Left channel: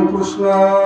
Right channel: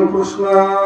Hallelujah!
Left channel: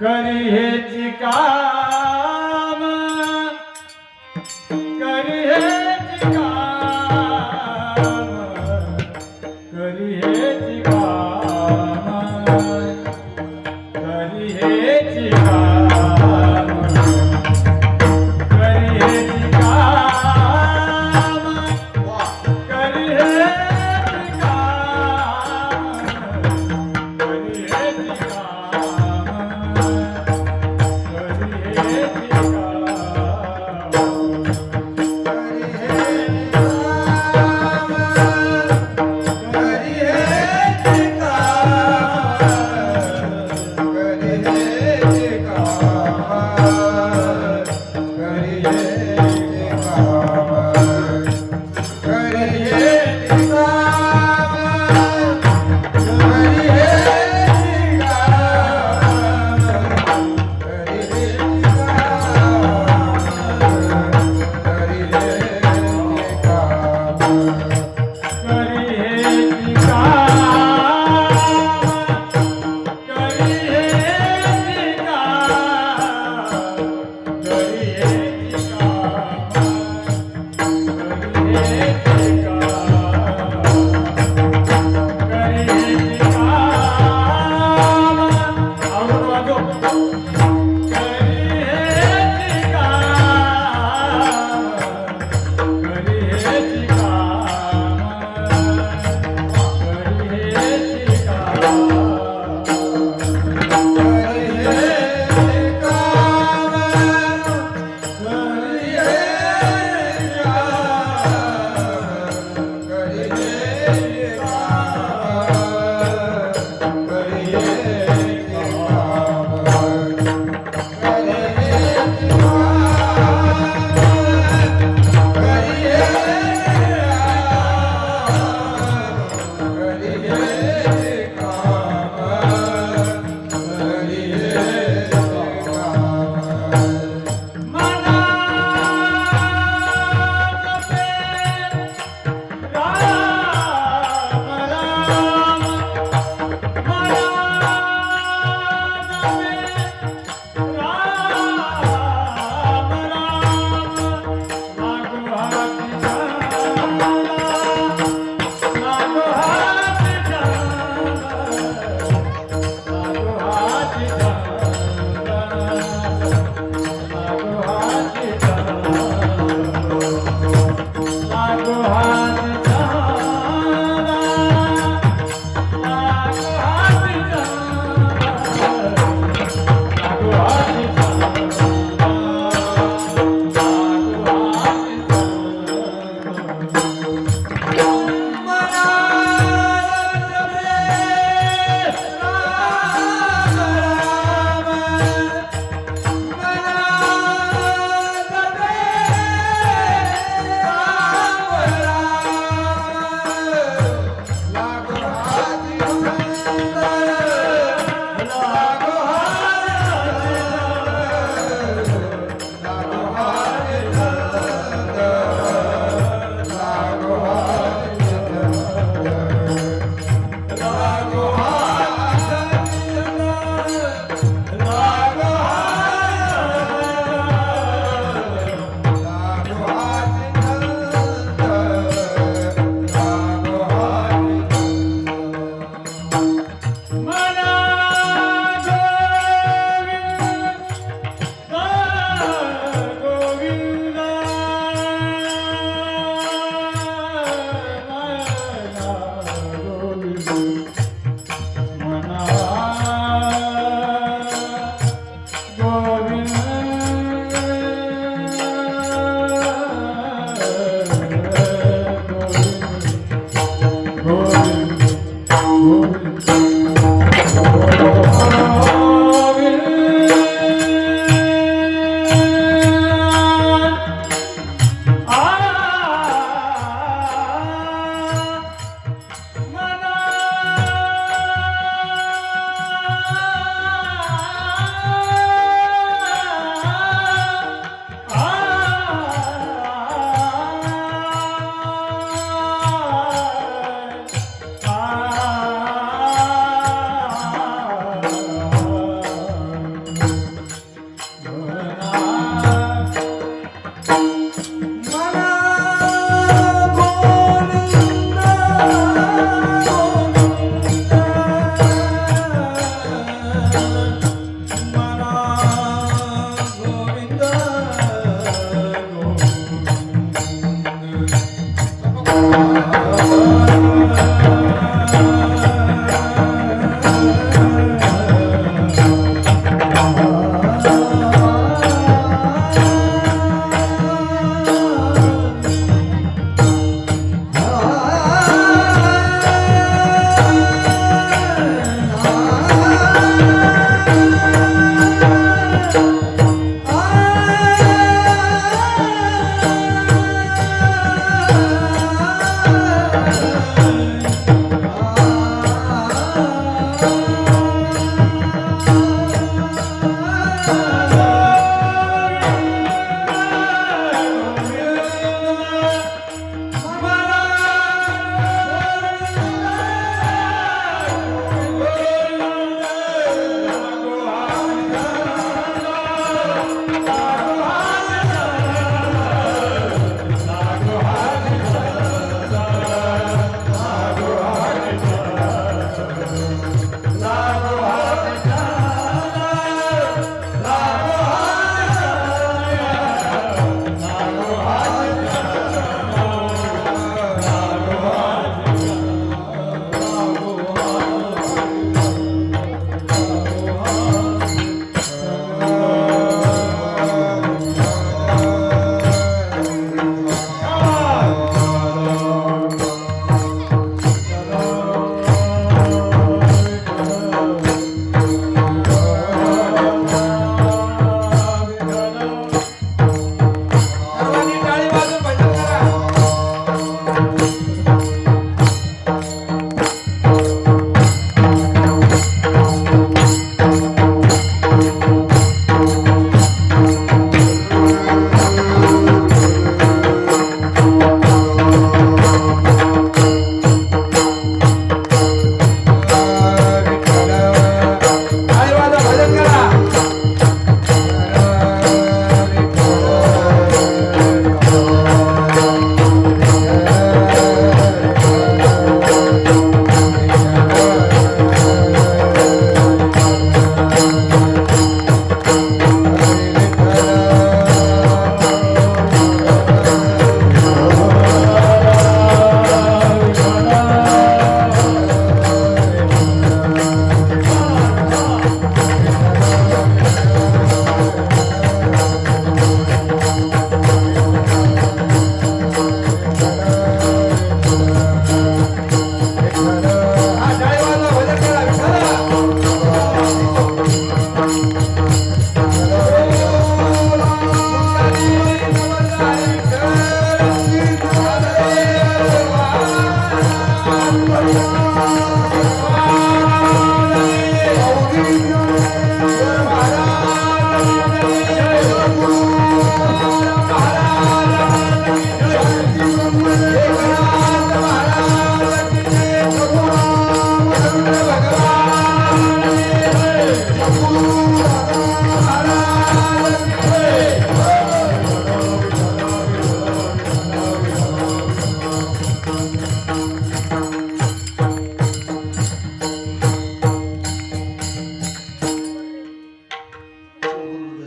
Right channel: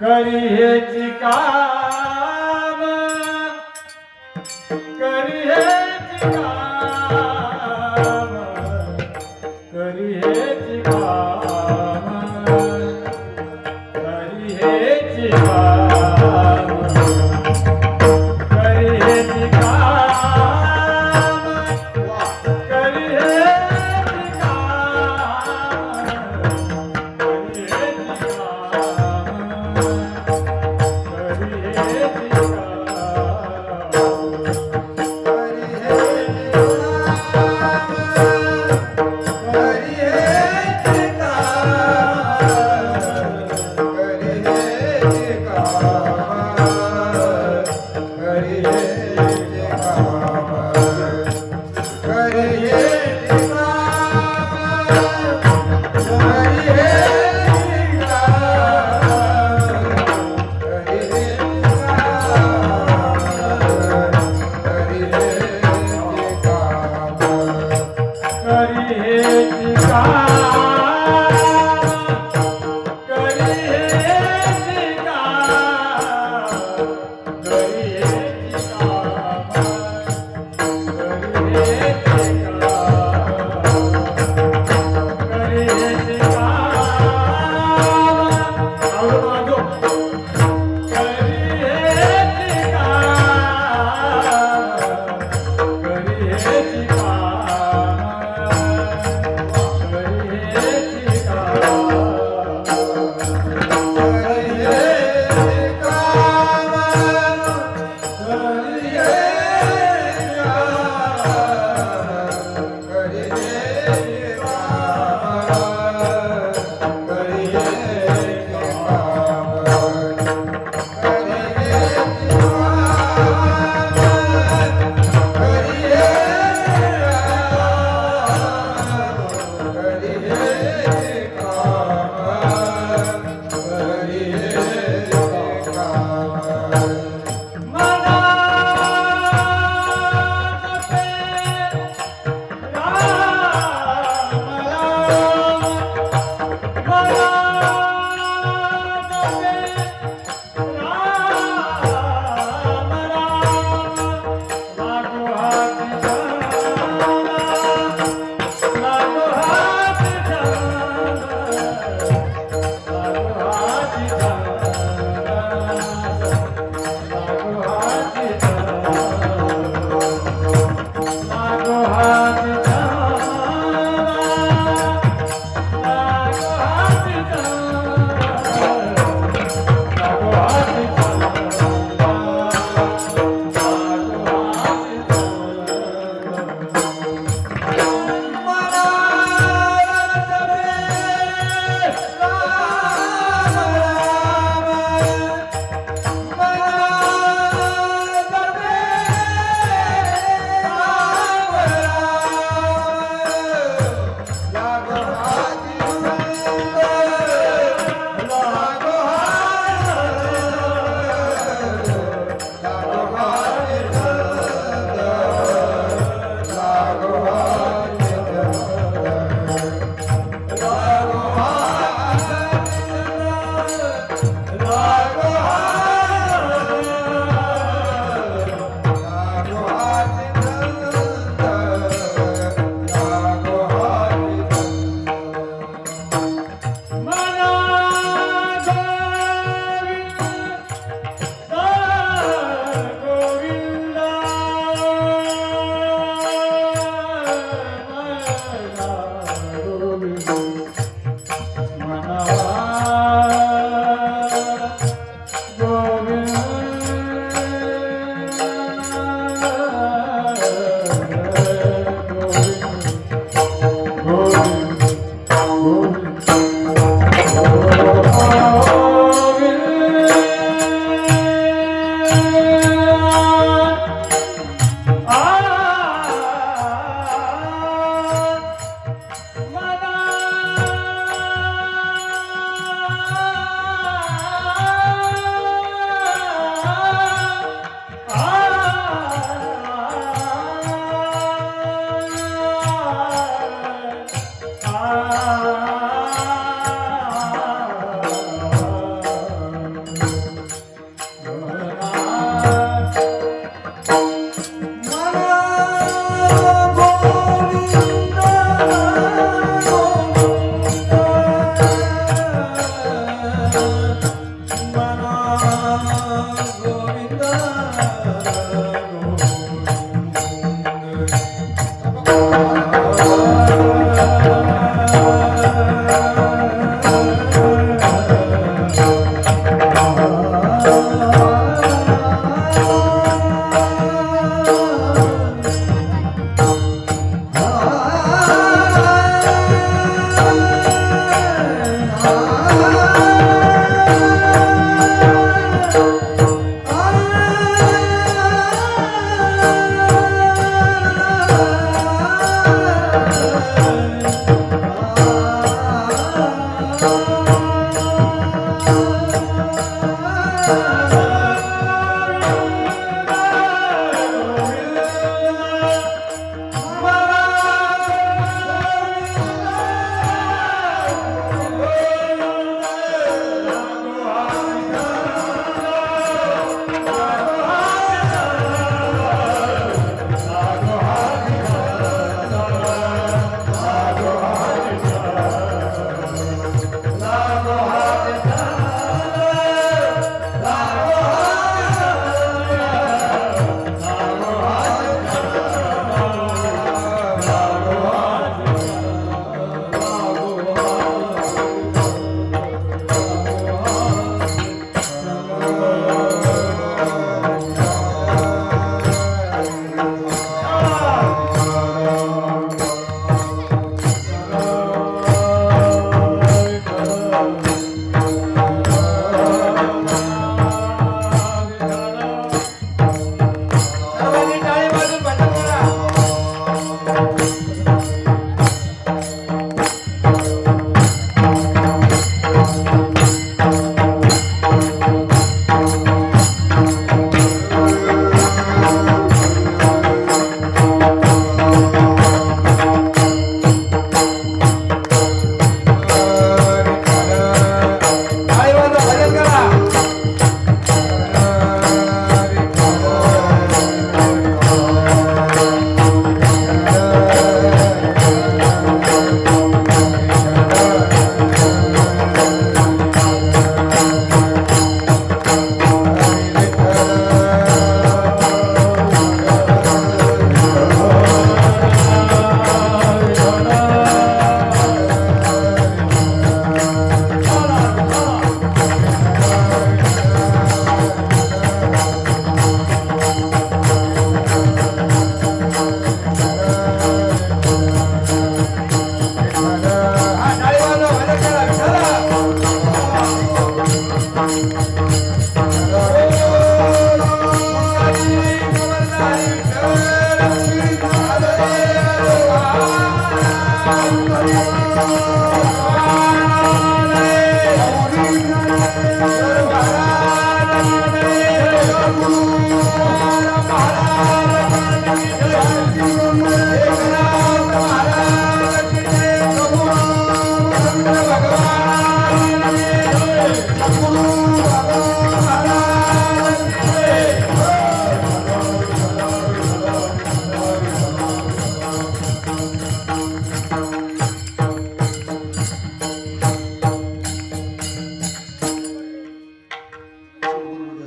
करी हेची काम करी हेची काम करी हेची काम करी हेची Hare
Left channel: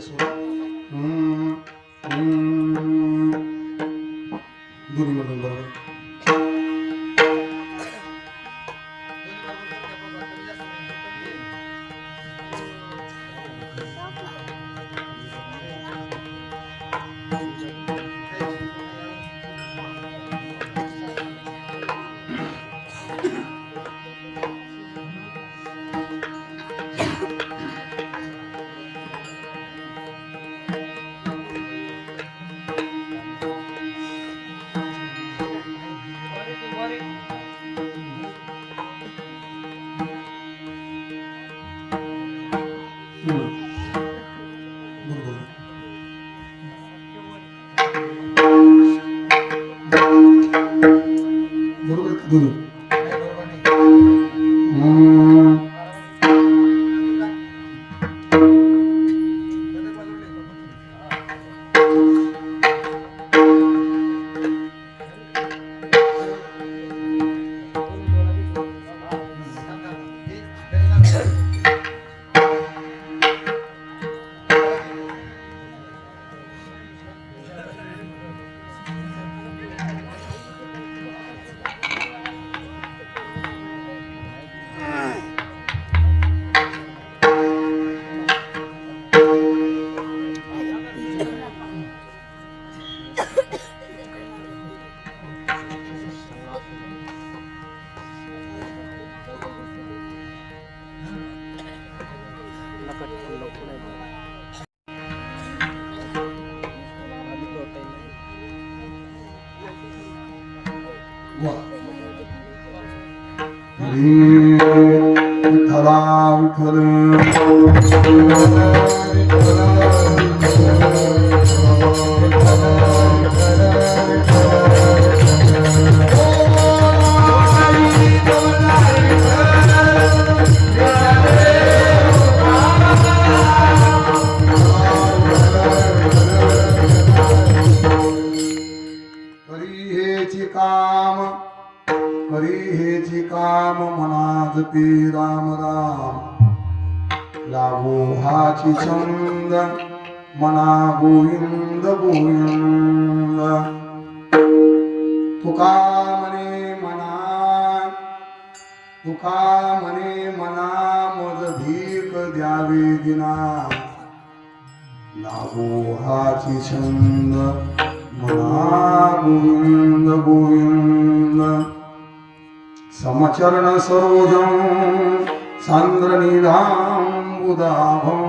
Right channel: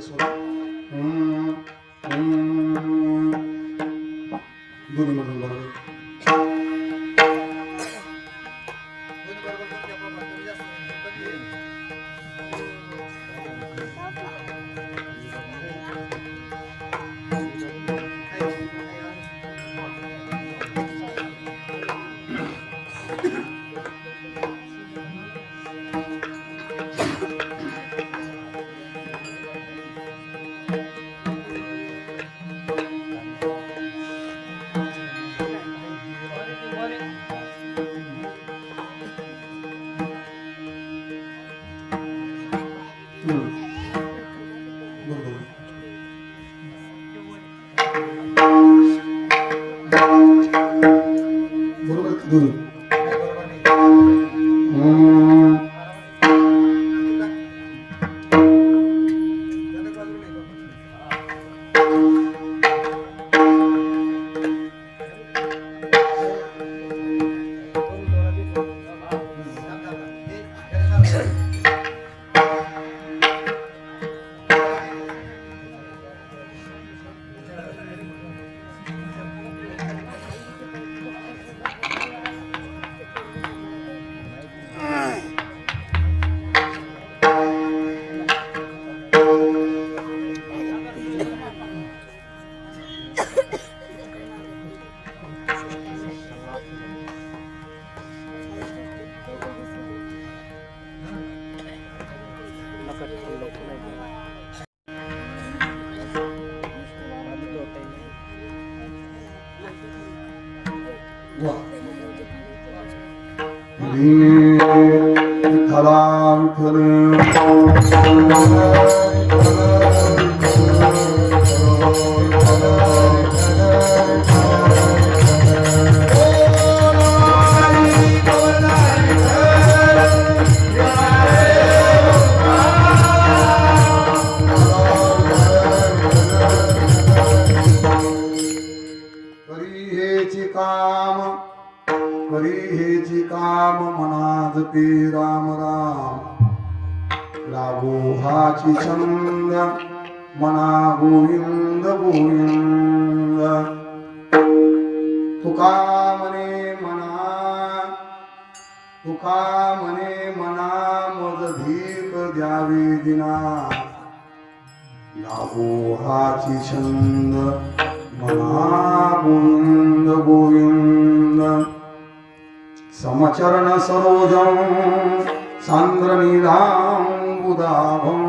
सूर दोन्ही मधून बरोबर बरोबर दोन करी हेची काम मनात ते राम राम लागो हाची छंद मना गोविंद गोविंद तुका म्हणे मना मज भीक द्यावी दिना लागो हाची छंद मना गोविंद गोविंद समचरण सरोजं सान्द्रनिधाम्बुदाभं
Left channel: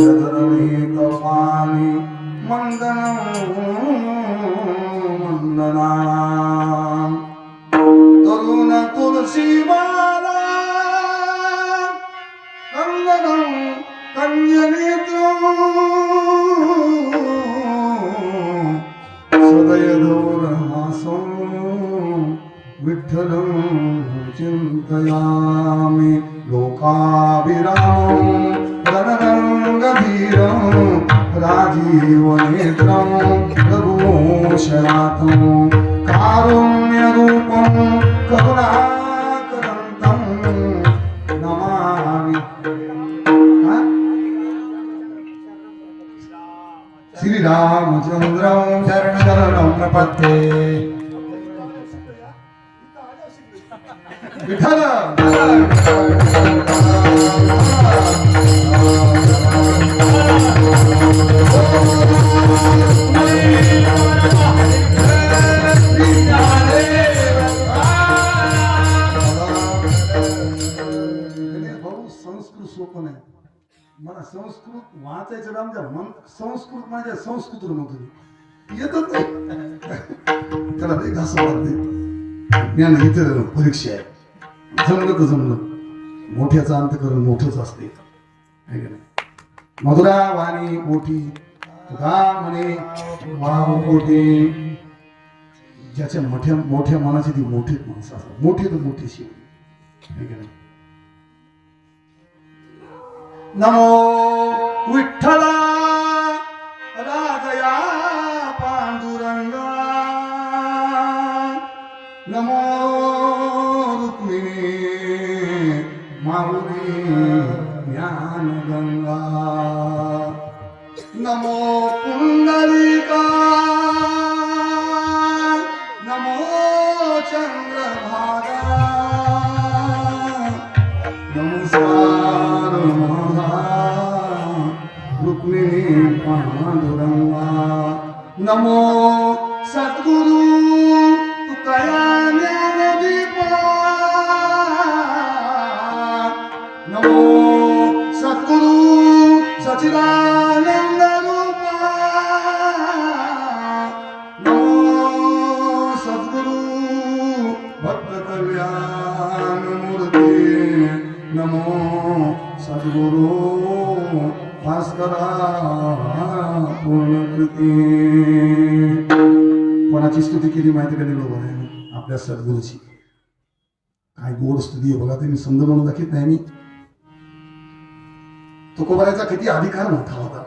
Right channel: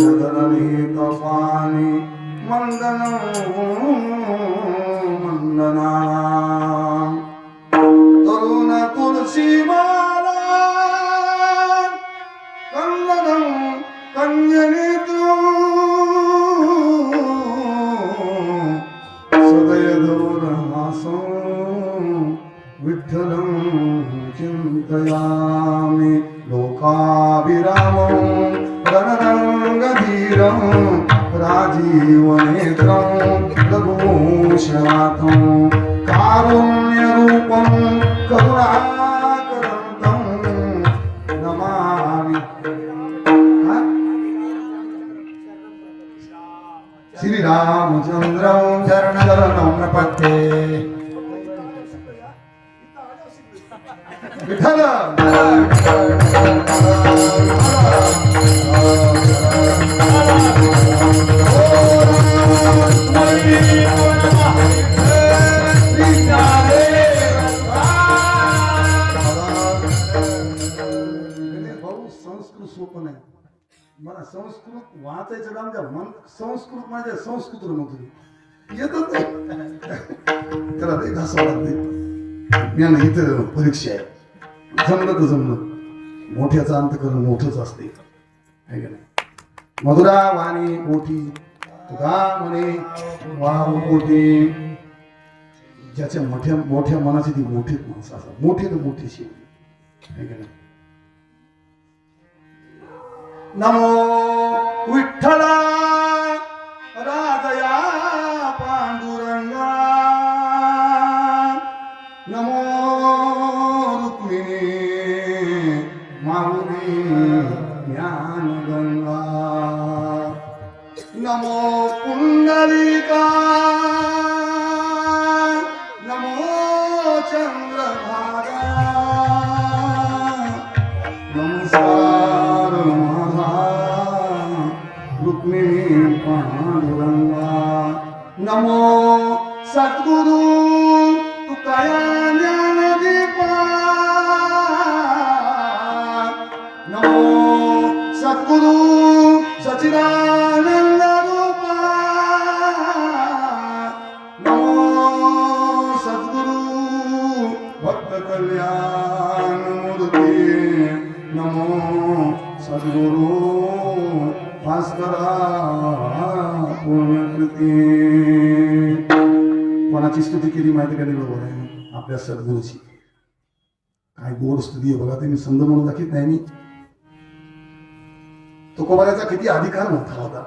जदरनीतपानि मन्दनाम् तरुण तुलसीमाला कन्दनं कञ्जनेत्रं सदयधवलहासं विठ्ठलं चिन्तयामि लोकाभिरामं रणरङ्गधीरं राजीवनेत्रं रघुवंशनाथं कारुण्यरूपं करुणाकरन्तं नमामि श्रीरामचन्द्रं शरणं प्रपद्ये विठ्ठल संस्कृत सोपं नाही मला संस्कृत वाचायचं आमच्या मन संस्कृत माझ्या संस्कृत नव्हतं येतच त्याला ते घासावं लागते ज्ञान इतर परीक्षा आहे जमलं तर जमलं मोठ्याचा अंत करणं मोठंच असते मधुरा वाणी मोठी तुका म्हणे वाव मोठी ज्याच्या मोठ्या मोठ्या मनाची ती मोठीच माणसं असतात मोठी तर मोठीशी नमो विठ्ठला राजया पांडुरंगा नमो रुक्मिणी माऊली ज्ञानगंगा नमो सद्गुरु तुकाया ज्ञानदीपा नमो सद्गुरु सच्चिदानंद रूपा नमो सद्गुरु भक्त कल्याण मूर्ती नमो सद्गुरु भास्करा पूर्णकृती कोणाची स्तुती केली माहिती का बरोबर आहे आपल्या सद्गुरूची काय गोड स्तुती आहे बघा त्यांनी संत म्हणून दाखवत नाही मी तुकोबाराचा किती अधिकार मोठा होता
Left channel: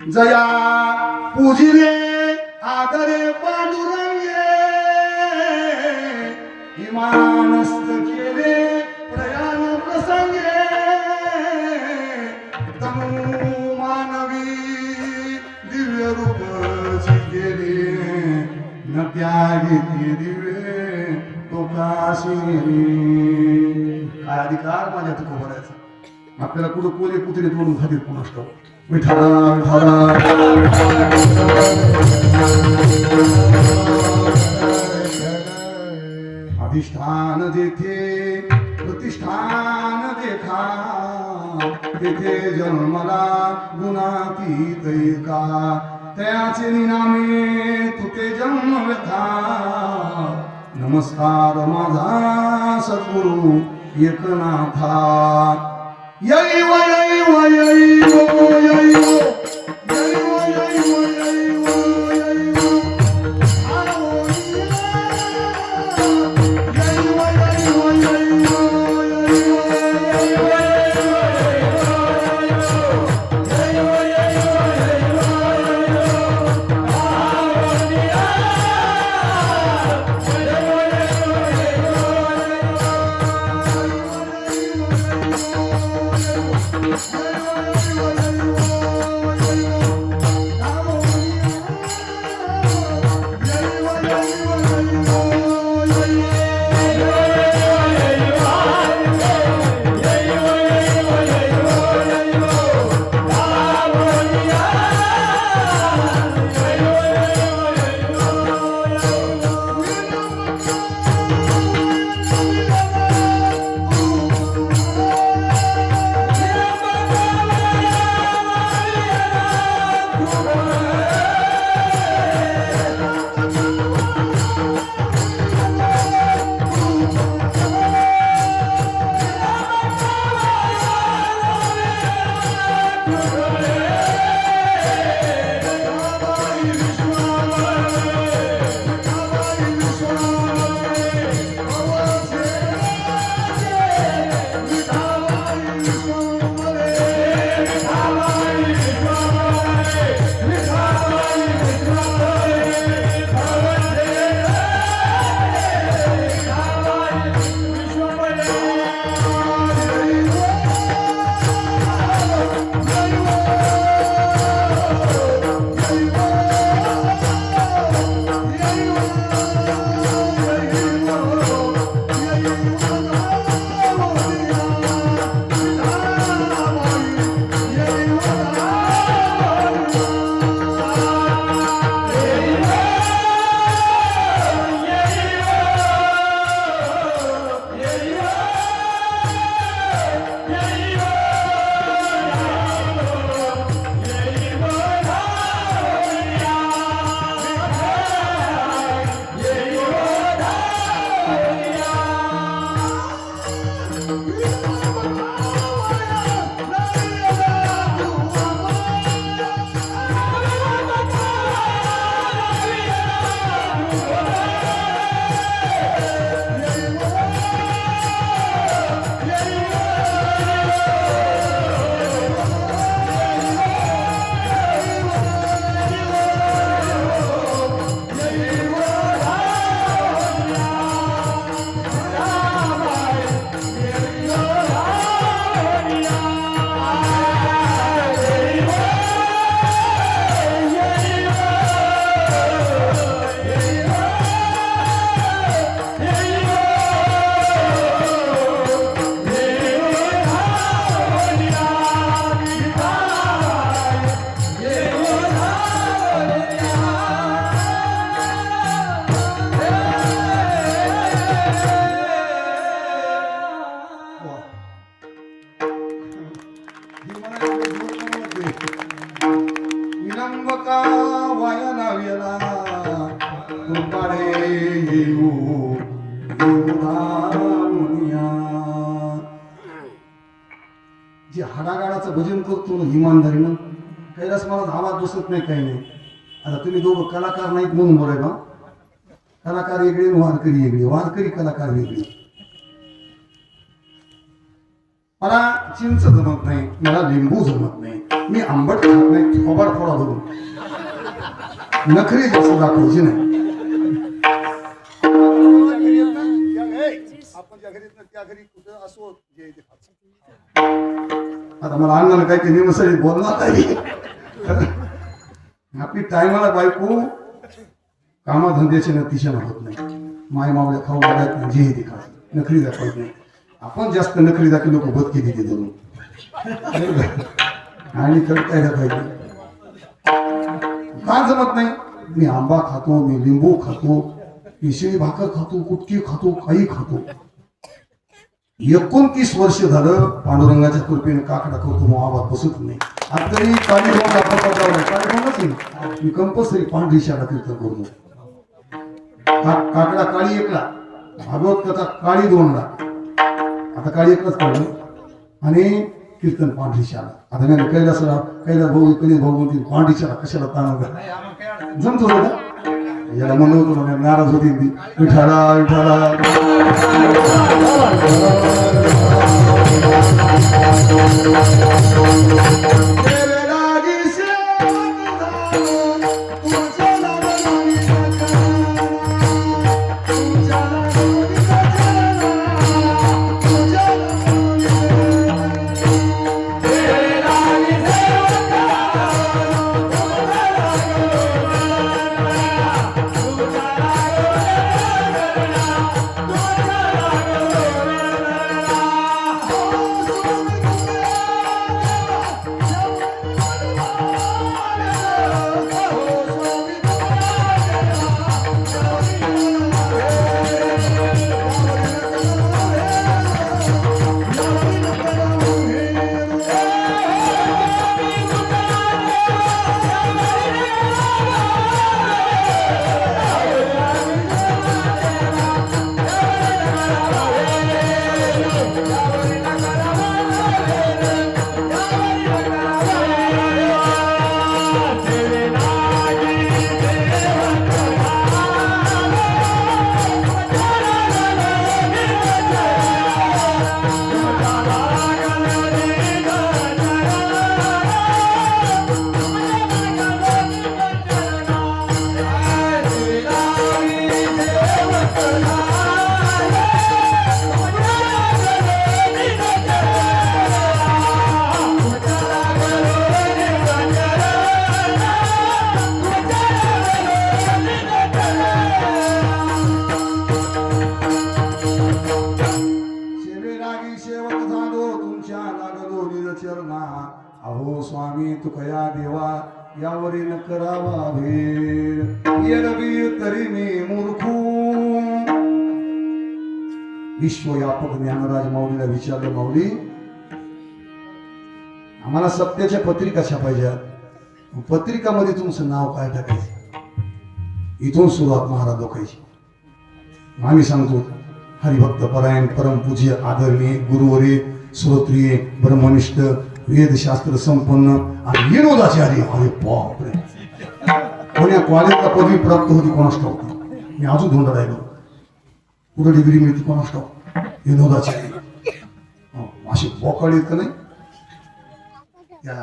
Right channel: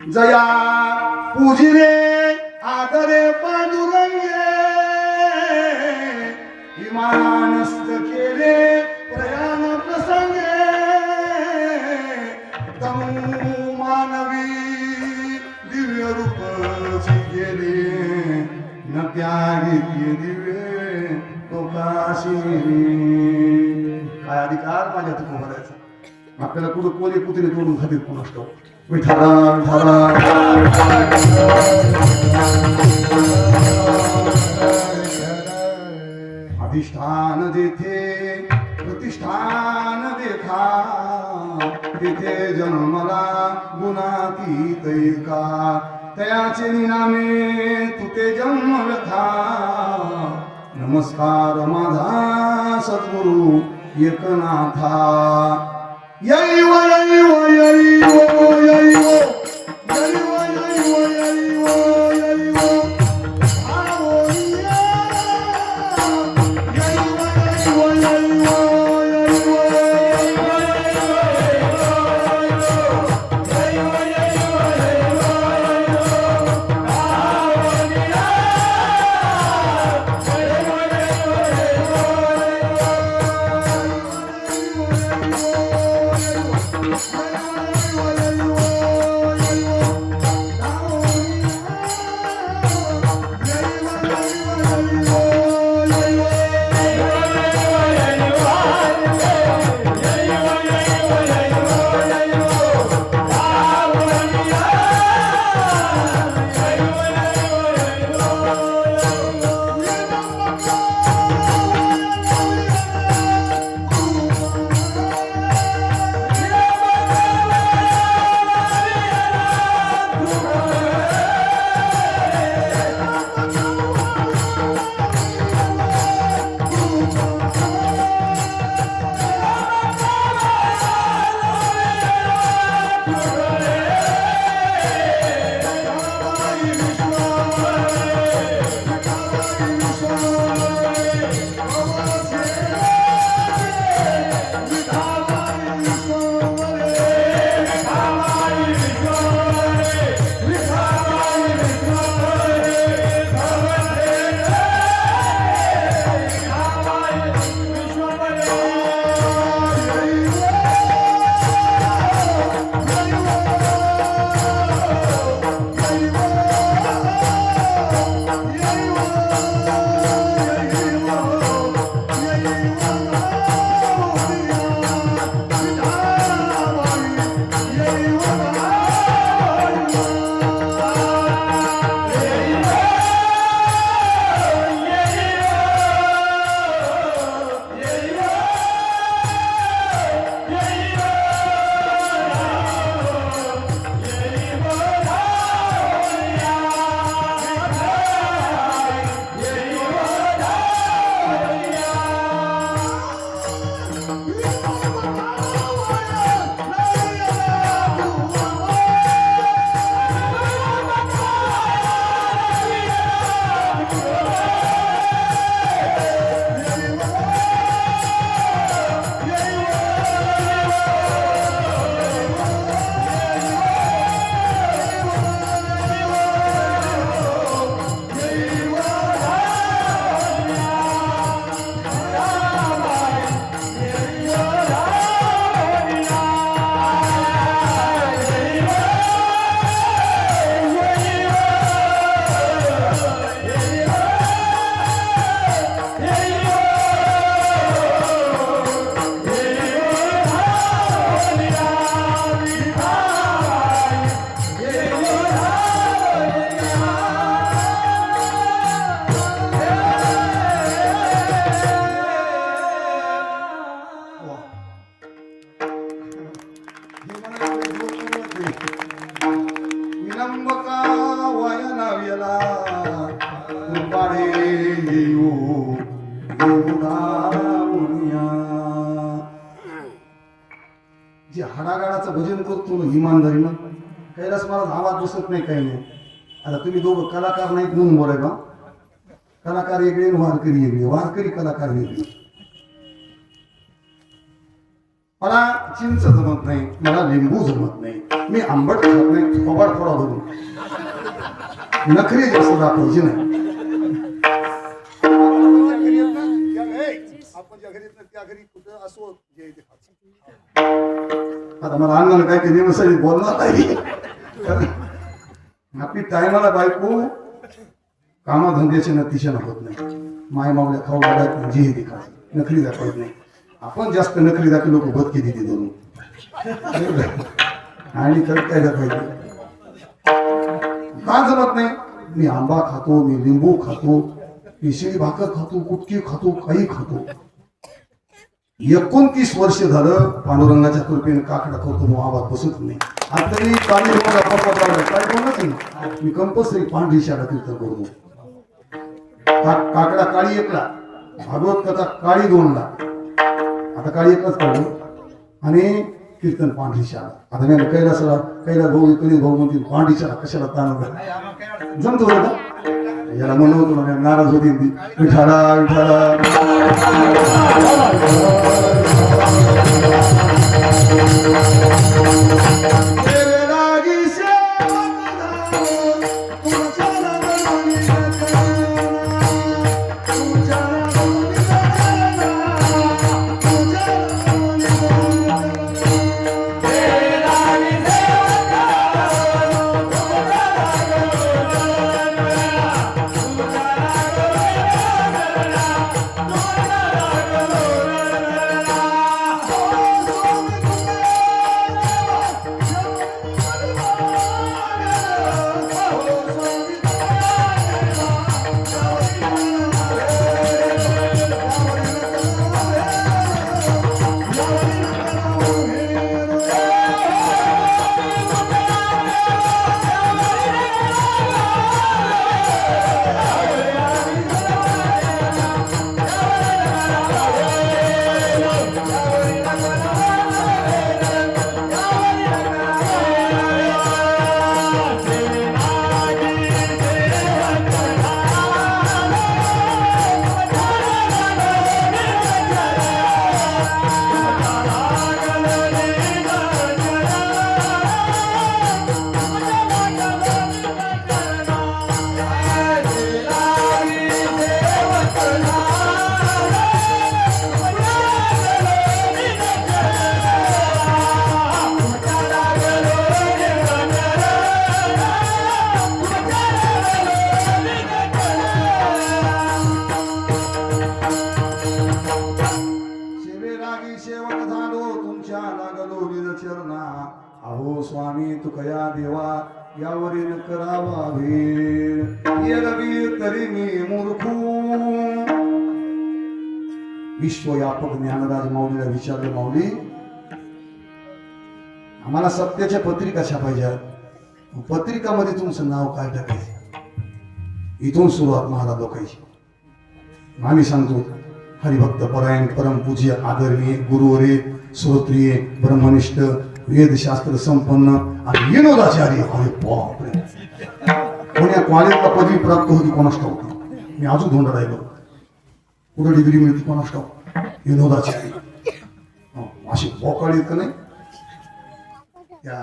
जया पूजिले आदरे पांडुरंगे इमानस्त केले प्रयाण प्रसंगे तमू मानवी दिव्य रूप गेले न त्यागी दिवे तो काशी काय अधिकार माझ्या तुकोबाराचा आपल्याला कुठं कोणी कुत्रे तोडून खातील कोणास विठाला अधिष्ठान जेथे प्रतिष्ठान देखा तेथे जन्मला गुणातीत एका त्याचे निनामे तुते जन्म व्यथा नमस्कार माझा सद्गुरु एकनाथा यैव यैव यैव यैव यैव यैव यैव यैव आवोनिया यैव यैव विलंबका वायना वेला तुपारे येऊ मुनिया. जे हाडागाडाचं भजन करतो ना इमानदारीनं कैलास मला आवाज दिसत नाही काही नाही. आता तुम्ही दोघं कलाकार नाहीत म्हणून बोलाय बा. कलाकार वेगळे वारकरी वेगळे, वारकरी कलाकार वेगळे. मला चिंच जमत नाही, मला लिंबू जमत नाही, मी आंबट खात नाही, थोबाड थोडा धरून नखरे जास्त दाखवायची नाही. आता मला अण्णाला काय केली नसेल बोलणार नाही. आपली टायमाला बायको कामधंद्याची नतीशन होत नाही. माय मावल्या खाऊ लागत नाही, जे दिखा नखरी दाखवत नाही. आपण जास्त नखरी दाखल लोक बद केली ती धरून आणि तर काय दाखवायचं का जमत नाही. मी आंबा खातो, मी लिंबू खातो, मी शिळी भाकर खातो, कुटकी खातो, काही खातो. 29 वर्ष झालं पांडुरंगाच्या कृपेने काकडा करतो, मोहाबाद बसत नाही. आता मी काळी मी कंपल्सरी पांढरी शाळा कीर्तन करतो. काकडा काळी एकला, भागवत कथा काळी 2ला, आता काळी एकलाच काढलो आणि कीर्तन पांढरी शाळा. आता मी कैलास भाऊ कधी भाऊ म्हणतील पांढरी शाळा कशाला ताण जमतो होता. याला म्हणलं होतं ना नाराज होती विठाला विठाला. अहो स्वामी तुकया देवा यावरील करावा भेद येरवी तरी मी मूर्खू. विश्वव्यापक ज्ञानराज माऊलीला विचारलं, माऊली आम्हाला सत्याच्या पत्रिका छापायच्या, पत्रिकामध्ये तुमचं नाव काय टाकायचं. इथून सुरुवात महाराज लोकांची. आम्ही सांगतो हरिभक्त परायण परमपूज्य आदरणीय गुरुवरे श्रोत्रिय ब्रह्मनिष्ठ वेदशास्त्र संपन्न आणि विनोदाचार्य. अरे बापरे, पुण्या कॉलेजला पदवी प्राप्त होती कोणास ठाऊक. मी अजून धोंड राहिलो कुठं डिग्री मिळते कोणास ठाऊक. विनोदाचार्य असे बोकाळ येत नाही. त्या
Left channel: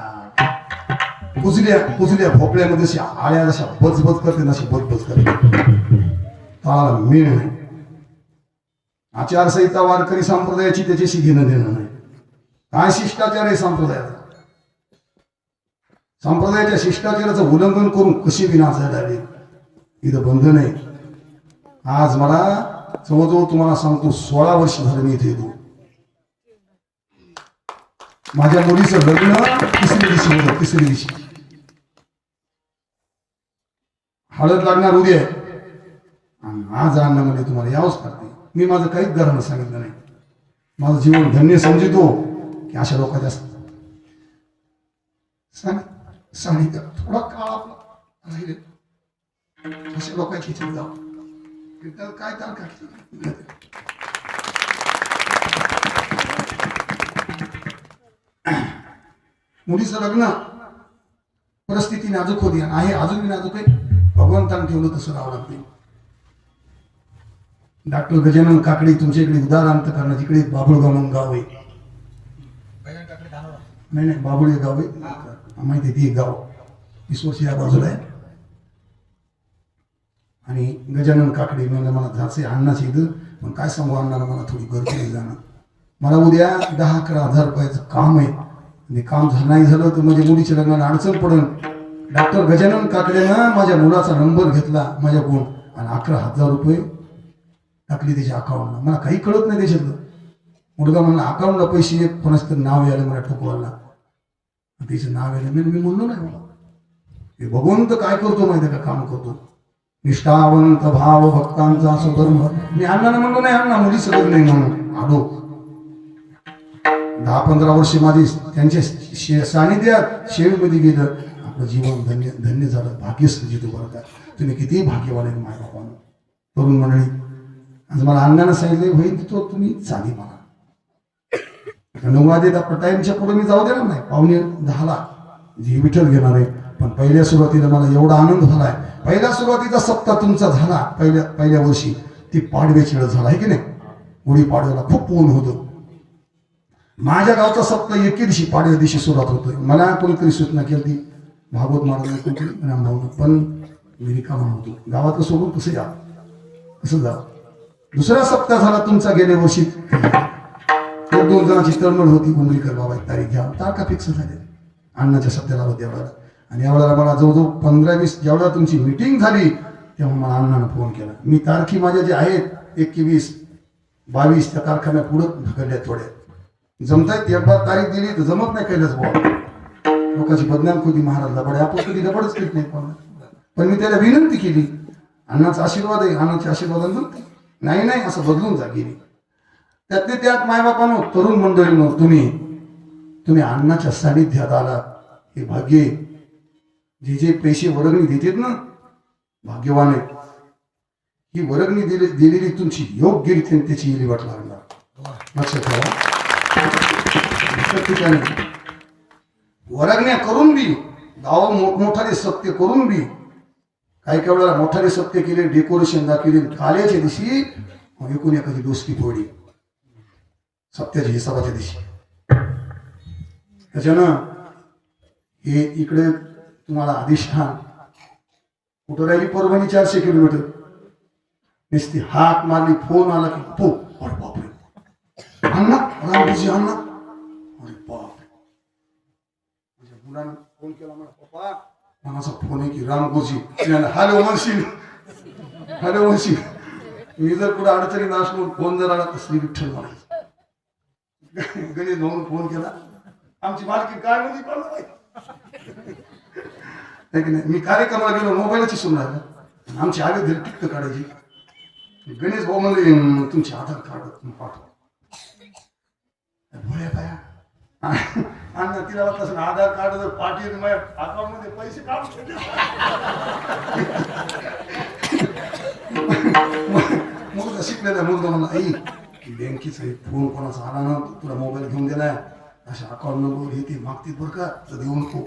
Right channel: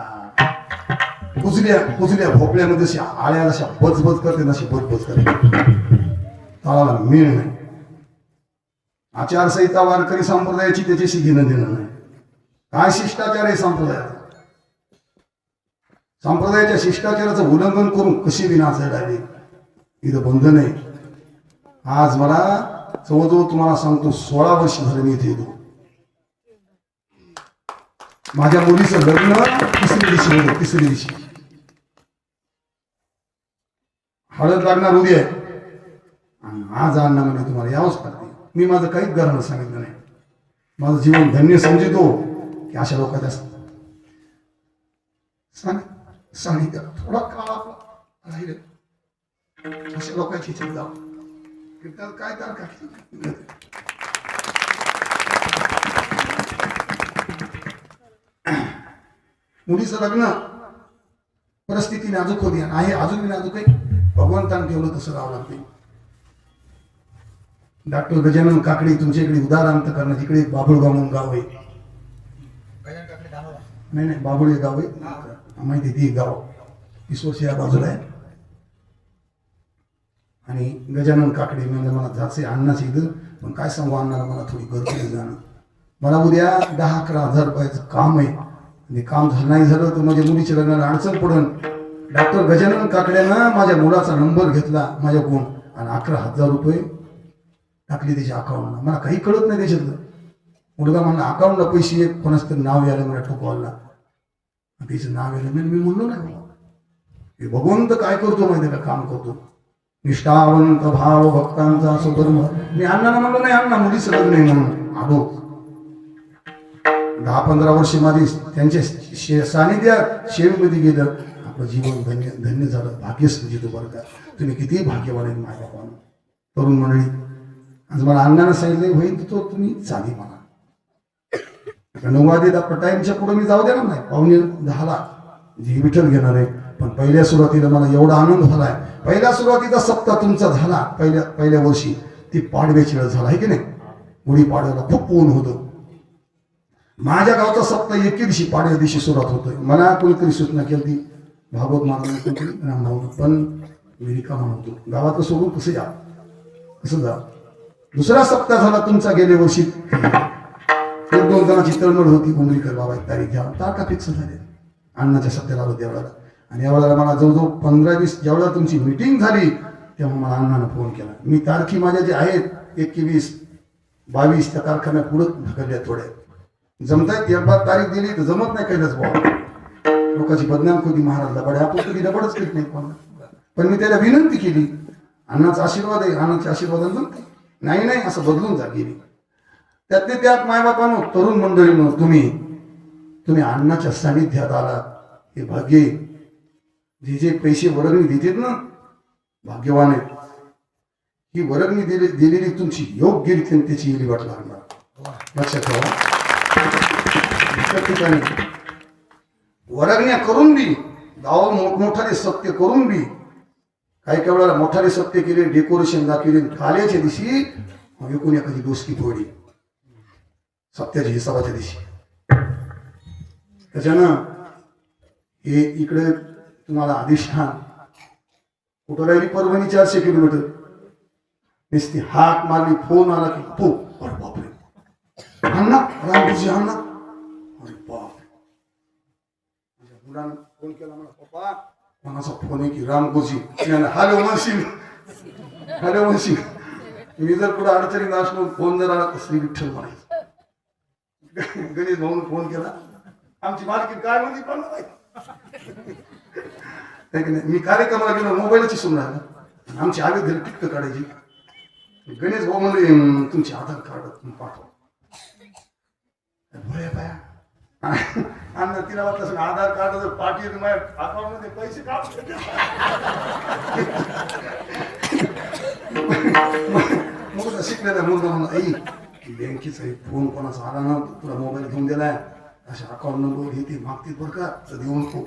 कुजल्या भोपळ्यामध्ये आळ्या अशा बजबज करते नशी बजबज करते. त्याला मिळ नाही. आचारसंहिता वारकरी संप्रदायाची त्याच्याशी घेणं देणं नाही. काय शिष्टाचार आहे संप्रदायाचा. संप्रदायाच्या शिष्टाचाराचं उल्लंघन करून कशी विनाशाला आली इथं बंधन आहे. आज मला जवळजवळ तुम्हाला सांगतो 16 वर्ष झालं मी इथे येतो. माझ्या मुलीचं लग्न तिसरी दिवशी हळद लागणार उद्या आहे. आज आणण्यामध्ये तुम्हाला यावंच लागते. मी माझं काहीच घरानं सांगितलं नाही. माझं जीवन धन्य समजितो की अशा लोकांच्या साडी द्या थोडा काळ आपला राहिले अशा लोकांची चिंता कीर्तन काय तारखा मुलीचं लग्न परिस्थिती नाजूक होती आहे अजूनही नाजूक आहे भगवंताने ठेवलं तसं राहावं लागते डॉक्टर गजानन काकडे तुमच्याकडे उदाहरण करण्यात इकडे बाबुळगाव म्हणून गाव आहे नाही बाबुळे गाव आहे माहिती ती गाव 20 वर्ष या बाजूला आहे आणि गजानन काकडे म्हणजे मला जायचं अण्णाच इथं पण काय सांगू अण्णाला मला थोडी गरज जाणं मला उद्या 10-11 रुपयाचं काम आहे आणि काम नाही झालं तर माझ्या मुलीच्या लग्नाला अडचण पडून डॉक्टर गजानन काकडेनं माझ्या मुलाचा नंबर घेतला माझ्याकडून आणि 11,000 रुपये टाकले त्याच्या अकाउंटला मला काही कळत नाही त्याच्यातलं मुलगा म्हणला अकाउंटला पैसे येत कोणाच तरी नाव यायला मला टोकवायला तिचं नाव यायला मी म्हणलो नाही हे भगवंत काय करतो माहिती का काम करतो निष्ठावंत भाव भक्तांचा असो धर्म मी अण्णाला म्हणलो नाही अण्णा मुलीचं लग्न नाही म्हणून आलो 10-15 वर्ष माझी त्यांच्या सानिध्यात शेवीमध्ये गेलं आपलं जीवन धन्य झालं भाग्यच जिथे बरं का तुम्ही किती भाग्यवान आहे माझ्या बापानं तरुण मंडळी आज मला अण्णानं सांगितलं होईल तो तुम्ही चाली मला 9 वाजेत आपल्या टाइमच्या पुढे मी जाऊ देणार नाही 9:45 जी विठ्ठल घेणार आहे पण पहिल्या सुरुवातीला मला एवढा आनंद झालाय पहिल्या सुरुवातीचा सप्ताह तुमचा झाला पहिल्या वर्षी ती पाडव्याची वेळ झाला आहे की नाही गुढी पाडव्याला खूप ऊन होतं माझ्या गावचा सप्ताह एके दिवशी पाडव्या दिवशी सुरुवात होतोय मला कोणीतरी सूचना केली ती भागवत महाराज पण मी रिकामा होतो गावात सोडून कसं जा कसं जा दुसरा सप्ताह झाला तुमचा गेल्या वर्षी 1-2 जणांची तळमळ होती कुंडलीकर बाबा तारीख घ्या तारखा फिक्स झाले अण्णाच्या सप्त्याला देवाला आणि यावेळेला मला जवळजवळ 15-20 ज्यावेळेला तुमची मीटिंग झाली तेव्हा मला अण्णानं फोन केला मी तारखी माझ्या जे आहेत 21-22 त्या तारखांना पुढं ढकलल्या थोड्या जमतायत एकदा तारीख दिली तर जमत नाही कैलाच बाबा लोकांची बदनाम कधी महाराजला बडे आपण कधी दबडच केली नाही पण मी त्याला विनंती केली अण्णाचा आशीर्वाद आहे अण्णाचे आशीर्वाद नाही असं बदलून जा गेली त्यातले त्यात मायबापानं तरुण मंडळीनं तुम्ही अण्णाच्या सानिध्यात आला हे भाग्य जे पैसे वर्गणी देतात ना भाग्यवान आहेत ही वर्गणी दिलेली तुमची योग्य रीतीने त्याची इली वाट लागणार लक्षात ठेवा वर्गण्या करून बी गाव मोठमोठाले सत्य करून बी काही वेळा मोठाले सत्य केले डेकोरेशन दाखवले काल्याच्या दिवशी विकून एखादी डोसकी फोडली सत्याच्या हिसाबाच्या दिवशी त्याच्यानं हे इकडे तुम्हाला अधिष्ठान कुठं राहिली परभणी 400 किलोमीटर नुसती हाक मारली फोन आला की तो बापरे अण्णा रामजी अण्णा अरे बाप मुलांना फोन केला मला पप्पा मनाचा फोन आहे की रामगोजी हॅलो म्हणशी मी जर कुठं अडचणी असलो फोन जर आला तर श्री विठ्ठल म्हणायचं गणेश भाऊन फोन केला आमची मार्केट काय म्हणजे कळलं मी कार्यक्रमाला गेलो मोबाईलची सुरू झाला आमची आले दिली टिकट काढायची गणेश भाऊ म्हणजे तुमचे आधार कार्ड पाठवा काय अण्णा तिला वाटत आधार कार्ड जर पाठील अकाउंटमध्ये पैसे काढू मुलगा शिकलेला मुलगा म्हणा आई बँकेचा फोन कोणाचा आला ना तुला मोबाईल घेऊन दिलाय अशा अकाउंट नंबर हे ते मागतील बरं का तर देऊ नको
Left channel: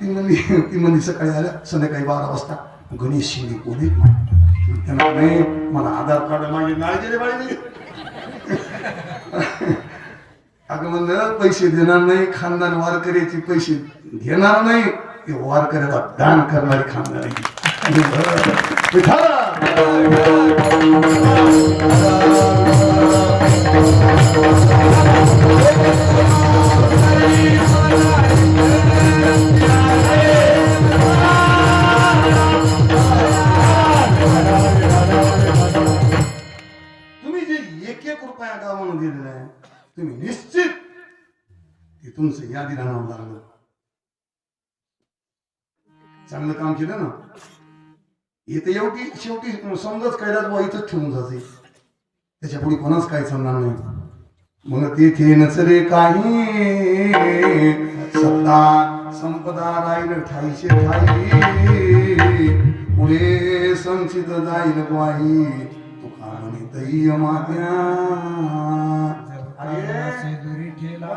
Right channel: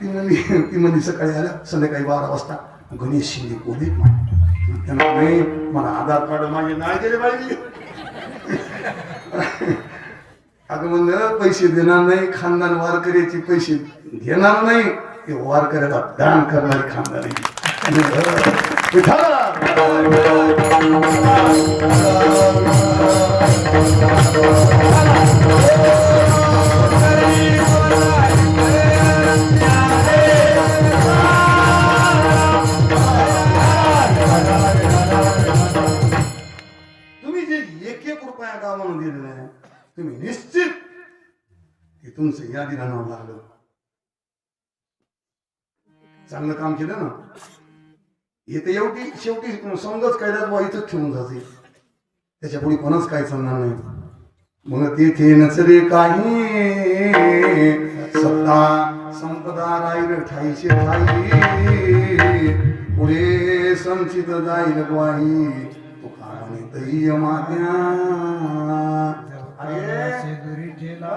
ती म्हणजे सकाळी आल्या संध्याकाळी 12 वाजता गणेश शिंदे कोण त्यांना नाही मला आधार कार्ड माझे नाही दिले पाहिजे अगं म्हणलं पैसे देणार नाही खानदान वारकऱ्याचे पैसे घेणार नाही ते वारकऱ्याला दान करणारे खानदान तुम्ही जे 1-1 रुपया गावाला दिलेला आहे तुम्ही निश्चित ते तुमचं यादी राहणार लागलं चांगलं काम केलं ना येते शेवटी समजच कैलास बा इथंच ठेवून जाते त्याच्या पुढे कोणाच काय चालणार नाही म्हणत तेथे नचरे काही सत्ता संपदा राहील ठाईशे ठाई पुढे संचित जाईल ग्वाही तुका म्हणतई मात्या दुरी ठेला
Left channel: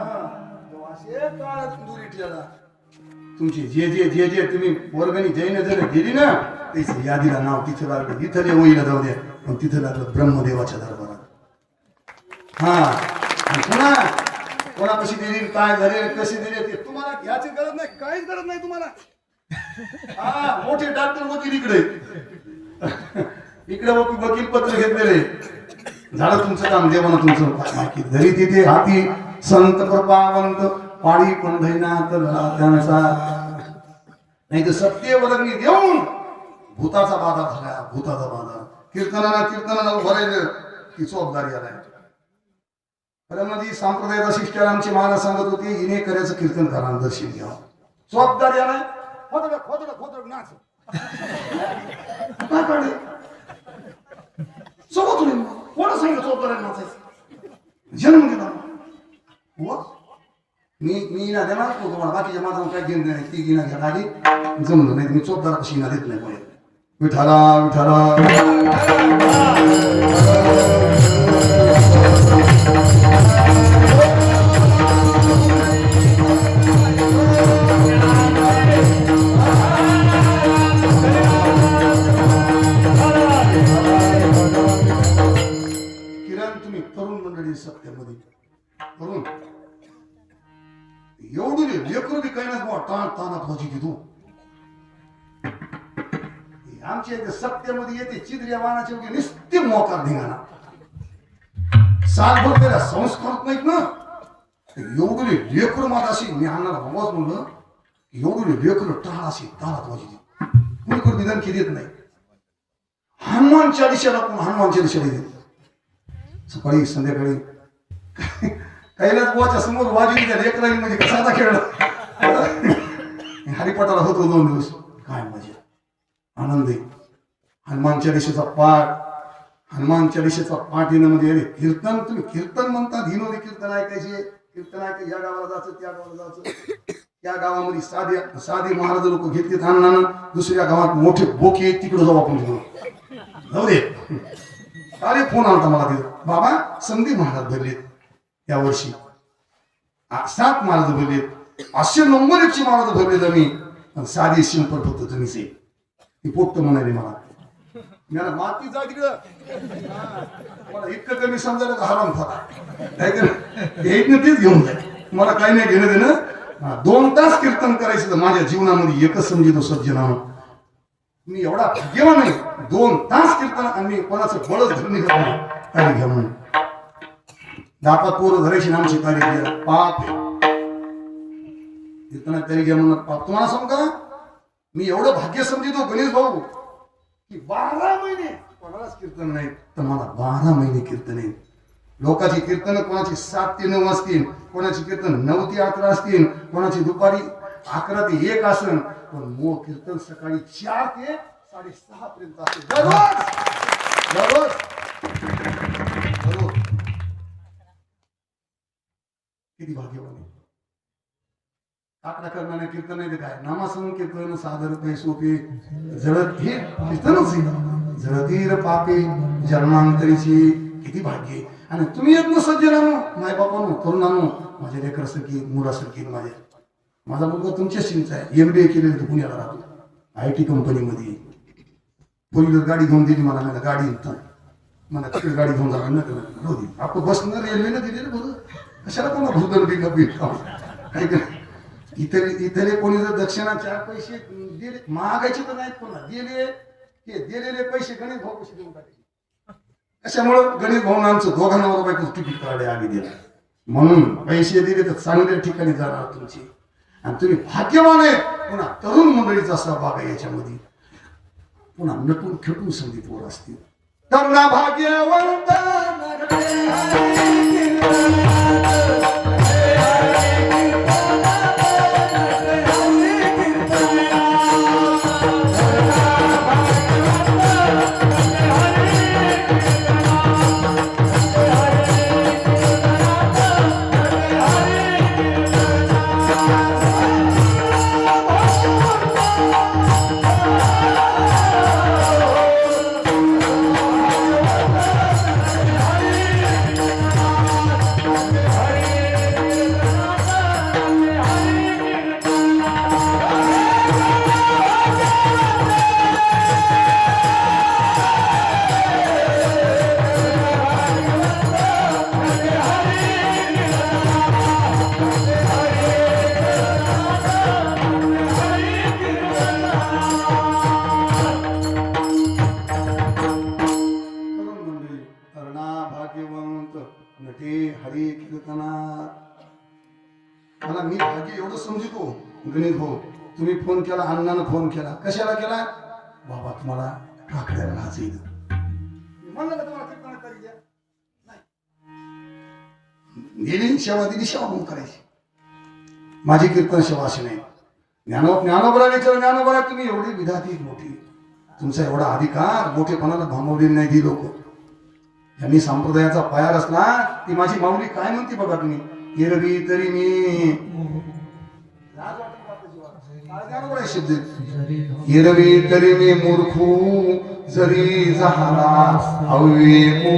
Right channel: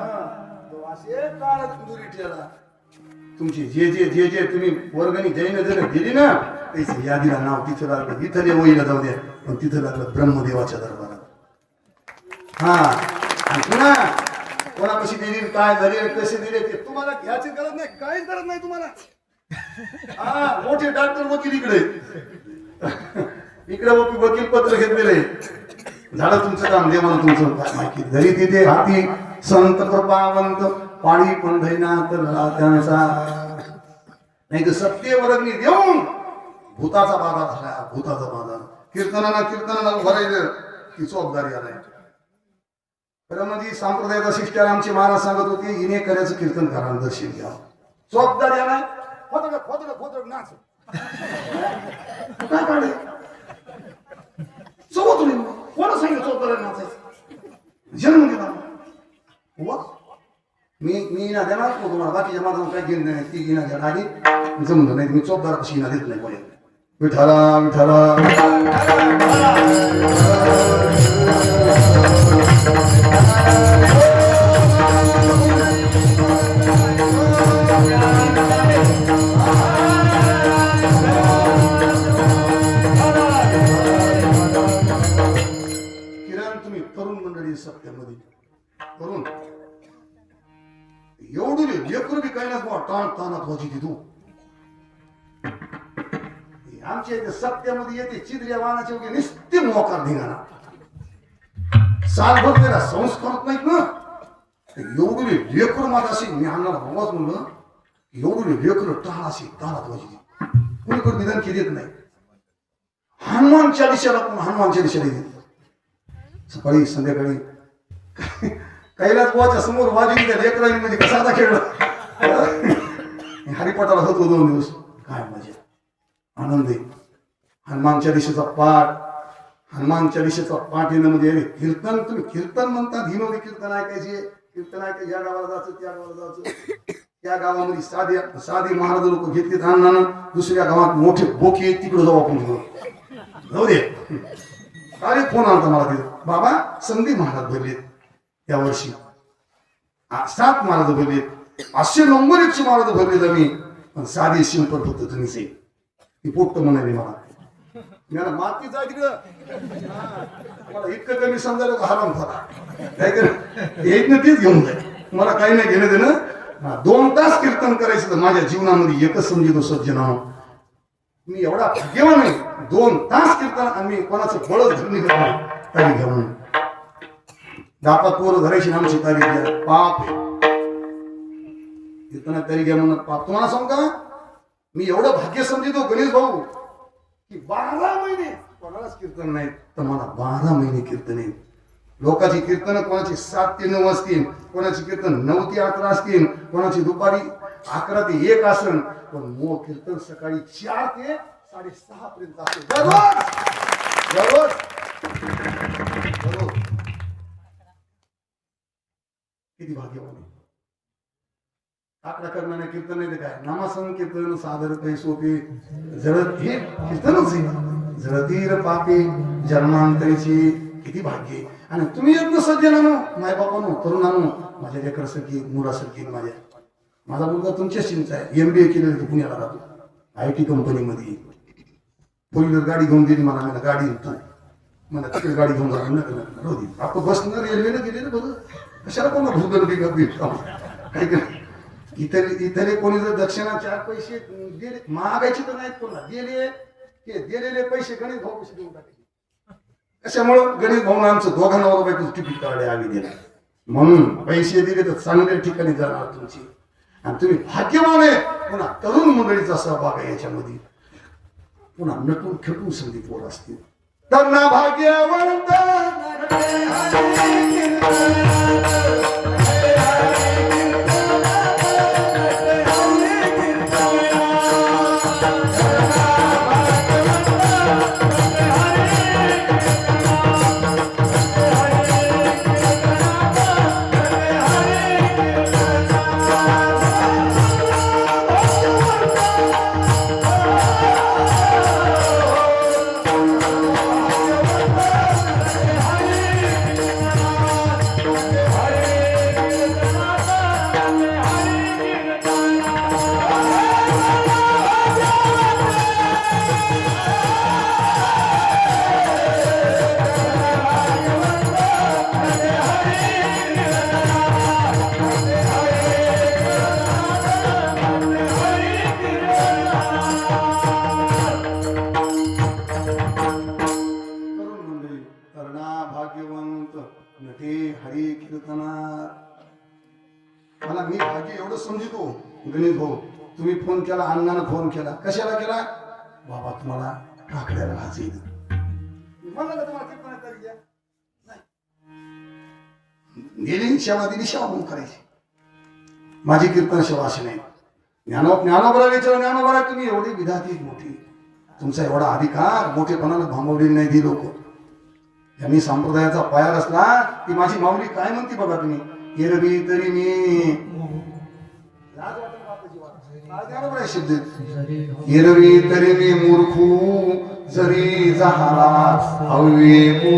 तुमची जे तुम्ही वर्गणी जैन जर दिली ना त्याची यादीला नाव तिथं लागलं इथं जे वहीला जाऊ द्या पण तिथं लागलं ब्रह्मदेवाच्या दरबारात हा आणि पुन्हा कोणापाशी दिली काय झाले कसे दिले ते तुम्हाला घ्यायची गरज नाही काहीच गरज नाही तुम्हाला हा मोठे डॉक्टर वकील इकडे वकील पत्र घेतलेले झालं तुमचं काम देवानं तुमचं की घरी तिथे हाती संत कृपावंत पाणी पंधैनाथ त्यांचा नाही तर सत्य वर्गणी देऊन भूताचा बाधा झाला भूताचा बाधा कीर्तनाला भरायचं की जबाबदारी आलाय मध्ये संप्रदायाचा शिष्टाचार आमचे महाराज सांगत होते हिने करायचं कीर्तन करा दर्शन घ्या जबाबदारी आलाय खोदड नाच काय काढे सोबत तुम्ही कोणा सांगितलं जबाबदारी नाचायचं जन्म घेता हो मी ना देणार तुम्हाला बाकीच्या माझं काय घेऊन देणार ती घेणार घ्या आधी जमलं नाही मी चोपदार कशी घेणार देत नाही विठाला विठाला किरण तुम्ही तरुण मंडळी सत्यामध्ये तरुण एवढी लेकरू बी काही नाही ताण तानात होती तू आमच्या इथे सत्यामध्ये येते चिद्रिया वाहनाचे वगैरे निस्ते मोकार धिंगाणा साल भरलेला संस्कार नाहीत ना एवढी लेकरू माझा अशी मी आणणार आवाज म्हणलं एवढी लेकरू टाळ अशी तानात होती कुणी कोणी निधन केली देत नाही हनुमान चालिशाला पण हनुमान चालिशाला देत सकाळी संध्याकाळी कैलास बुवाच्या समोर वाजली त्या लेकरांमध्ये कसाचा खेळ हरिपाठाला होतो 2 दिवस काय मजा आनंदी हनुमान चालिशेचा पाठ येण्यामध्ये कीर्तन तुम्ही कीर्तन म्हणता धीनोरी कीर्तन ऐकायचे या गावाला जायचं त्या गावाला जायचं त्या गावामध्ये साधे महाराज लोक घेतले अण्णानं दुसऱ्या गावात मोठे बोके तिकडे जाऊ आपण जाऊ दे अरे फोन आला मला तिथं बाबा संधी महाराज भरले या वर्षी 7 महाराज भरले असे 900 महाराज भरले आम्ही पण साधे सिंपल होतं तुम्ही ती पोट म्हणाले मला माती जाय तिकडं मला इतकं कमी समजायला का हराम खरा तेच घेऊन जाय मला काही नाही घेणं देणं 2 तास कीर्तन करायचं तर माझ्या जीवनामध्ये एकच समजितो सज्जनानं मी एवढा भाग्यवान आहे 2 तास कीर्तन आम्ही कोणाचं बळ घेऊन घेऊन दापात पोरं धरायची आमची कार्य पाप कीर्तनात तरी घ्या म्हणत पाप तुम्हाला सांगू का मी एवढं भाग्य समजितो गणेश भाऊ की 12 महिने कोणालाच कीर्तन नाही तर मला 12 महिने कीर्तन आहे लोकांची कीर्तन कोणाची 7 ते 9 असतील कोणाची कीर्तन 9 ते 11 असतील कोणाची दुपारी 11 ते 1 असेल पण मो कीर्तन सकाळी 4 ते 6:30 पर्यंत असते दररोज किती भाग्यवान आपल्या कर्माने कीर्तन नाही काय नामासन कीर्तन सादर ते सोपे जळत हे कीर्तनच जळतीर पापी जन्मांतरीची किती भाग्य आणि तुम्ही एक सज्जनानो माय बापानो तरुणानो माझ्या लेकरासारखी मुलासारखी माझा मुलगा तुमच्या शिंचा आहे MBA केलेलं पुण्याला राहतो IT कंपनीमध्ये 4 व्हीलर गाडी घेऊन दिली मला गाडी येतो मला तिकडे गाडी घेऊन जाऊ आपण बसनं रेल्वेनं गेलेलं बरं कशाला कोणा भूगल इथे कोणी जर दक्षिणा 4 पैसे दिले मागायचे तर नाहीत कोणा दिलेले पैसे गणेश भाऊ पैसे देऊन टाकायचे कशामुळं गणेश भाऊ आमचं दोघांना बायको तिकीट काढे आम्ही दिला म्हणून पैसे दिले तर चांगल्या ठिकाणी जाणार तुमची आणि तुम्ही भाग्यवान आहे पुन्हा तरुण मंडळीचा सहभाग आहे याच्यामध्ये पुन्हा नटून खेटून संगीत बोल असतील तरुण भाग्यवंत मला मी भाग्य एवढं समजतो गणेश भाऊ तुम्ही फोन केला अण्णानं फोन केला कशाला केला बाबा तुम्हाला काकड्याला घालायचं म्हणलं का तुम्हाला कीर्तनात तरी द्या नाही दिली सेवा दिली सेवा म्हणून करायची माझी कीर्तन सेवा अशी नाही ज्ञानोबरा विचार ज्ञानोबरा तुम्ही एवढी विधाती मोठी तुमचा एवढा अधिकार मोठेपणाला भांबवलेली नाही दी लोक यांनी संप्रदायाचा पाया असला ती माझी माऊली काय म्हणते बघा तुम्ही एरवी तरी मी शब्द एरवी तरी मी मूर्खू जरी झाला अविवेकू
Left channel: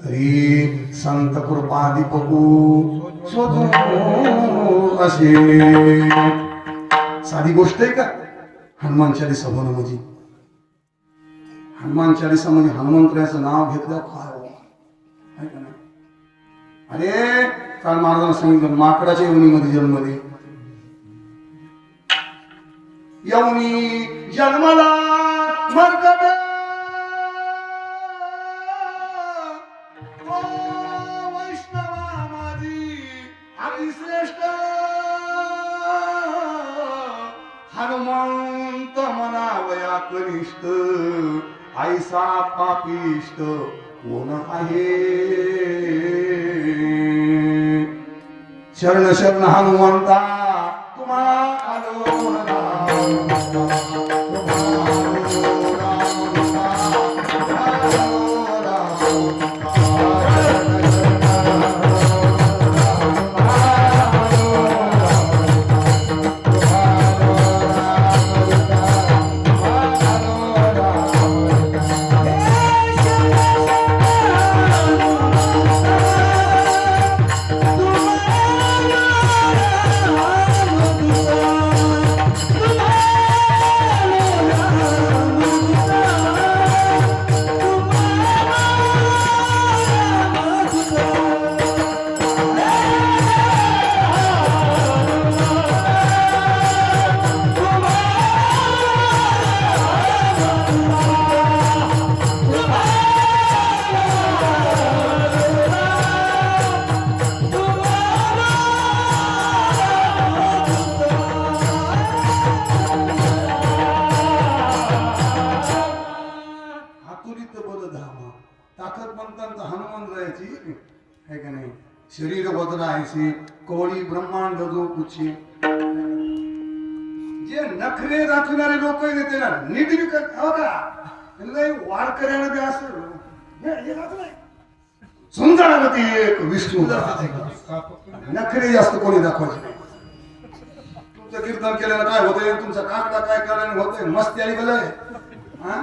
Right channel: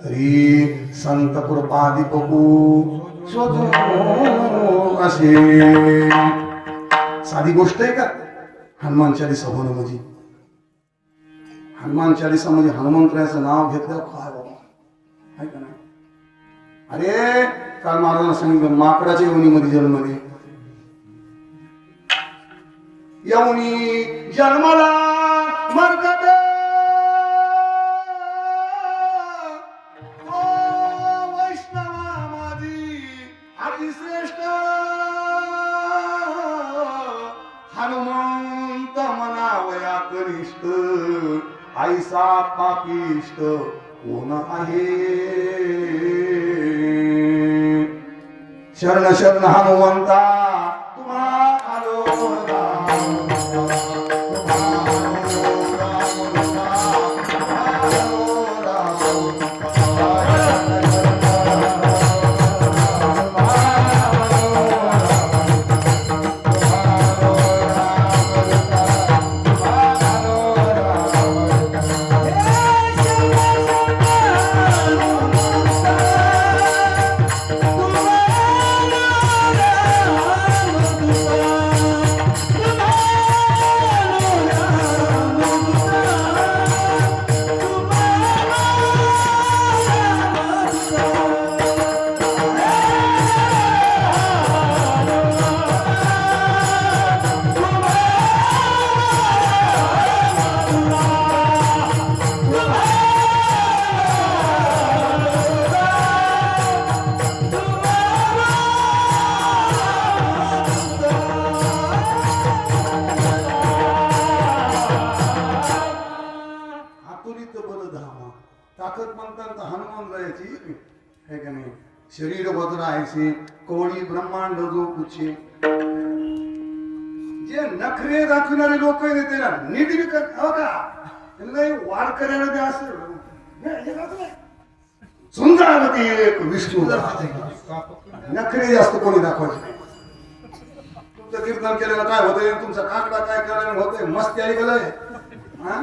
तरी संत कृपा दीपकू असे साधी गोष्ट आहे का हनुमान चालीसा होणं म्हणजे हनुमान चालीसामध्ये हनुमंतराचं नाव घेतलं फार आहे का नाही अरे काल महाराजांना सांगितलं माकडाच्या योनीमध्ये जन्मले यवनी जन्मला मर्तबे तो वैष्णवामधी आदिश्रेष्ठ हनुमंत मनावया कनिष्ठ ऐसा पापिष्ट कोण आहे शरण शरण हनुमंता ताकद म्हणतात हनुमान राहायची है का नाही शरीर बदलायचे कोळी ब्रह्मांड जो कुछे जे नखरे दाखवणारे लोक आहेत ते ना नीट विकत हो का त्यांना वार करायला बी असं हे जात नाही सुंदर ते एक विष्णू नखरे जास्त कोणी दाखवायचे नाही तुमचं कीर्तन केलेलं काय होतंय तुमचा काकडा काय करायला होतंय मस्ती ऐकलंय हा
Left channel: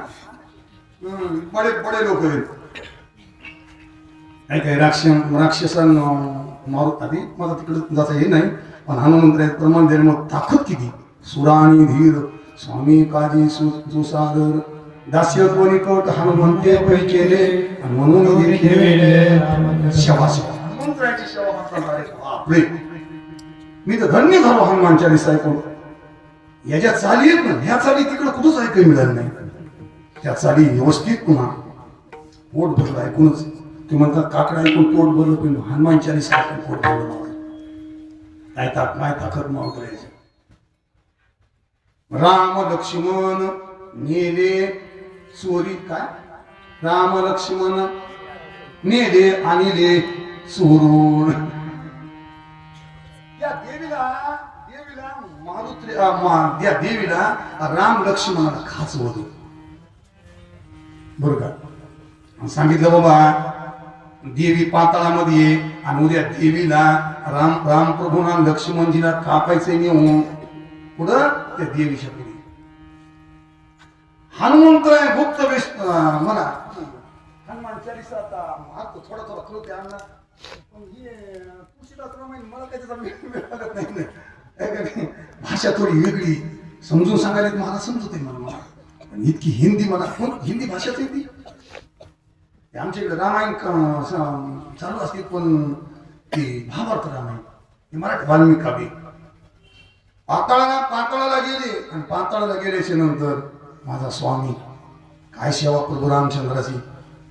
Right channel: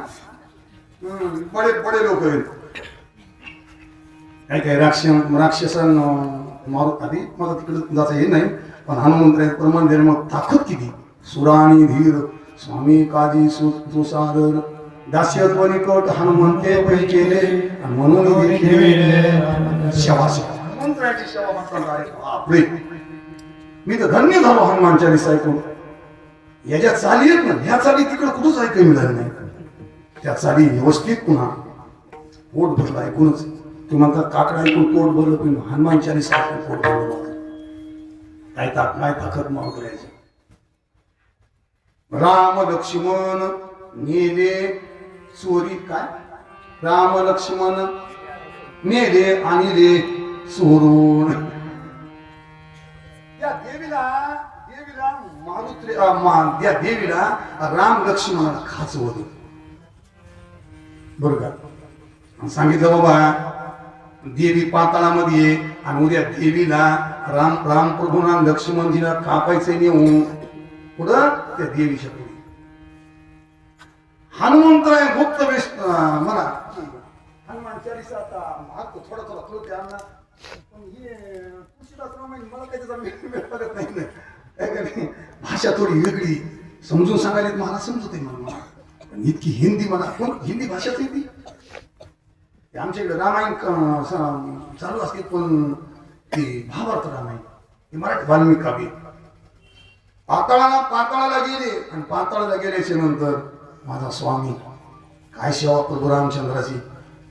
बडे बडे लोक आहेत काही काही राक्षसांना मारत आधी मला तिकडे जाता हे नाही पण हनुमंत प्रमाण देणे ताकद किती सुराणी धीर स्वामी काजी सुसागर दास्यत्वनी कट हनुमंते पै केले म्हणून मी तर धन्य झालो हनुमान चालीसा ऐकून याच्या चाली आहेत ना ह्या चाली तिकडे कुठंच ऐकायला मिळालं नाही त्या चाली व्यवस्थित पुन्हा पोट भरलं ऐकूनच ते म्हणतात काकडा ऐकून पोट भरलं पण हनुमान चालीसा ऐकून पोट भरलं काय ताकद माव करायची राम लक्ष्मण नेले चोरी काय राम लक्ष्मण नेले आणले चोरून या देवीला या देवीला राम लक्ष्मणाला खाच होत बरं का सांगितलं बाबा देवी पाताळामध्ये आणि उद्या देवीला राम प्रभूंना लक्ष्मणजीला कापायचे नेऊन कुठं त्या देवीच्या पुढे हनुमंतराय गुप्त म्हणा हनुमान चालीसा आता मार्ग थोडा थोडा कळते अण्णा पण हे तुळशीदास रामायण मला काही त्याचा मेळ लागत नाही भाषा थोडी वेगळी समजून सांगायला मला समजते मला इतकी हिंदी मला हिंदी भाषाच येते आमच्याकडे रामायण चालू असते पण ते भावार्थ रामायण हे मराठी वाल्मिक काव्य पाताळाला गेले आणि पाताळाला गेल्याच्या नंतर माझा स्वामी काय सेवा प्रभू रामचंद्राची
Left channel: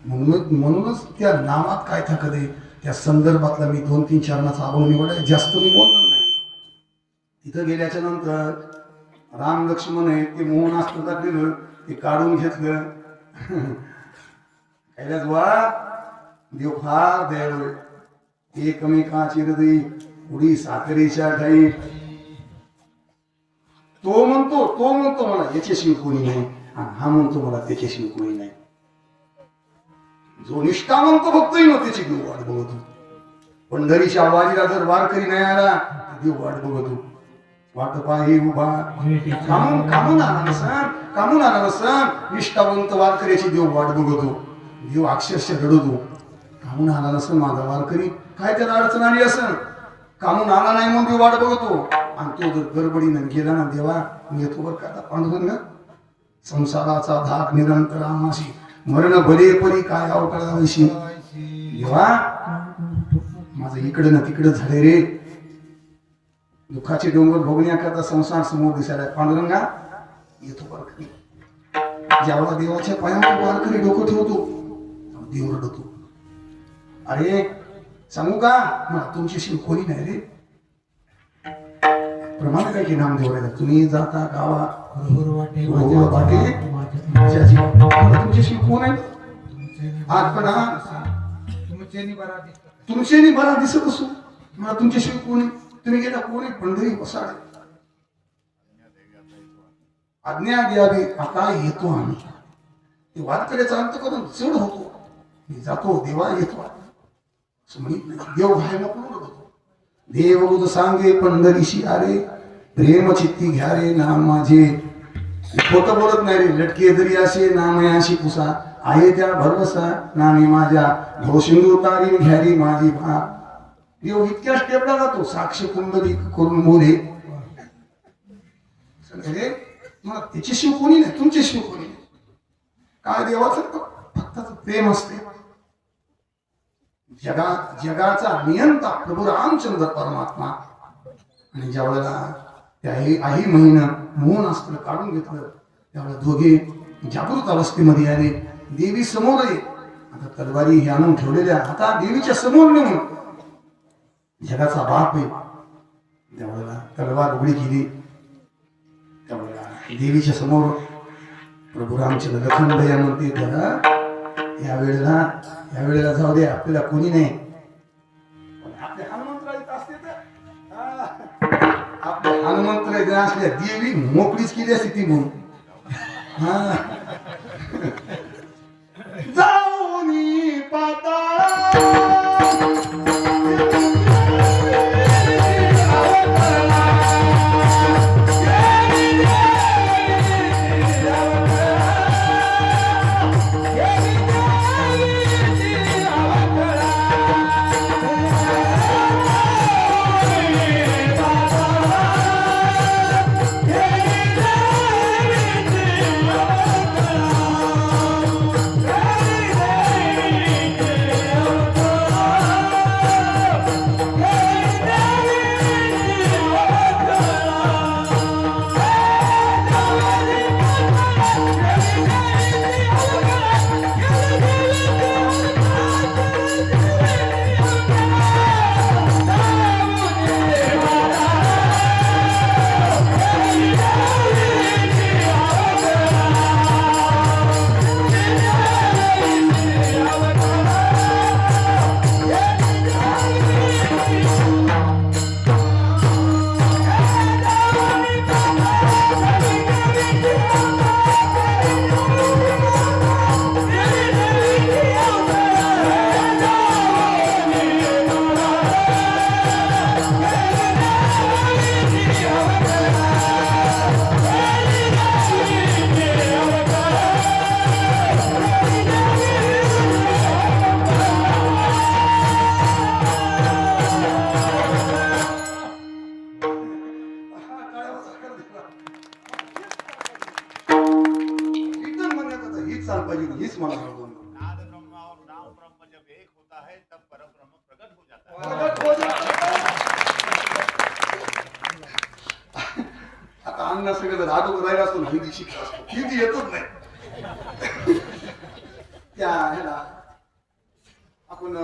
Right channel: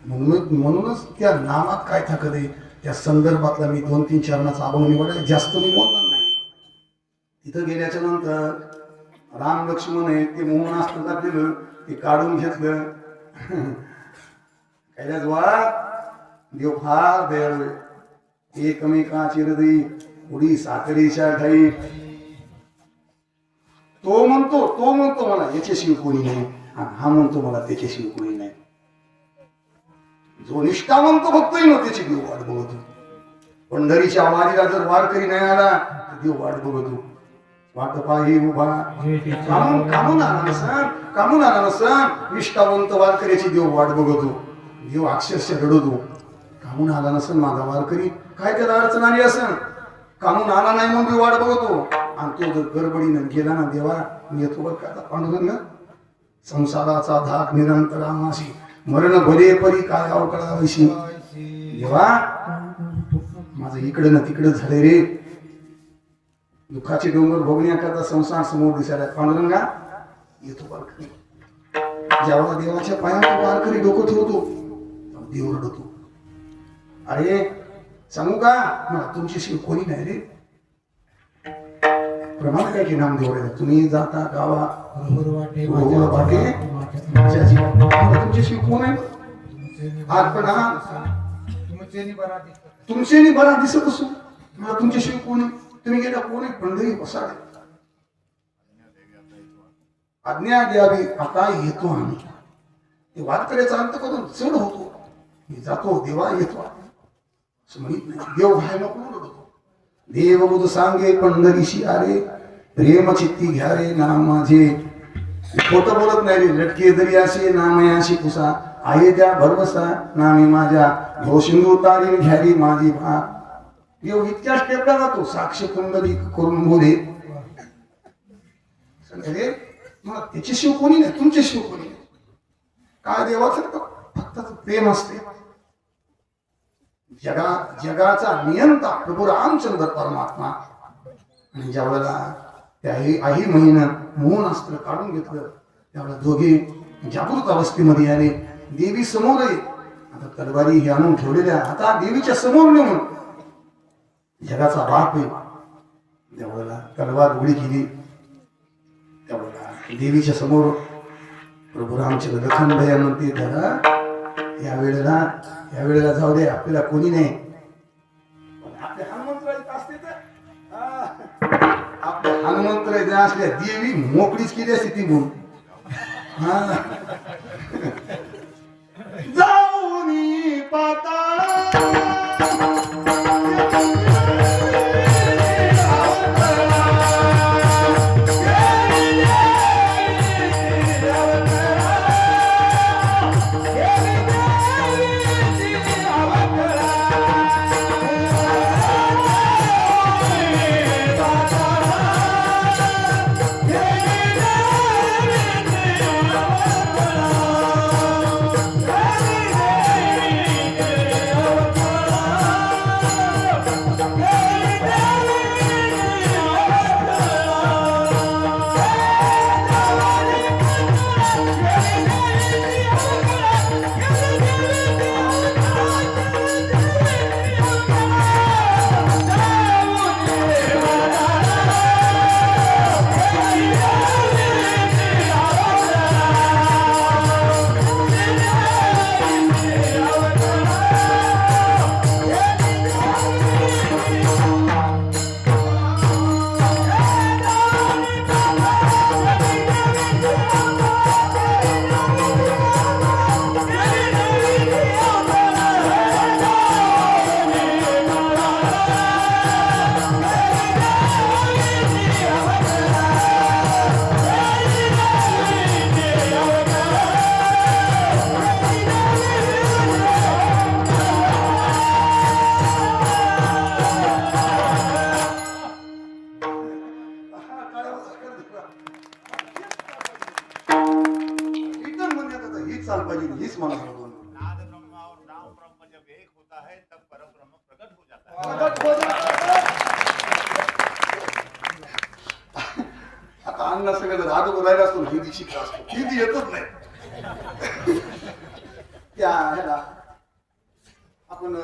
म्हणूनच त्या नामात काय ताकद आहे त्या संदर्भातला मी 2-3 चरणाचा अभाव निवडला, जास्त मी बोलणार नाही. तिथं गेल्याच्या नंतर राम लक्ष्मण आहे ते मोहनास्त्र टाकलेलं ते काढून घेतलं. कैलास वा देव फार दयाळू आहे. एकमेकाची हृदय उडी साखरेच्या ठाई. तो म्हणतो मला याच्याशिवाय कोणी नाही, हा म्हणतो मला त्याच्याशिवाय कोणी नाही. जो निष्ठा म्हणतो फक्त त्याची देव वाट बघतो. पंढरीच्या वारीला जर वारकरी नाही आला तर देव वाट बघतो. वाट पाही उभा कामून आला नसन निष्ठावंत वारकऱ्याची देव वाट बघतो. देव अक्षरशः रडतो. कामून आला नसन माझा वारकरी, काय त्याला अडचण आली असेल, कामून आला नाही म्हणून देव वाट बघतो. आणि तो जर गडबडीनं गेला ना, देवा मी येतो बरं का पांडुरंग, संसाराचा धाक निरंतर आमाशी, मरण भले परी काय अवकाळाविषयी. देवा माझं इकडे ना तिकडे झाले रे, दुःखाचे डोंगर बघण्याकरता संसार समोर दिसायला. पांडुरंगा येतो बरं. जेव्हा देवाच्या पायात वारकरी डोकं ठेवतो देव रडतो. अरे सांगू का, मला तुमच्याशी कोणी नाही रे. प्रमाण काय की नाम देव तुम्ही जाता गावा तुमच्याशी कोण आहे. तुमचे बरा दिसत असो, मला तुमच्याशी कोण आहे. तुम्ही गेला कोण आहे. पंढरी बसाड आज्ञा द्यावी आता येतो आम्ही. ते वारकऱ्याचा अर्थ करून जड होतो. मी जातो देवा येतो. देव भाय नको. देवबुध सांगे पंढरीशी आले, प्रेम चित्ती घ्या रे नाम माझे. खोटं बोलत नाही रे, लटके जरी असे नामयाशी पुसा, आहे त्या भरवसा नामे माझ्या. भोशिंदू तारी घ्या रे माझी भा. देव इतक्या स्टेपला जातो, साक्ष कुंडली करून बोले. रे मग त्याची शिव कोणी नाही, तुमची शिव कोणी नाही. का देवाचं फक्त प्रेम असते. जगाचा नियंता प्रभू रामचंद्र परमात्मा. आणि ज्यावेळेला त्या आई महिन्यात मोहन अस्त्र काढून घेतलं, त्यावेळेला दोघे जागृत अवस्थेमध्ये आले. देवी समोर आहे. आता तलवारी हे आणून ठेवलेल्या, आता देवीच्या समोर नेऊन जगाचा बाप आहे. त्यावेळेला तलवार उडी केली. त्यावेळेला देवीच्या समोर प्रभू रामचंद्र लखन भया म्हणते, या वेळेला जाऊ दे, आपल्याला कोणी नाही. आपले हनुमंतराज असते तर आपले हनुमंतराज असले देवी मोकळीच केली असते ती म्हणून. जाऊनी पाता अंगा सगळं राडू राहिला असतो, हिंदी शिकला असतो, हिंदी येतच नाही. त्या ह्याला आपण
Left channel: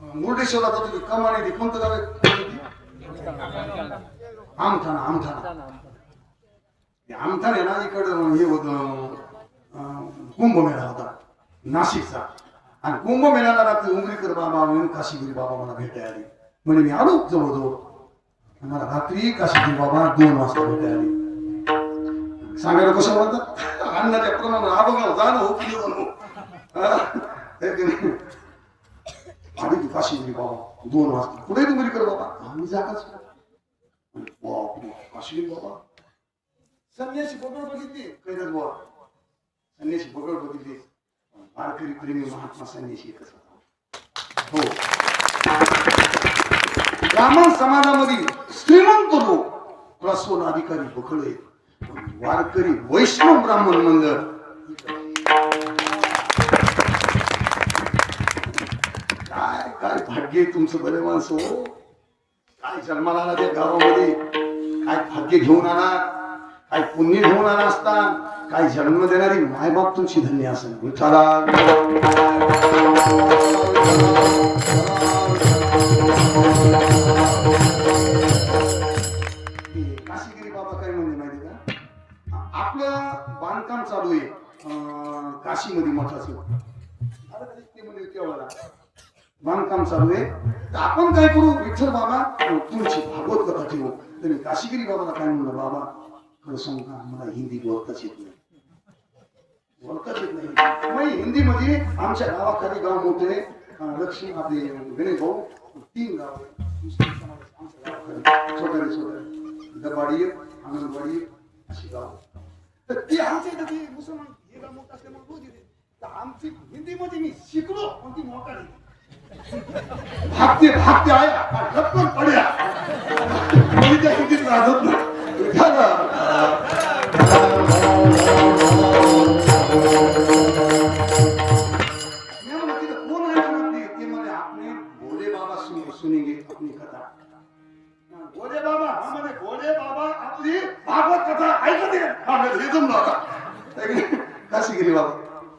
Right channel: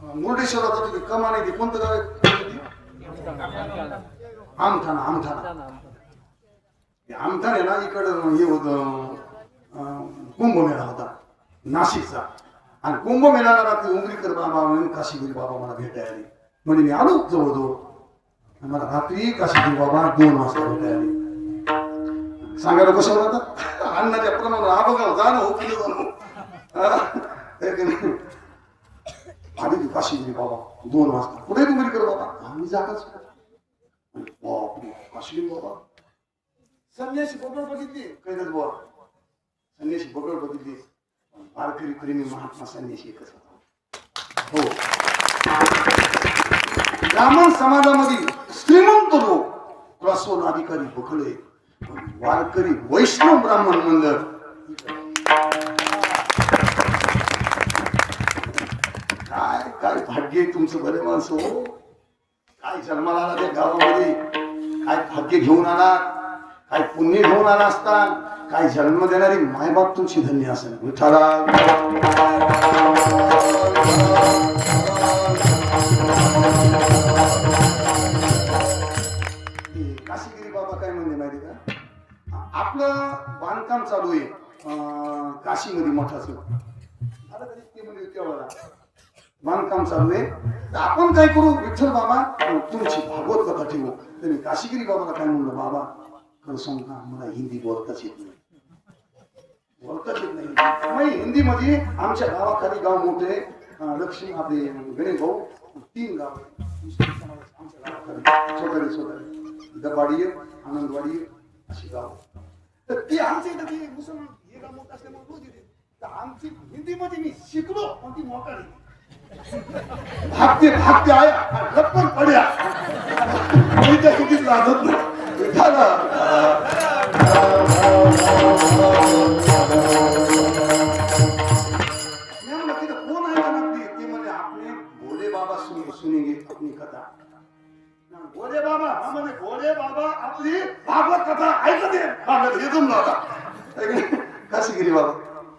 मुर्डेश्वरात होती कमानी ती कोणतं गाव आहे? आमठाणा आमठाणा ते आमठाण आहे ना इकडं हे होतं कुंभमेळा होता नाशिकचा आणि कुंभमेळ्याला रात्री उमरीकर बाबा म्हणून काशीगिरी बाबा मला भेटायला आले म्हणजे मी आलो जवळजवळ मला रात्री काशीगिरी बाबा 2 वाजता भेटायला आले सांगायला कसं होतं अन्नाच्या प्रमाण आबगाव जाणं हो आली काशीगिरी बाबा 2 वाजता कुठे उमरीकर बाबा आम्ही जागाच काशीगिरी बाबा संन्यासी बगड बघितली कैलास बाबा संन्यासी बगड बघितली वारकरी प्रेमी महात्मा संन्यासी हो ब्राह्मण समाजामध्ये श्रीमंत लोक प्रसून अधिकारी बघले वारकरी वैष्णव ब्राह्मण मंडळ काय काय भाग्य तुमचं बरे माणसं हो काय जन्माला आला ते गावामध्ये काय भाग्य घेऊन आला काय पुण्य घेऊन आला असता काय जन्म देणारी मायबाप तुमची धन्य असेल विठाला काशीगिरी बाबा काय म्हणले माहिती का आपलं बांधकाम चालू आहे काशीमध्ये मठाचं बांधकाम चालू आहे तर आपण काय करू विठ्ठल बाबा तुमची भागवत कथा ठेवू तुम्ही काशीगिरी बाबाला काय म्हणलं बाबा खरं सांगू का मला हिंदी बोलताच येत नाही नाही हिंदी मध्ये आमच्या गावाखाली गाव मोठे लक्ष्मी आपले गणेश भाऊ 3 गाव छोटे छोटे दरवाडी आनंदवाडी अशी गाव तर ती आमच्या इथं ती मुसलमान हे गाव मोठं असल्यामुळे रोज येते तर आमची हिंदी मध्ये मी शिकलो पण ती मोकाळी भागते आहे खटपट पड्या त्या हिंदीत राहत नाही सुनेंगे अपनी कथा भोले बाबा हमारे भोले बाबा अपनी भागवत कथा ऐकते हमें रिदम लागा काशीगिरी बाबा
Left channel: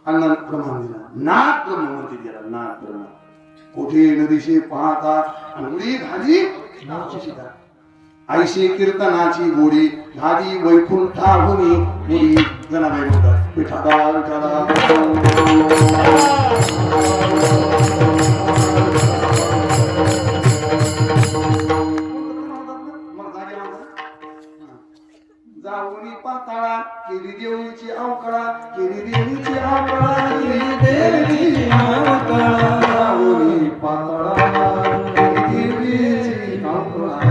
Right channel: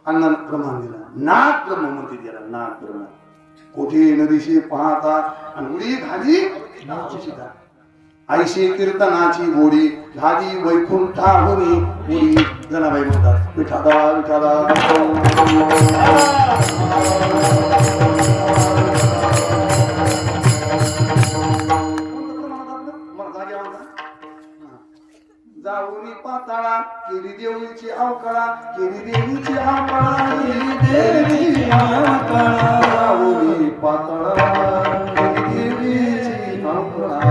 अण्णा ब्रह्म दिला नाथ ब्रह्म मध्ये दिला नाथ ब्रह्म कोठे नदीशी पाहता उडी घाली शिका आईशी कीर्तनाची गोडी घाली वैकुंठाहुनी उडी जनाबाई म्हणतात विठाला जाऊनी पाताळा केली देवीची अवकाळा केली देवीची अवकाळा केली देवीची अवकाळा जाऊनी पाताळा केली देवीची अवकाळा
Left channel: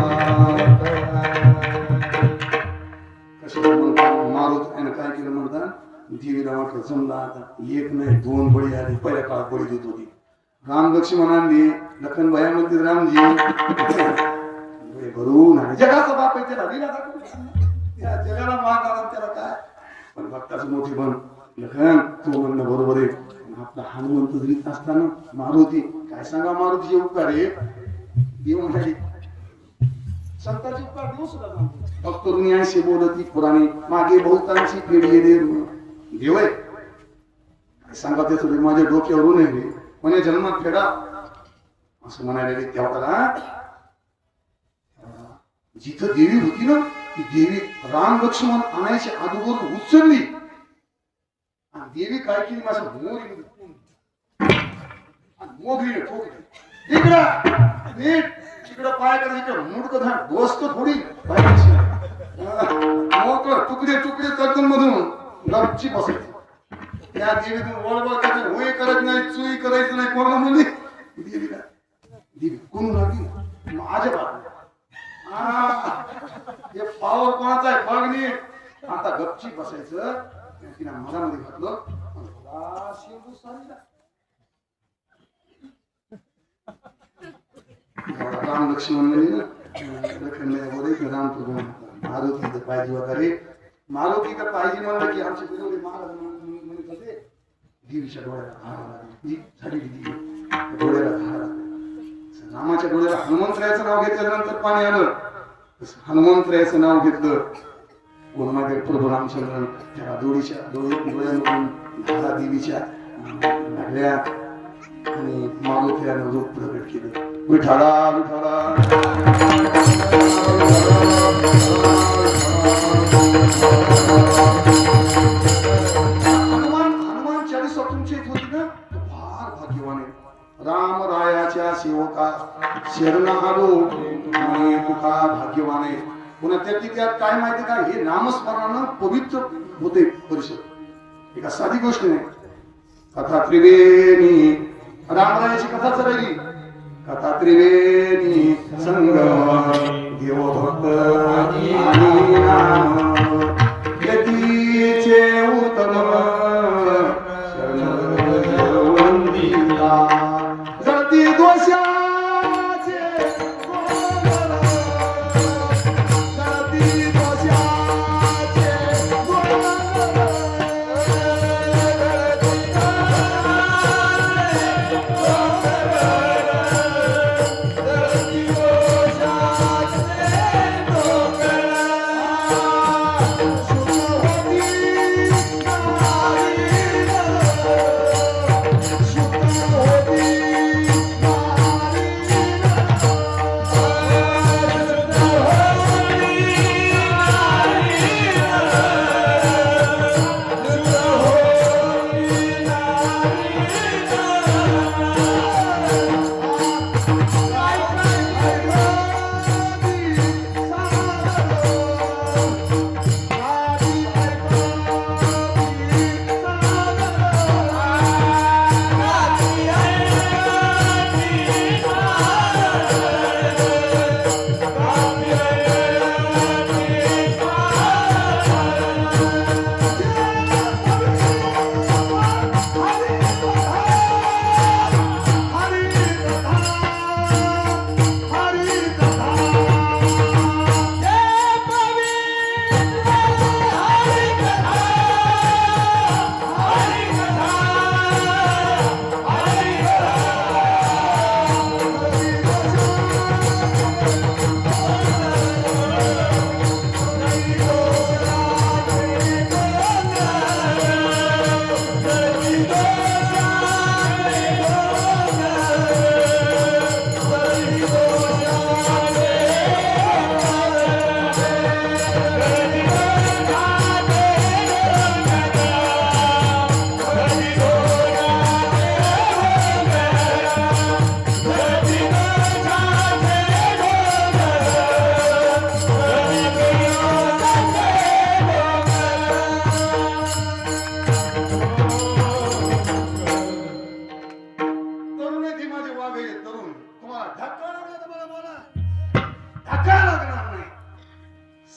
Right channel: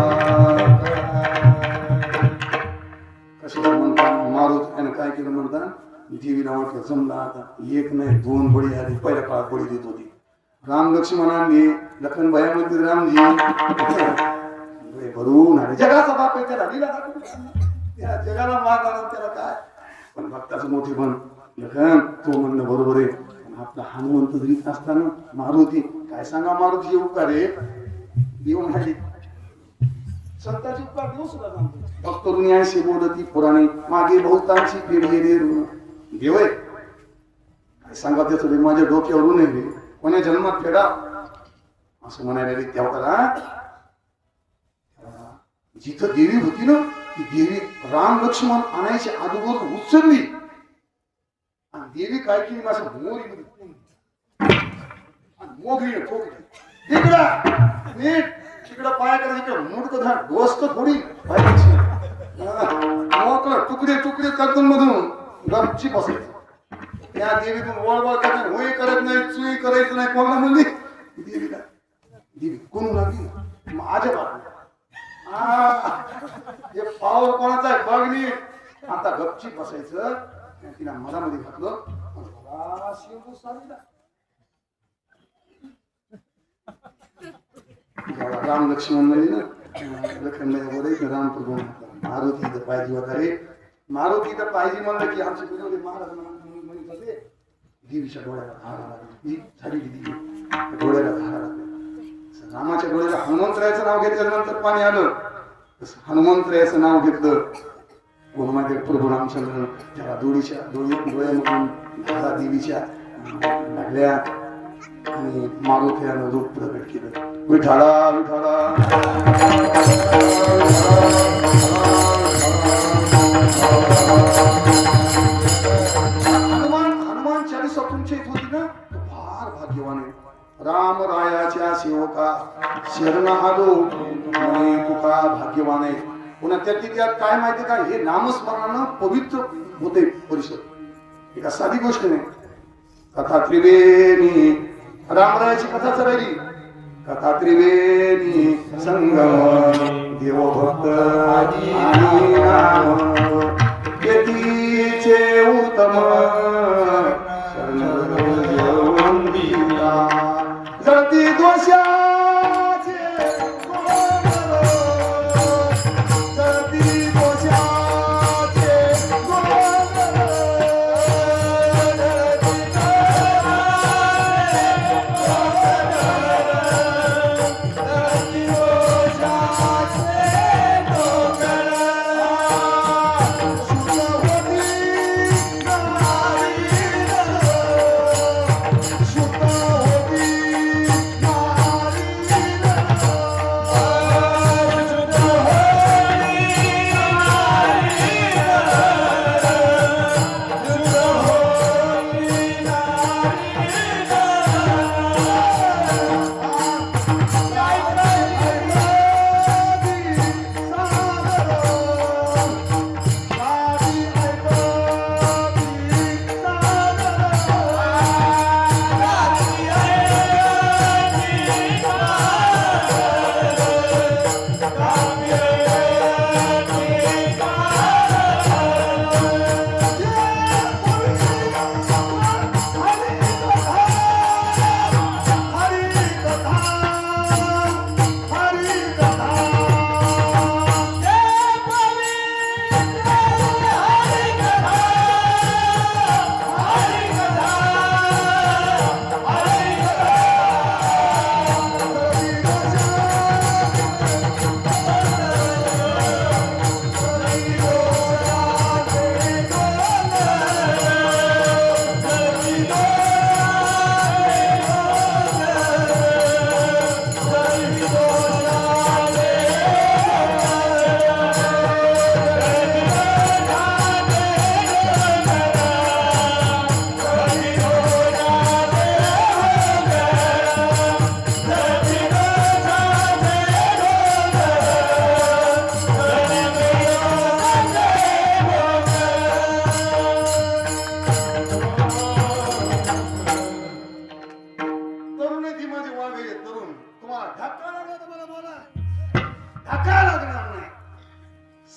कशाला म्हणतात मारुत आणि काय केलं म्हणतात देवीला वाटलं समजा आता 1 नाही 2 बळी आली पहिल्या काळात बळी देत होती राम लक्ष्मणांनी लखनभाई मध्ये रामजी भरून जगाचा बाप आहे त्याला दिला त्या जगाला माग आला त्याला काय पण भक्ताचं मोठी पण लखन तो म्हणणं बरोबर आहे आपला हनुमंत धरीत असताना मारुती काय सांगा मारुतीचे उपकार आहे देव म्हणाली संतांची उपकार देऊ सुद्धा भक्त दुनियाशी बोलती पुराणी मागे बहुतांची पिढी येणे देव आहे काय सांगा ते थोडे माझ्या डोक्यावरून आहे म्हणे जन्मात फेडा असं म्हणायला तेव्हा जिथं देवी होती ना ती देवी राम लक्ष्मण आणायची अगोदर उचलली आणि देवी काय केली असं मोगरीने ठोकली तिकडं पाय करायचं मुडकं धर गोष्ट थोडी मोकळं तुकडे तुकडे तर्तन मधून गपची बसायची त्या देवीतून वळवळ करायचं होई करत नाही चुई करायचं नाही कोणा म्हणजे देवीला देवी कोण लागली माझ्या बाजूला हे पावर कोणाचा आहे बघणी आता गपची बसायचं तिला मनामध्ये घातलं राम लक्ष्मण म्हणजे ना राम मारुती तर पाहिजे वगैरे मारुती तर पाहिजे म्हणलं की आमची पिढी महाराज म्हणत होते देवीच्या डोळ्याला झाली डोळ्याला रामाच्या डोळ्याला हनुमंतरायाचं नाव घेतल्यानंतर पाणी आलं हनुमंतरायाचं नाव घेतलं मागे प्रभू रामचंद्र त्या डोळ्यामधून धारा देवीच्या लागल्या आणि मारुतीयानं रूप प्रकट केलं. विठाला विठाला हनुमान चालीसा तुमच्या इथे होती ना, फार भाग्यवान आहे. राम रायाच्या सेवका शरण आलो म्हणे तुका भाग्यवान आहे. पुन्हा त्यात काय माहिती का, हे नामस्मरणानं पवित्र होते परिषद. एका साधी गोष्ट नाही. कथा त्रिवेणी रामरायाची कथा चालली. कथा त्रिवेणी संगम देवभक्त आणि नाम यतीचे उत्तम वंदिता जळती दोषाचे जळती दोषाचे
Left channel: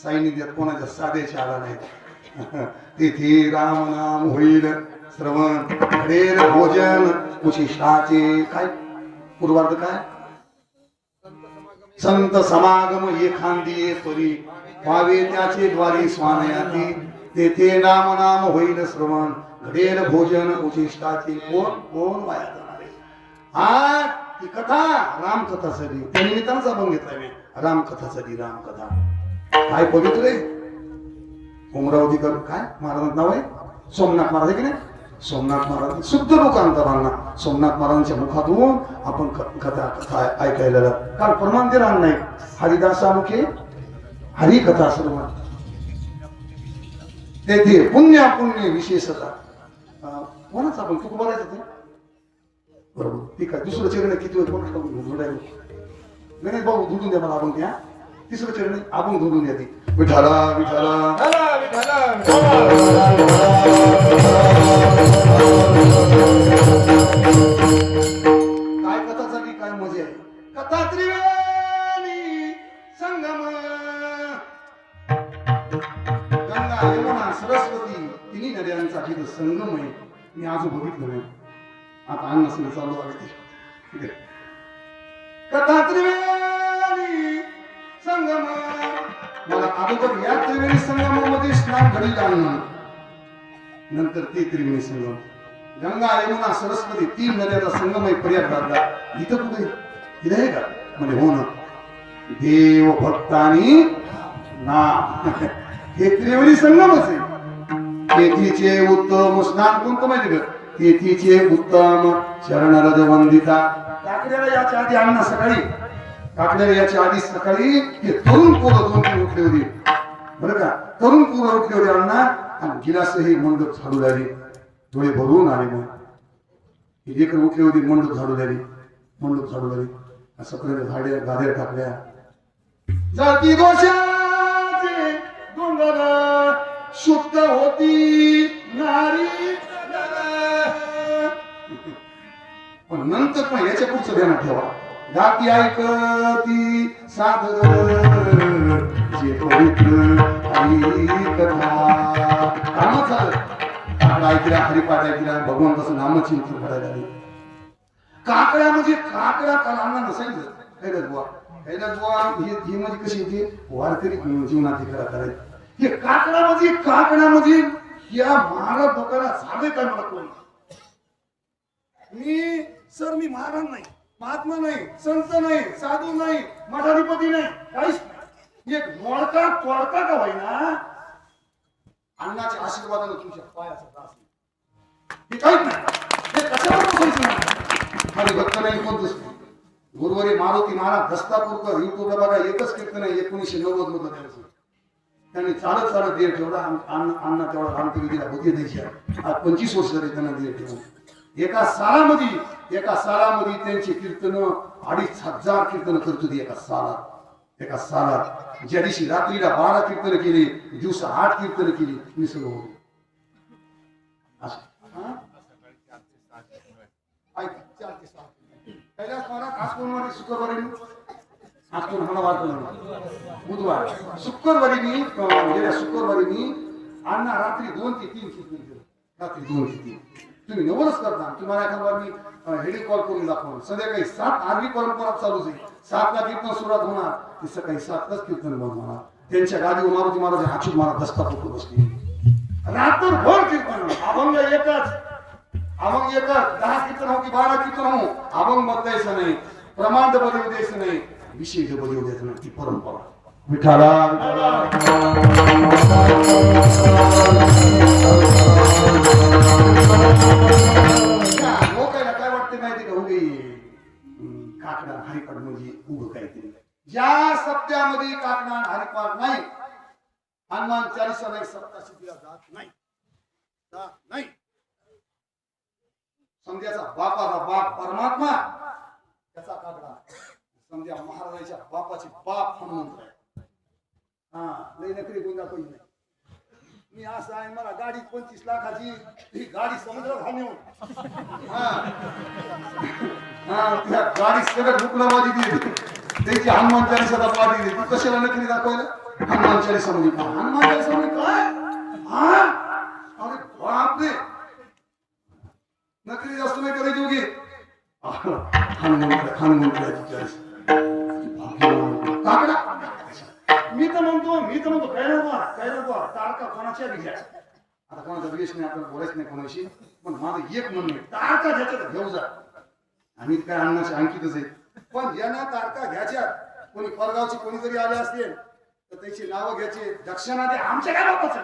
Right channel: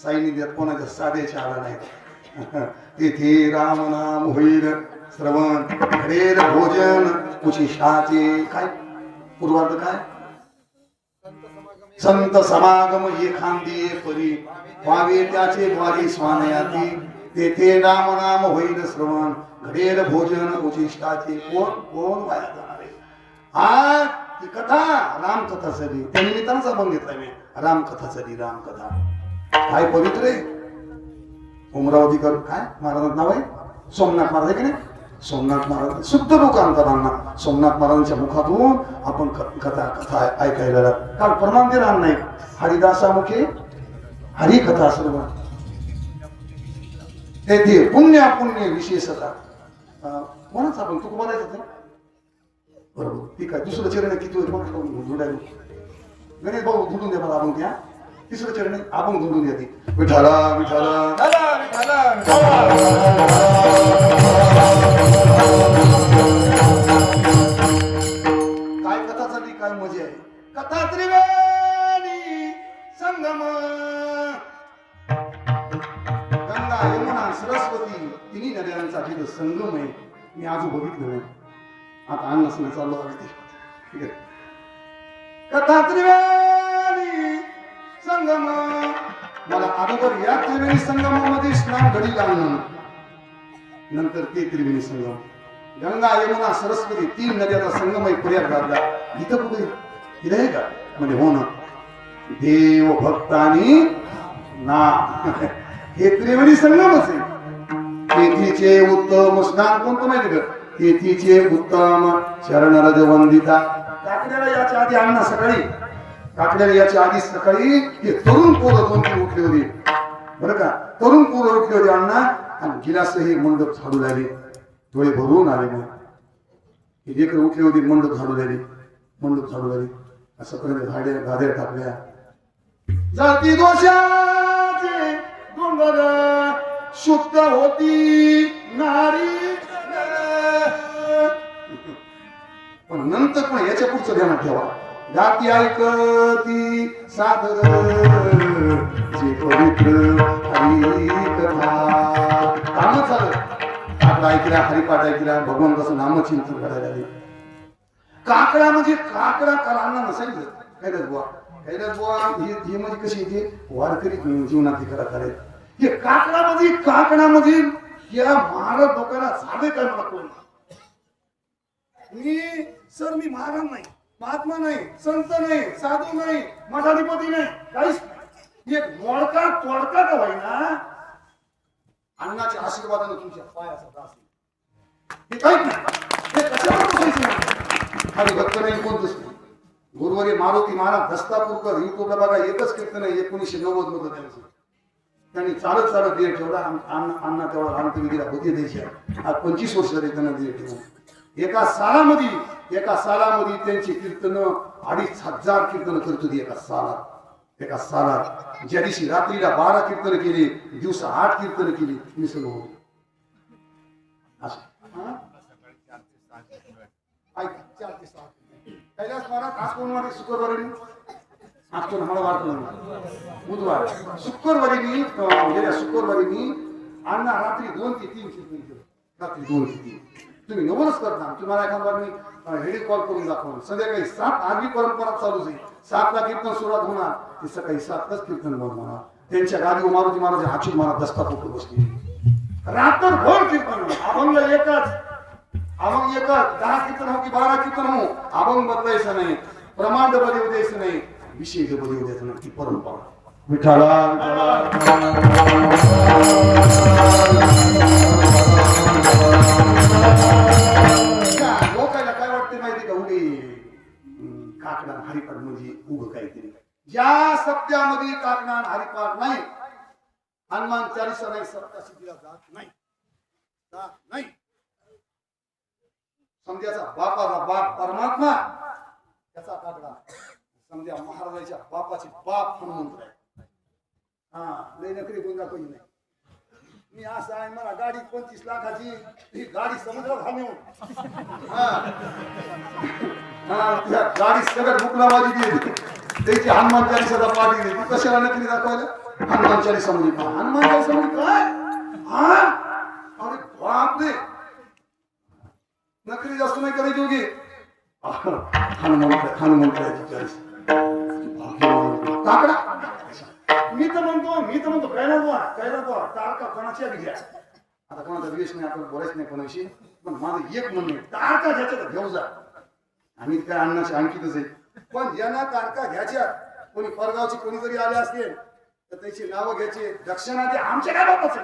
साईनिध्यात कोणाच्या साधेच्या आला नाही. तिथे राम नाम होईल श्रवण हरेर भोजन उशिष्टाचे काय पूर्वार्ध काय संत समागम एखांदी परी व्हावे त्याचे द्वारी स्वानयाती. तेथे राम नाम होईल श्रवण घडेल भोजन उशिष्टाचे. कोण कोण वाया जाणारे. हा ती कथा रामकथा सरी त्या निमित्तानच आपण घेतला. रामकथा सरी रामकथा काय पवित्र आहे. उमरावतीकर काय महाराजांचं नाव आहे सोमनाथ महाराज आहे की नाही. सोमनाथ महाराज शुद्ध लोकांतरांना सोमनाथ महाराजांच्या मुखातून आपण कथा कथा ऐकायला काल प्रमाण देणार नाही. हरिदासामुखे हरिकथा सर्व तेथे पुण्य अपुण्य विशेषता म्हणूनच आपण तू बोलायचं बरोबर ठीक आहे. दुसरं चरण किती होतं गणेश भाऊ धुडून द्या मला आपण त्या तिसरं चरण आपण धुडून द्या. विठाला विठाला काय कथा झाली काय मजा आहे. कथा त्रिवेणी संगम गंगा यमुना सरस्वती तिन्ही नद्यांचा तिथं संगम आहे. मी आज बघितलं नाही. आता अन्न सण चालू आहे. ठीक आहे. कथा त्रिवेणी संगम मला अगोदर या त्रिवेणी संगमामध्ये स्नान घडील आणलं. नंतर ते त्रिवेणी संगम गंगा यमुना सरस्वती तीन नद्याचा संगम आहे प्रयागराजला. इथं कुठे इथे आहे का म्हणजे हो ना. देव भक्तानी ना हे त्रिवेणी संगमच आहे. तेथीचे उत्तम स्नान कोणतं माहिती का तेथीचे उत्तम चरणरज वंदिता. काकड्याला याच्या आधी अण्णा सकाळी काकड्याला याच्या आधी सकाळी ते तरुण पोरं दोन तीन उठले होते बरं का. तरुण पोरं उठले होते अण्णा आणि गिलासही मंडप झाडू लागले. डोळे भरून आले ना. हे लेकर उठले होते मंडप झाडू लागले. मंडप झाडू लागले. असं पर्यंत झाडे गाद्या टाकल्या. जाती दोषाचे गुणगान शुद्ध होती नारी. पण नंतर पण याच्या पुढचं ध्यानात ठेवा. जाती ऐकती साधर जे पवित्र हरिकथा. कामच झालं. काकडा ऐकला हरिपाठ ऐकला भगवंताचं नामचिंतन करायला लागले. काकडा म्हणजे काकडा करायला नसेल कैलास बुवा. कैलास बुवा ही म्हणजे कशी होती वारकरी जीवनात करा करायची. हे काकडा म्हणजे या महाराज लोकांना झाले काय मला कोण. मी महाराज नाही, महात्मा नाही, संत नाही, साधू नाही, मठाधिपती नाही, काहीच नाही. एक मोडका तोडका का होईना अण्णाच्या आशीर्वादाने तुमच्या पायाचा त्रास हे काहीच नाही. हे कशाला हरिभक्त नाही कोणतंच नाही. गुरुवारी मारुती महाराज दस्तापूरकर युट्यूबला बघा एकच कीर्तन आहे 1990 मध्ये त्यांचं. त्यांनी चालत चालत देह ठेवला. अण्णा तेवढा अंत्यविधीला होते द्यायच्या. आज 25 वर्ष झाले त्यांना देह ठेवून. एका सालामध्ये त्यांची कीर्तन 2500 कीर्तन करत होती एका सालात. ज्या दिवशी रात्रीला 12 कीर्तन केली, दिवसा 8 कीर्तन केली. मी सगळं होतो. कैलास महाराज आज कोण शुक्रवारी आज कोण बुधवार शुक्रवारी मी अण्णा रात्री 2 ते 3 कीर्तन केलं. रात्री 2 ते 3 तुम्ही नवलच करता. तुम्हाला एखादा मी हेडी कॉल करून दाखवणार. संध्याकाळी 7 आगली परंपरा चालूच आहे. 7ला कीर्तन सुरुवात होणार ते सकाळी 7लाच कीर्तन बंद होणार. त्यांच्या गादी मारुती महाराज अक्षय महाराज दस्तापूर बसले. रात्रभर कीर्तन. अभंग एकच 10 कीर्तन हो की 12 कीर्तन हो अभंग बदलायचं नाही, प्रमाण बदलू द्यायचं नाही, विषय बदलू द्यायचं नाही. ती परंपरा विठाला लोकांना काय वाटते माहिती का उगे काकडा हरिपाठ म्हणजे उभं काहीतरी. ज्या सत्यामध्ये काकडा हरिपाठ नाही, हनुमान चालीसा नाही, सप्तशतीला जात नाही. समजाचा बापाचा बाप परमात्मा त्याचा काकडा. समजा महाराजाच्या बापाचे बाप हनुमंत आहे. लई नकरी गुन्हा कोणी नाही. मी असं आहे मला गाडी 25 लाखाची ही गाडी समुद्रात घालून गाडी सगळं रुकणावादी दिली. त्याची हनुमान चालीसाचा पाठी दिली. ती कशाला नकली दाखवायला. हनुमान चालीसामध्ये काय अरे बापरे नकली जास्त नाही करायची होगी. हनुमंत काकडा. मी तर म्हणतो कैलास तारका कोणाच्या घ्या. आता कोणाचा द्वेष नाही, आपण बोलायच नाही कोणाशी. पण माझं एक म्हणणं आहे तारका घ्यायच्या घेऊ जा. आम्ही काय अन्नाचे अंकितच आहे. पण ज्यांना तारका घ्यायच्या कोणी परगावची कोणी जरी आले असतील तर त्याची नावं घ्यायची. दक्षिणा ते आमच्या काय बापाचं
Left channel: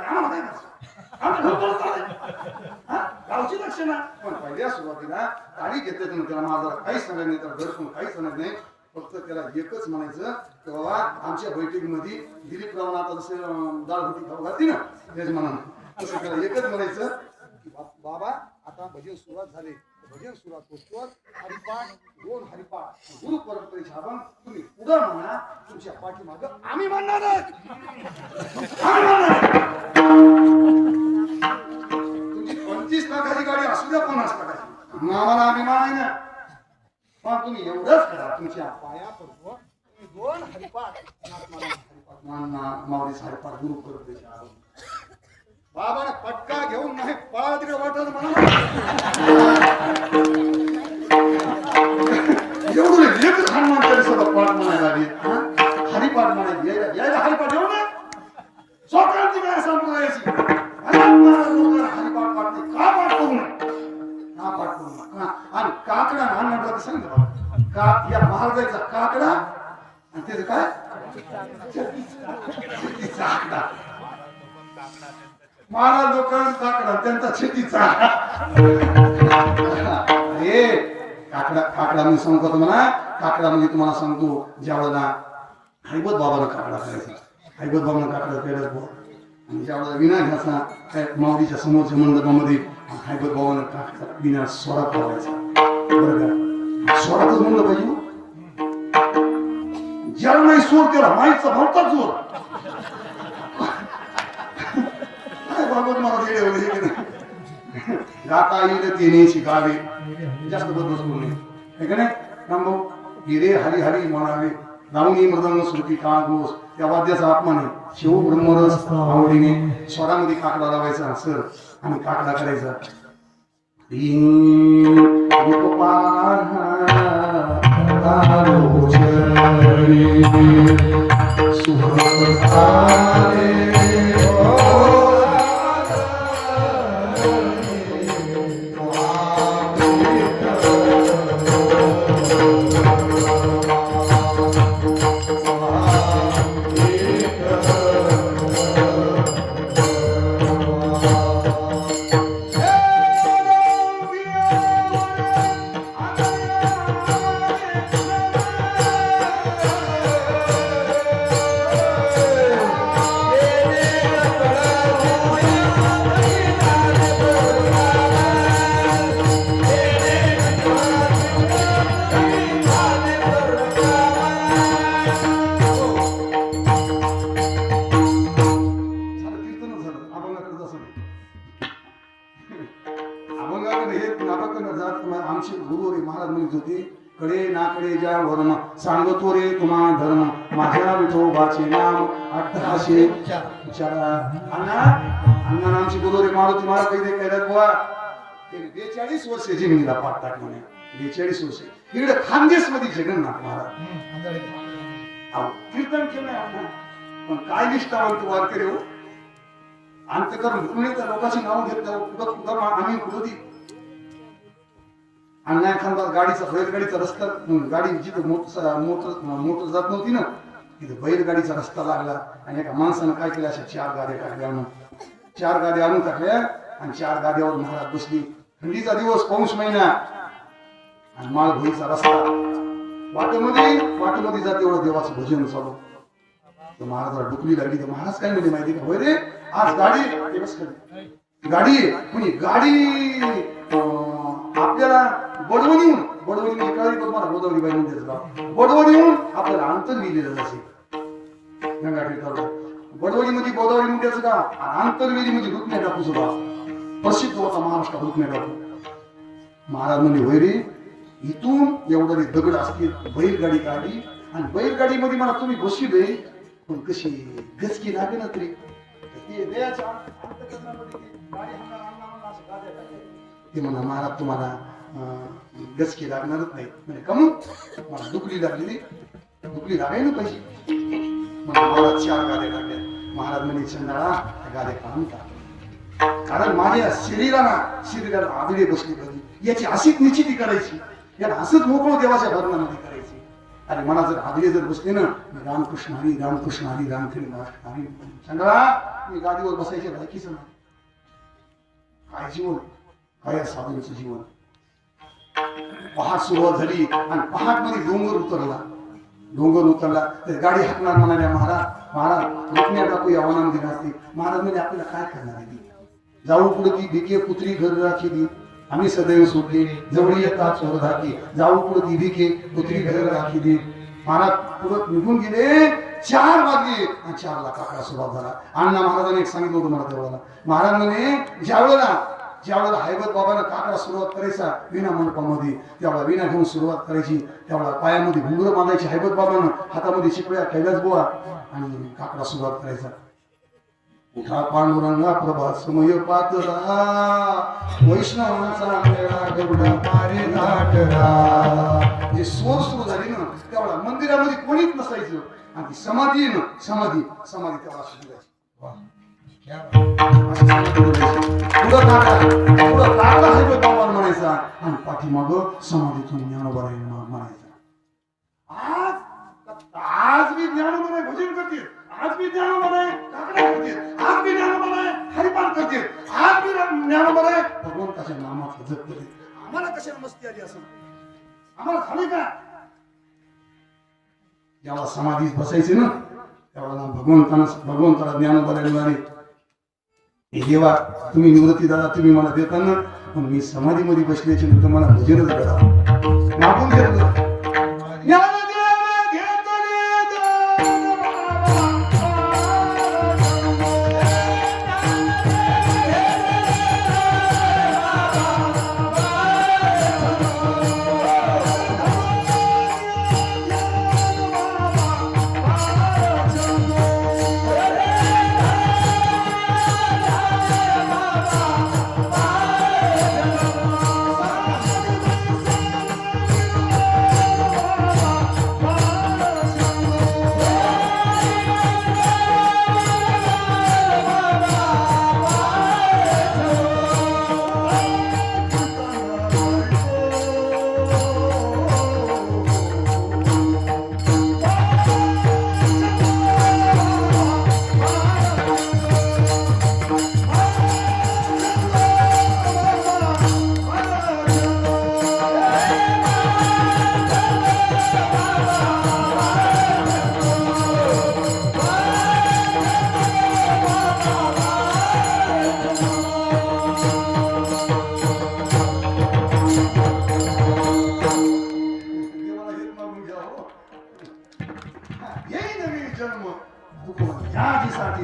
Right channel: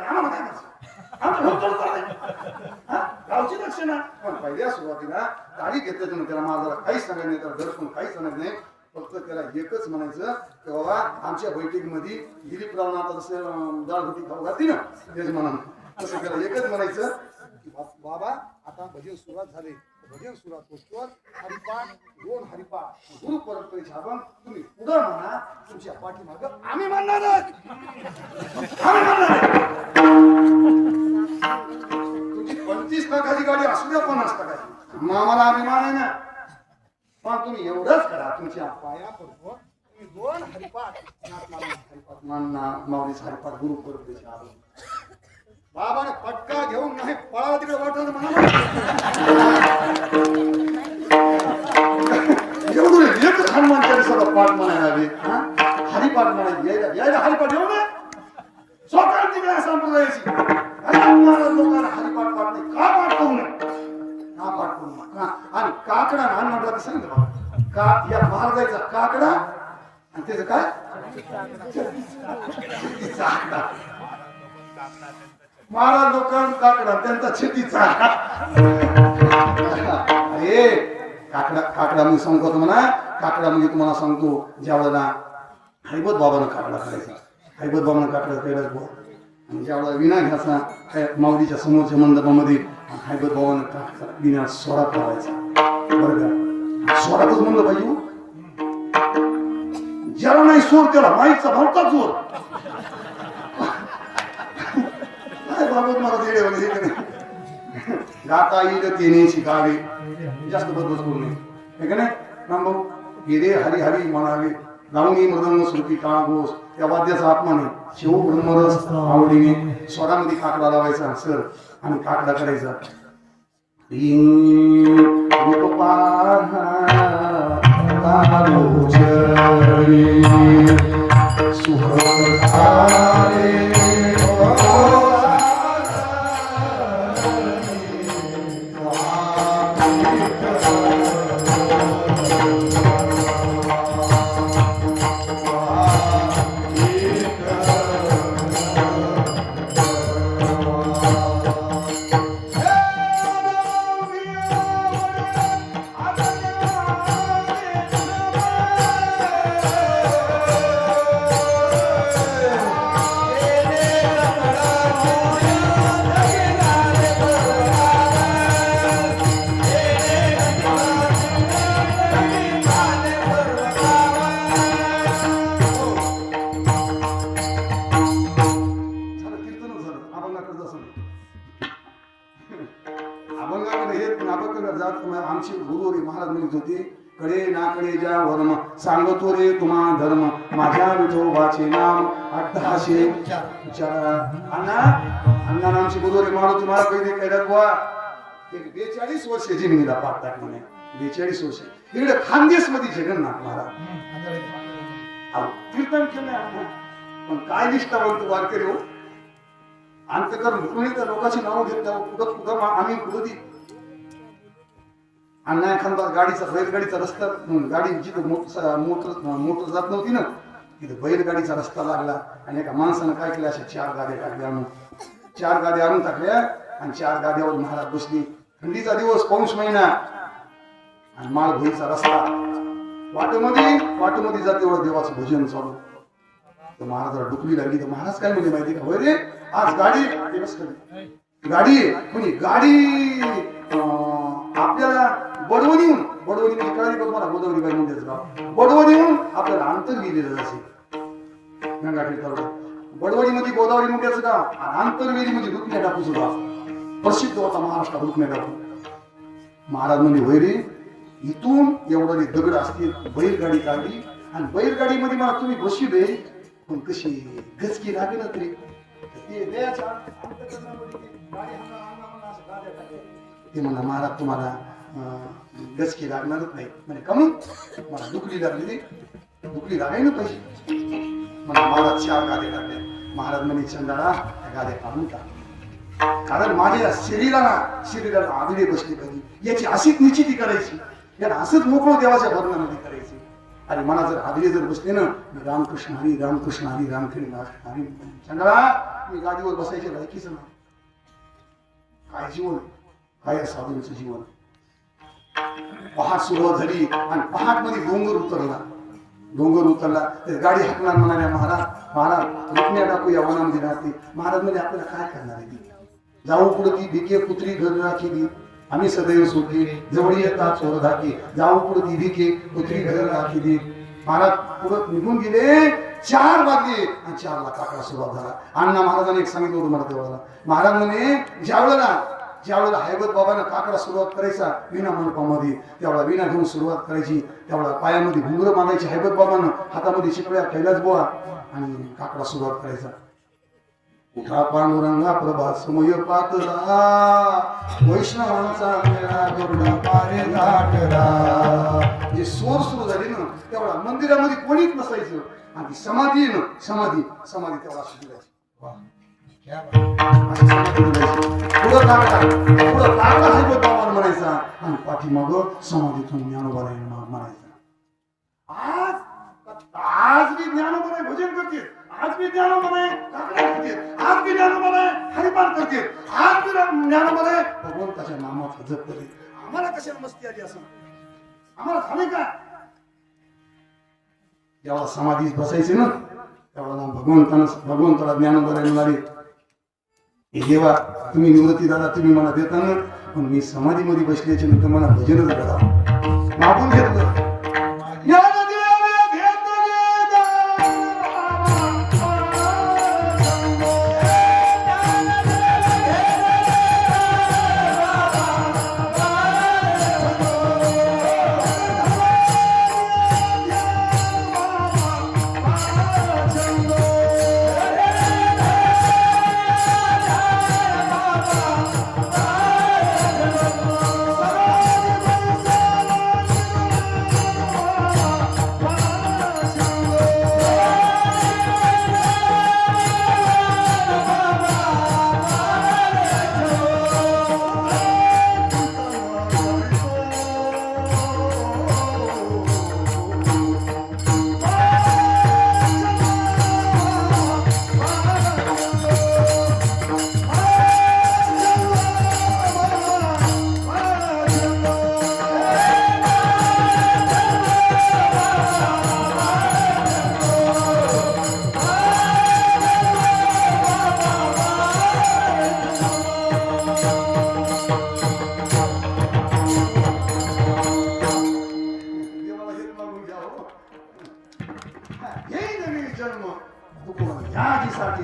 गावची दक्षिणा. पण पहिल्या सुरुवातीला तारीख घेतल्याचं त्याला माझा काहीच सांगत नाही, तर दर्शन काहीच सांगत नाही. फक्त त्याला एकच म्हणायचं की बाबा आमच्या बैठकीमध्ये दिलीप राव आता जसं दाळभुटी खाऊ घालती ना त्याच म्हणा. तसं त्याला एकच म्हणायचं की बाबा आता भजन सुरुवात झाले. भजन सुरुवात होतो. हरिपाठ 2 हरिपाठ गुरु परंपरेचे आपण तुम्ही पुढे म्हणा. तुमच्या पाठीमाग आम्ही म्हणणार. तुमची 25 लाखाची गाडी असू द्या 50 लाखाची आम्हाला अभिमान आहे ना. पण तुम्ही एवढंच करा तुमच्या पाया पडतो. तुम्ही 2 हरिपाठ हरिपाठ गुरु परंपरेचे बाबाने पटका घेऊन नाही पळाला तिकडे वाटलं म्हणा. एकच हनुमान चालीसा पाठ म्हणायला हरिपाठ म्हणायला यायला हरिपाठ येऊ नये. स्वतः तिकडे संप्रदायाची हरिपाठ काढते का पाठ करू नये. हा पाठ करू नका. आणि काकडा लहान म्हटलं तर सांगितलं का या महाराजाचा काकडा आणि त्याचं काय महाराज लोकांना काकडा त्यांचा शेतीचा अरे काकडा मी सांगतो तुम्हाला काकडा म्हणजे तुम्हाला सांगतो ज्यावेळेला हैबत बाबानं काकडा करायचा हैबत बाबानं काकडा केला ज्यावेळेला विना घ्यायचा त्या माऊलीच्या समोरच्या मंडपामध्ये हैबत बाबानं काकडा विना सोडा करायचा बरं का सोडातच म्हणलं पाहिजे ज्याला नाही सोड त्याला माहीतचा भरता जोर मला दिले होते गाता येईल तिनेची गावे जास्त बरोबर बोलणे हे का नाही नांदो हिरे हरी हरी म्हणावे लावणी मृदंग श्रुती का घोष त्या वाद्याचा आत्मा नाही शिव ब्रह्मरस आवडीने स्वरामध्ये काकडा लावायचा सर आणि काकडा करायचा आमचे गुरु रे महाराज म्हणत होते कडे नाकडे ज्या वर्म सांगतो रे तुम्हा धर्म माझ्या विठोबाचे नाम 1800 आमचे गुरु रे महाराज तुम्हाला काही केलं बुवा 42 वर्ष जिंकला पाठ टाकणे 42 वर्ष इकडे खानदेश मध्ये जगन्नाथ महाराज कीर्तन केलं पण काय निष्ठावंत वारकरी हो अंतकरण रुग्णेच्या लोकांची नाव घेतलं आम्ही कुठे अन्याय खांदा गाडीचा बैलगाडीचा रस्ता गाडी जिथे मोटर जात नव्हती ना तिथे बैलगाडीचा रस्ता लागला आणि एका माणसानं काय केलं अशा 4 गाड्या टाकल्या 4 गाड्या आणून टाकल्या आणि 4 गाड्यावर महाराज बसली थंडीचा दिवस पौष महिना आणि माळभुईचा रस्ता वाटेमध्ये जाते एवढं देवाचं भजन चालू तर महाराजला डुकली लागली तर महाराज काय म्हणले माहिती का होय रे आज गाडी आपल्याला बडवून येऊन आपल्याला अंतर लिहिलेलं असेल बडवणीमध्ये गोदावरी मुंड्याचं का आंतरवेलीमध्ये रुक्मिणी टाकू सुद्धा प्रसिद्ध होता महाराष्ट्रात रुक्मिणी टाकू महाराज म्हणजे होय रे इथून एवढे दगड असतील बैलगाडी काढली आणि बैलगाडीमध्ये मला तुम्ही बसविले पण कशी गचकी लागली ना तरी ते म्हणा महाराज तुम्हाला गचकी लागणारच नाही म्हणजे कमी मला दुखली लागली दुखली लागायला पाहिजे मला महाराज 4 गाड्या लागल्या महाराज म्हणे चंदाळा गाड्या काढून टाक कारण माझ्या शरीराला आगळे बसली पाहिजे याची अशीच निश्चिती करायची याला असंच मोकळं देवाच्या भरणामध्ये करायची आणि मला जर आगळे जर बसले ना रामकृष्ण हरी रामकृष्ण हरी रामकृष्ण हरी चंदाळा मी गाडीवर बसायचे लायकीच ना काय जीवन काय साधूंचं जीवन पहाट सुरुवात झाली आणि पहाट मध्ये डोंगर उतरला तर गाडी हाकणार म्हणाल्या महाराज लुटण्या टाकू या वनामध्ये राहते महाराज मध्ये आपल्याला काय करणार आहे जाऊ पुढे ती भिके पुत्री घर राखी आम्ही सदैव सुटली जवळ येतात चोर धाकी जाऊ पुढे ती भिके पुत्री घर राखी महाराज पुढे निघून गेले 4 वाजले 4 ला काका सुरुवात झाला अण्णा महाराजांनी एक सांगितलं होतं मला तेव्हा महाराज म्हणे ज्यावेळेला हैबत बाबानं काकडा सुरुवात करायचा विना मंडपामध्ये त्यावेळेला विना घेऊन सुरुवात करायची त्यावेळेला पायामध्ये घुंगर बांधायची हैबत बाबानं हातामध्ये शिकल्या कैलास बुवा आणि काकडा सुरुवात करायचा उठा पांडुरंगा प्रभात समय पातरा वैष्णवांचा मेळा गरुडा पारे धाकरा जे सोर सुरू झाली ना त्यावेळेला मंदिरामध्ये कोणीच नसायचं आणि समाधी तेव्हा सुरू पुढं काढला हैबत बाबा म्हणायचा आणि पाठीमाग समाधीतून ज्ञानोबा म्हणायचा आज मी ज्ञानोबा भजन करतील आज मी ज्ञानोबा आज मी ज्ञानोबा हरिपाठ करते हा तुला ज्ञानामध्ये भगवंताच्या नामात जप करे आम्हाला कशाला मस्ती आली असं आम्हाला झाले का जेव्हा समाधीत बसायचे ना तेव्हा भगवंताला ज्ञान बघायला मिळाले देवा तुम्ही निवृत्ती दादा तुम्ही मला देताना पण मी समाधीमध्ये बसल्याचे नंतर मला भजनच करा मागून घेतलं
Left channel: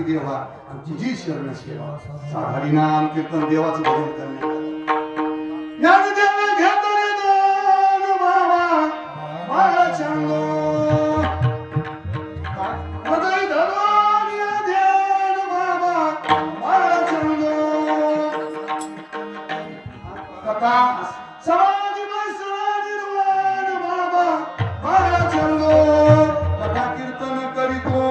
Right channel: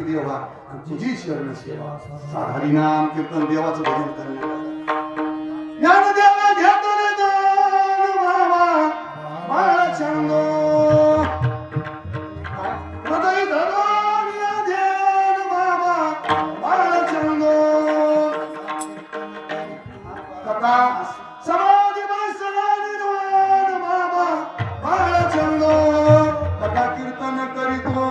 देवा तुझी शरण सेवा हरिनाम कीर्तन देवाचं भजन करणे ज्ञानदेव घेतले दोन मामा माचंदो हृदय धरून ध्यान बाबा माचंदो कथा समाधी समाधी बाबा माचंदो कथा कीर्तन करीतो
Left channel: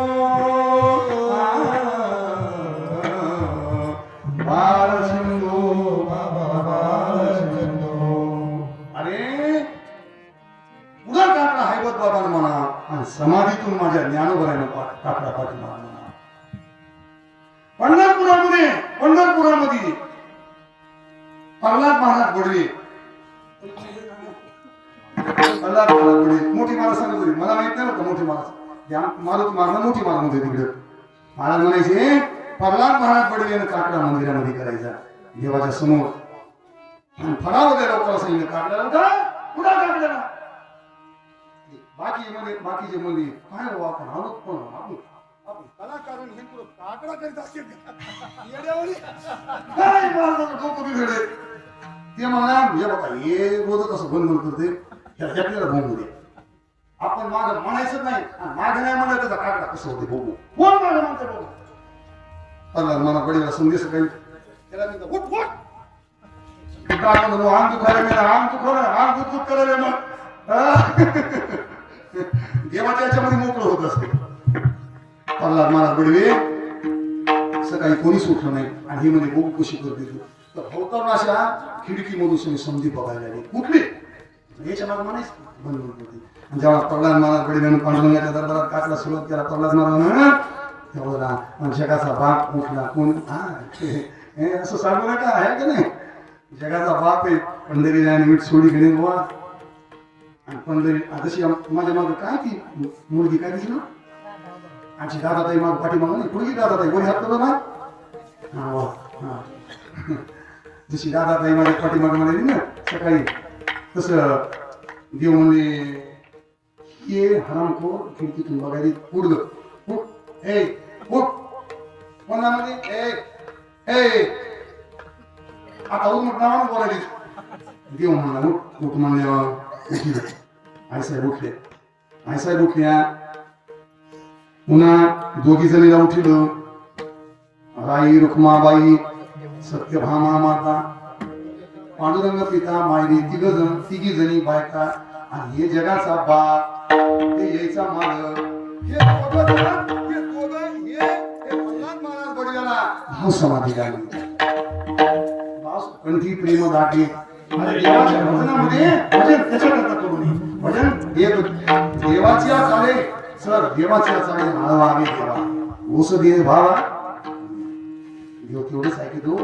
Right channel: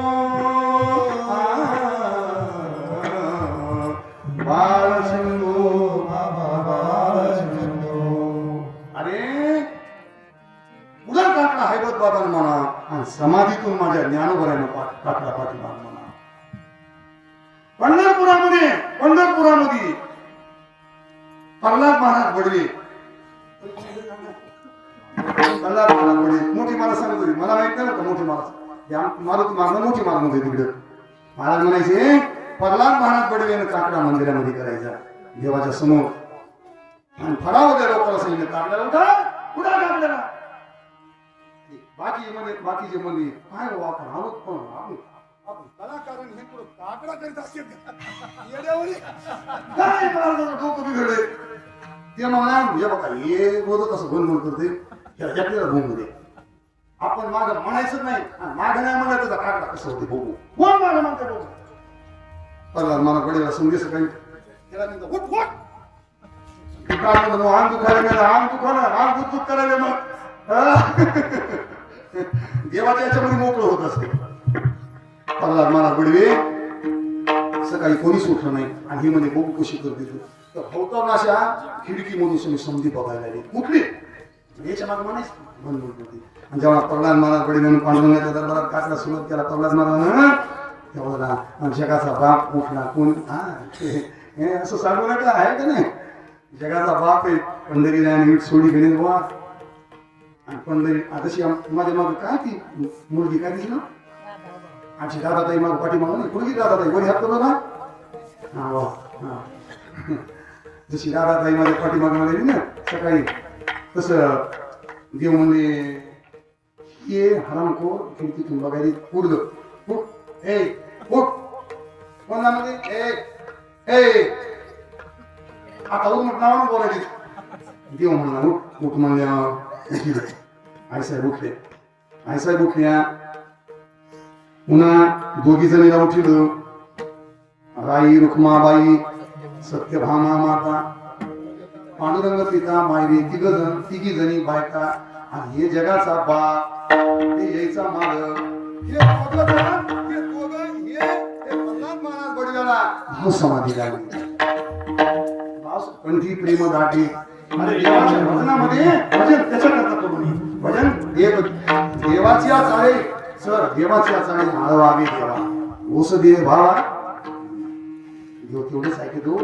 समाधीतून माझ्या ज्ञानोबराने टाकला पाठीला पंढरपुरामध्ये प्रल्हाद महाराज घडले मोठी महाराज सांगत होती मला माहित नाही मोठी महाराज मोठी महाराज मध्ये तिकडे महाराज म्हणायचे प्रल्हाद महाराज घडले काकडा मंदिरामध्ये करायचा देवाच्या समोर फळा वगैरे लोकांना सांगितलं काढला होता पुन्हा काढलेला बाकीचे म्हणले काय आपण आहोत पण आपण कलाकारण हे पुरं काकडा करीत असतील काय डोकं बिघडले ते म्हणा हे बघा हे रोज कसं गुणगुण करते ह्याला गुणगुण आपण मागं म्हणायचं नाही मागं नाही म्हणायचं तर काकडा कसं होते बघू कोण मागं म्हणते बघू पहिला मला गडीला संदेश काही त्याला मी उठ उठ आम दुख करायला मग देवाच्या याच्यामध्ये मोकळं होत असते मला गडवे सकाळी कोणीच उठलं नाही आणि ही मध्ये बोक कशी करते तू तर भोवताना अशा खिडकीमधून सगळी समजी बघायला लागली कुठली याच्या मागे म्हणायच म्हणून करते जेव्हा प्रल्हाद महाराज गडव्यानं पांडुरंगाच्या दरबारात काढला सुरुवात केला प्रल्हाद महाराज तेव्हा जगाचा बाप उठला कोण हा असं सांगू नका आहे का नाही जगाचा बाप आहे पंढरीला नीट सोडी घेणे बुवा पंढरी तशी माझ्या मागं काय ती मुलगी काय दिसली आमची दादाताई माग पाठीमाग ना कोणी दादाताई कोणी हात करू ना जशी दादाताई माझ्या पाठीमाग म्हणाली ना सकाळी तसं देव म्हणले ये हरामखोर खिडकीतून बघायला उडलं उठ ए उठ कोणामध्ये ए आता उठ नाव बोलायली देव म्हणा उठ उठ म्हणल्या आईसाहेब उठले आईसाहेब उठल्या पुन्हा दोघी जणीला उठलं आई रुक्माबाई सत्यभामा माता पांडुरंग पिता मायरी तिघी जणी बायका आणि हे जगाचा बाप हे यायचा माग हे प्रल्हाद महाराज बडव्याला समाधी झाली कंठी प्रेम दाटी देवाच्या भजनामध्ये भजन त्याच्याकरता करून भजन देवाची चाळे सर देवाची चाळे मानवा आम्ही देवा ऊस दे भावा तेवढंच आहे की तू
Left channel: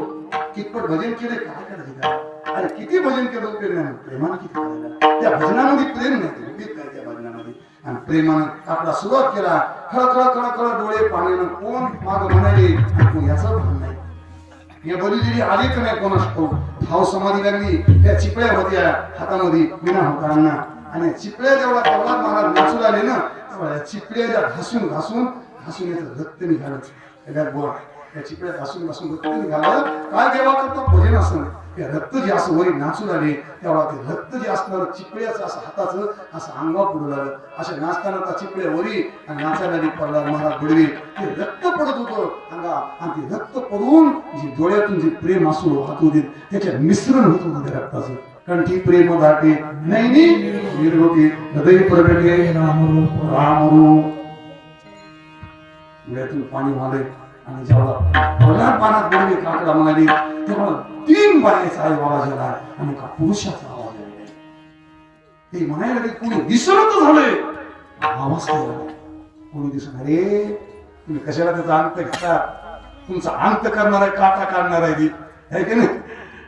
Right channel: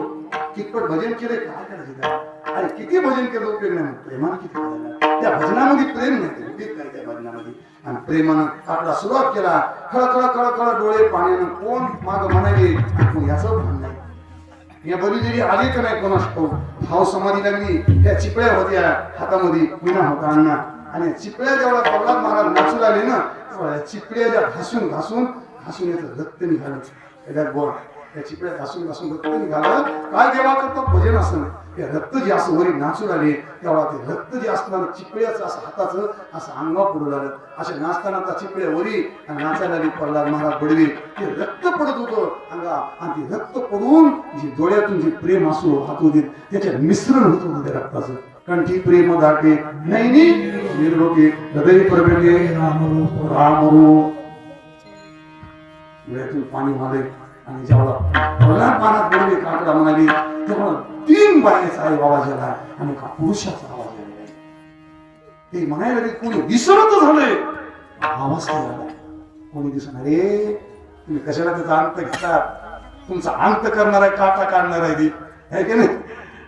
कितपत भजन केलं काय करायचं त्याला? अरे किती भजन केलं उपयोग नाही प्रेमान किती करायला त्या भजनामध्ये प्रेम नाही ते उपयोग करायचं त्या भजनामध्ये आणि प्रेमानं आपला सुरुवात केला खळखळ डोळे पाण्यानं कोण माग म्हणाले मग याचं भान नाही हे बलिदेवी आली तर नाही कोणास ठाऊक भाव समाधिकांनी त्या चिपळ्या होत्या हातामध्ये विना होताना आणि चिपळ्या जेवढा प्रल्हाद महाराज नाचू लागले ना तेवढ्या चिपळ्या घासून याचं रक्त निघालं एका गोळा त्या चिपळ्या घासून रक्त निघालं काय देवा करता भजन असं ते रक्त जे असं वरी नाचू लागले तेव्हा ते रक्त जे असणार चिपळ्याचं असं हाताचं असं अंगा पडू लागलं असे नाचताना त्या चिपळ्या वरी आणि नाचायला लागली प्रल्हाद महाराज बडवे ते रक्त पडत होतं अंगा आणि ते रक्त पडून जे डोळ्यातून जे प्रेम असो हातून त्याचे मिश्रण होत होतं त्या रक्ताचं कंठी प्रेम दाटे नैनी निर्लोके हृदय प्रगटे रामरूप डोळ्यातून पाणी मारे आणि जेव्हा प्रल्हाद महाराज बडवे काकडा म्हणाली तेव्हा 3 बाळेचा आवाज आला आणि एका पुरुषाचा आवाज आला ते म्हणायला लागले कोणी विसरत झालंय आवाज काय आला कोणी दिसणार रे तुम्ही कशाला त्याचा अंत घेता तुमचा अंत करणार आहे काटा काढणार आहे हे की नाही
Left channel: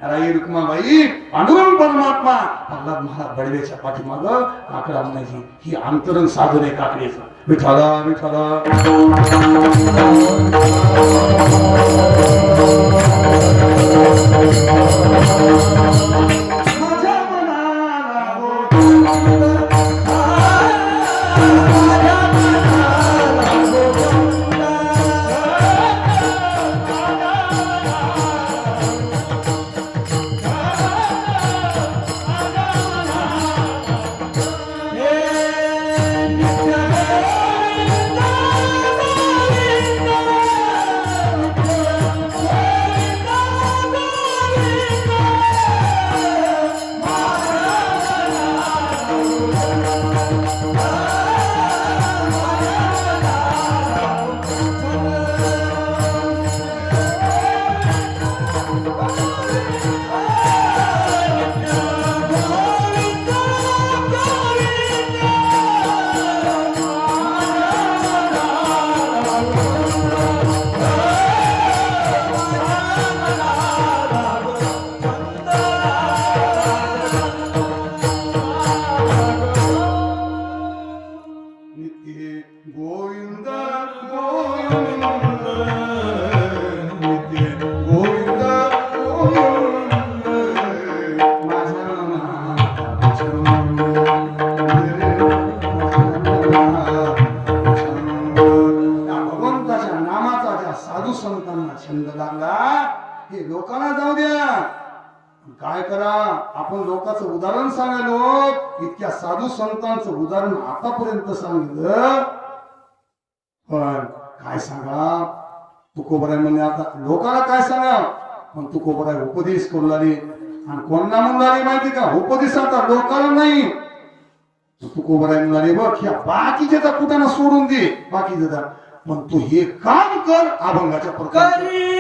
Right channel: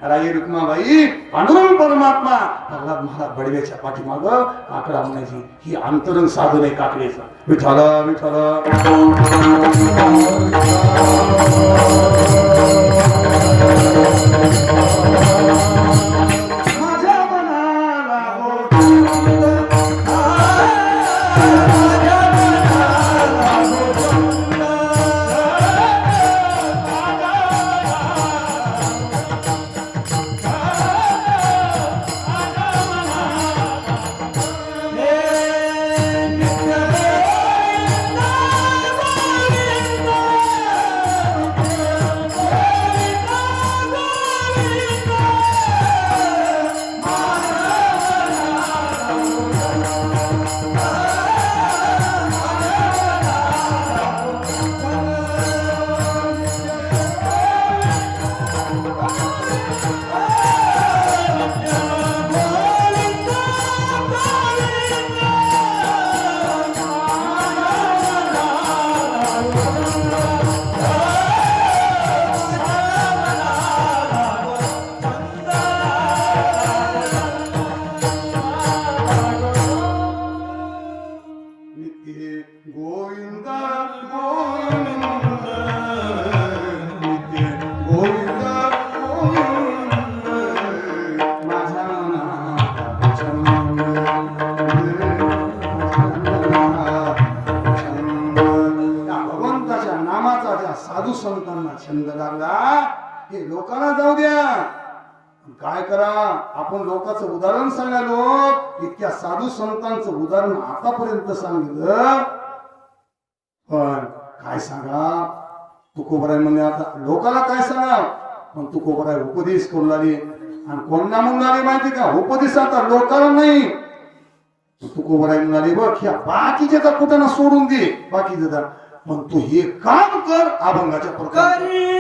राई रुक्माबाई पांडुरंग परमात्मा प्रल्हाद महाराज बडव्याच्या पाठीमाग काकडा म्हणायची ही अंतरंग साधन आहे काकड्याचं विठाला विठाला साधू संतांना छंद लागला हे लोकांना जाऊ द्या काय करा आपण लोकांचं उदाहरण सांगालो इतक्या साधू संतांचं उदाहरण आतापर्यंत सांगितलं पण काय सांगा तुकोबराय म्हणजे आता लोकांना काय सांगा पण तुकोबराय उपदेश करू लागले आणि कोणाला म्हणून आले माहिती का उपदेश आता लोकांना नाही तुकोबराय म्हणाले बघ ह्या बाकीचे तर कुठे ना सोडून दे बाकीचे तर पण तू हे काम कर अभंगाच्या प्रकारे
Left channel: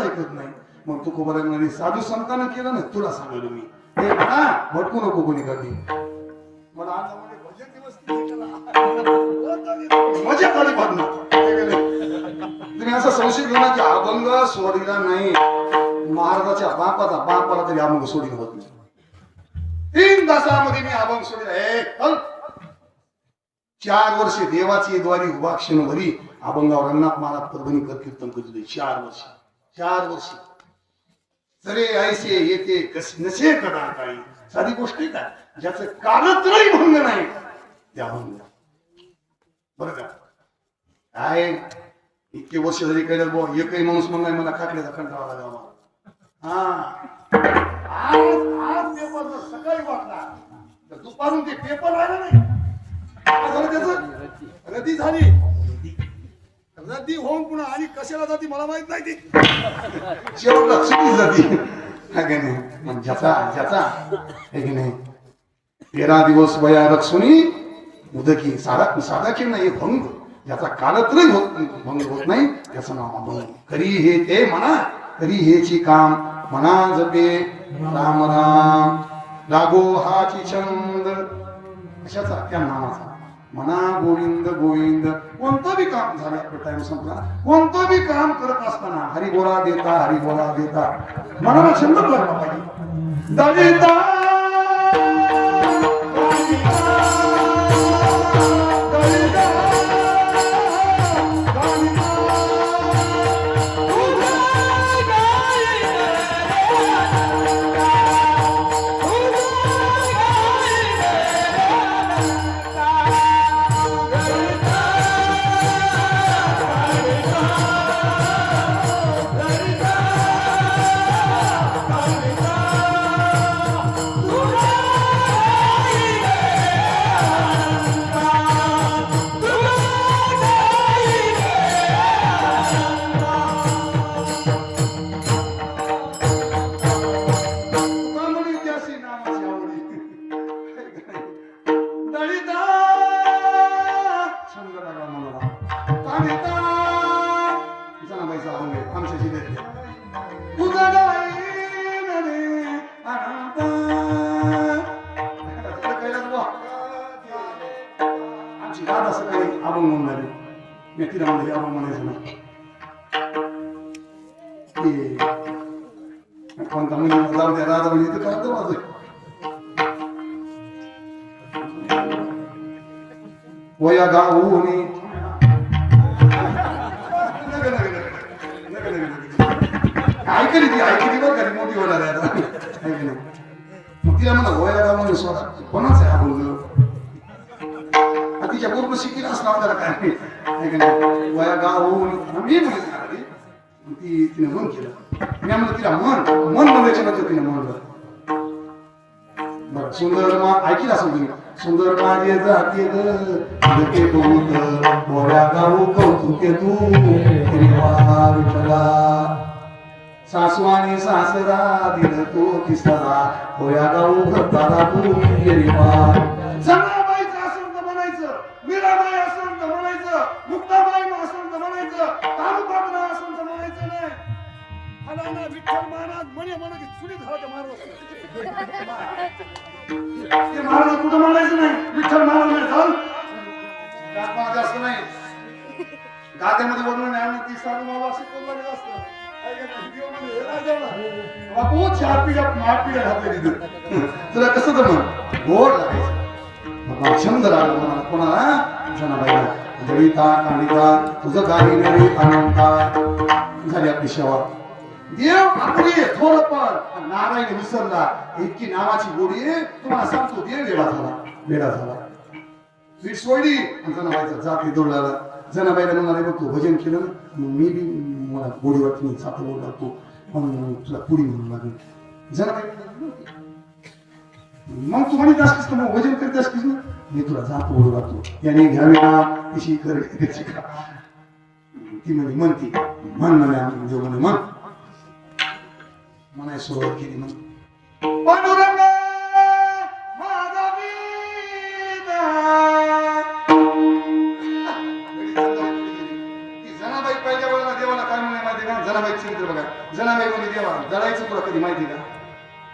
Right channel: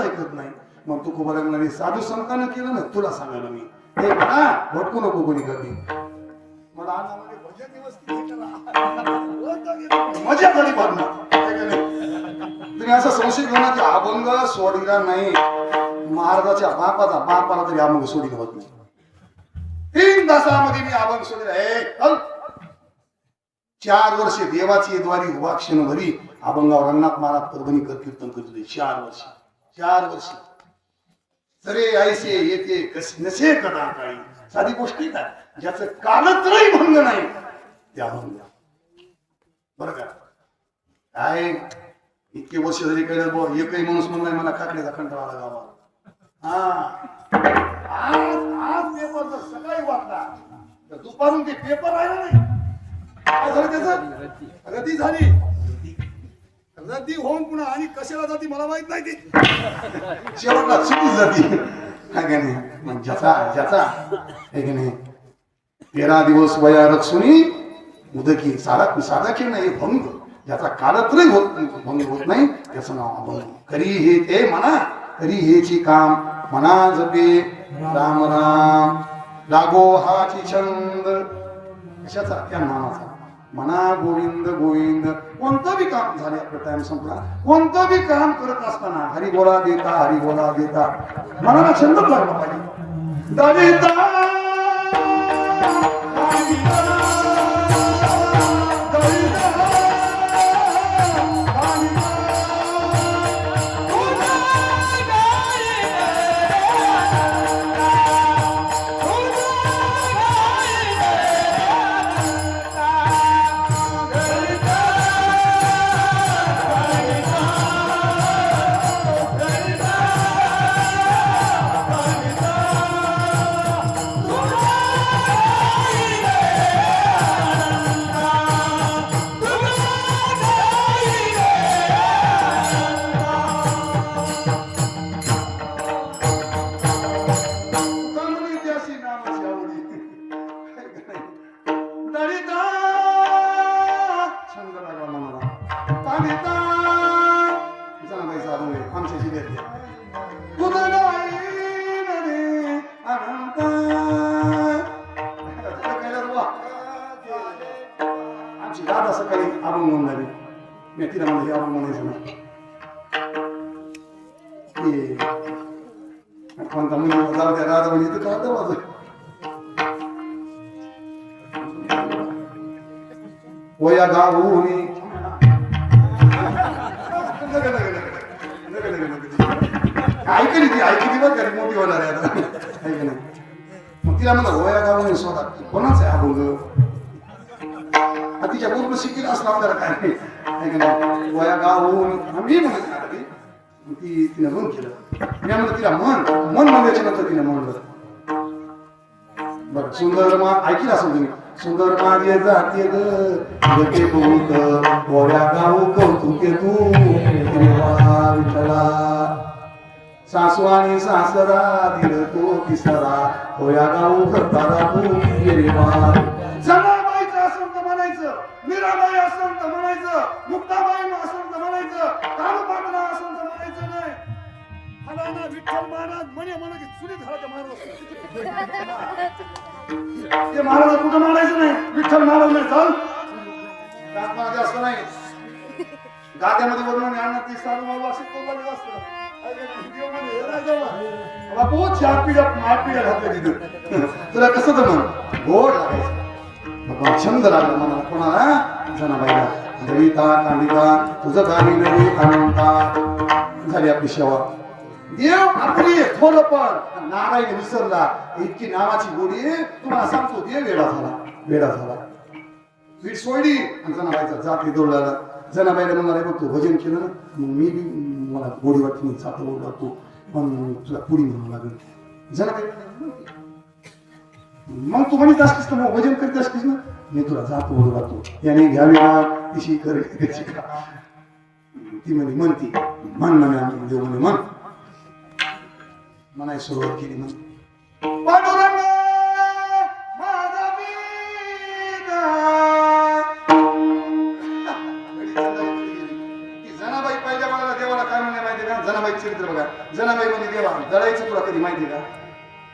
ऐकत नाही. मग तू खूप म्हणाली साधू संतांना केलं ना तुला सांगणार मी हे बघा भटकू नको कोणी कधी मला आज आम्हाला भजन दिवस मजा झाली बघणार. तुम्ही असा संशय घेणार की अभंग सोडला नाही महाराजाच्या बापाला तरी अभंग सोडिला होत नाही. 3 तासामध्ये मी अभंग सोडिला 4 वर्षे देवाची द्वारी उभाक्षणवरी अभंगावर अन्नाथ महाराज परभणीकर कीर्तन करते 4 वर्ष तरी ऐसे येते कसे नसे कदा काही साधी गोष्ट का ज्याचं कालत्रही भंग नाही त्या अभंग बरं का काय इतके वर्ष जरी केलं बुवा एकही माणूस म्हणलाय मला काकड्याचा कंटाळा आला गावाला. आज पेपर जर सकाळी वाटला तर दुपारून ते पेपर राहिला नाही. काय झालं त्याचं रद्दी झाली. रद्दी होऊन पुन्हा आणि कशाला जाती मला माहित नाही ती शेवटला चुकी जाती काय नाही ज्याचा हे की नाही 13 दिवस वया रक्षुनी उदकी साधा की नाही भंग ज्याचा कालत्रही भंग होत नाही त्याचं नाव अभंग. करी हे ते म्हणा करी हेची काम म्हणा जपे राम राम लागो हाची छंद कशाचा त्या नामाचा म्हणा गोविंद गोविंद. कोणतं बी काम झालं आपलं टाइम संपला कोणतं बी काम करत असताना हरी बोला देता मनाला छंद लागला पाहिजे. दलिता वया गावोनी ऐकली बघ घरी मोठी होणार आहे मग तिला म्हणा वया गावोनी स्वतः कोणाच आहे बोललो तिच्या पूर्ण शिकली असला तर काय वया गावोनी ती तिने मन केलं मी म्हणलं तिला मन म्हणायचे नंतर तिने म्हणलं बरं सुंदर ऐकलं असं तुम्ही सुंदर माझे जाते गते भूत गोळ्या गाऊ कौतुके तू विठ्ठला सासवाने सासरा दिल तो किसरा गोळ्या गाऊ भरतारा तू सणाबाईचं असंत म्हणायचं मीराबाई असंत म्हणायचं मुक्ताबाई असंत म्हणायचं तालुकाबना असंत म्हणायचं नाही फलाना विठ्ठल महाराज म्हणे की चुलीत घालायचं महाराज ते महाराज कुठं म्हणायचं नाही विठ्ठल महाराज नाही चाल गात असं नाही गाद्यामध्ये बनवून आणणार ती साधू बाबा असं कोंबडीत असतं बापू चहा पिढ्या घातल्या तुला कसं जमलं गोड लागायचं छंद लागला मला कोणाला जनाबाईला देविता कालिका तुझं गाणी नाही अनंता झाली आपली सेवा देव आपली थोडं पण नारायण विसरला इतकी नावाची गोडी तुम्हाला सांगतो देव वेडा झाला पीठ सोडली जनाबाईचा जाती दोडला जनाबाईला म्हणाला तू भजन केलं मी बी मला गोडी वाटली जाती गोड वाटतो पण तुला पुढी म्हणून लागेल जनाबाई मग तू म्हणत असतीस मग भजन करत असतीस ना मी तुला जातो गोड वाटतो याने घ्यावी तिशी कर ती म्हणे म्हणती म्हण म्हणे आम्ही देव म्हणे म्हण म्हणाय सुरुवात केली मग पांडुरंग जनाबाई पहिल्या वेळेला देवाला काय म्हणे माहिती ना जनाबाई तुला काय जनाबाई म्हणजे देवा दळायचं तुला कधी माहिती का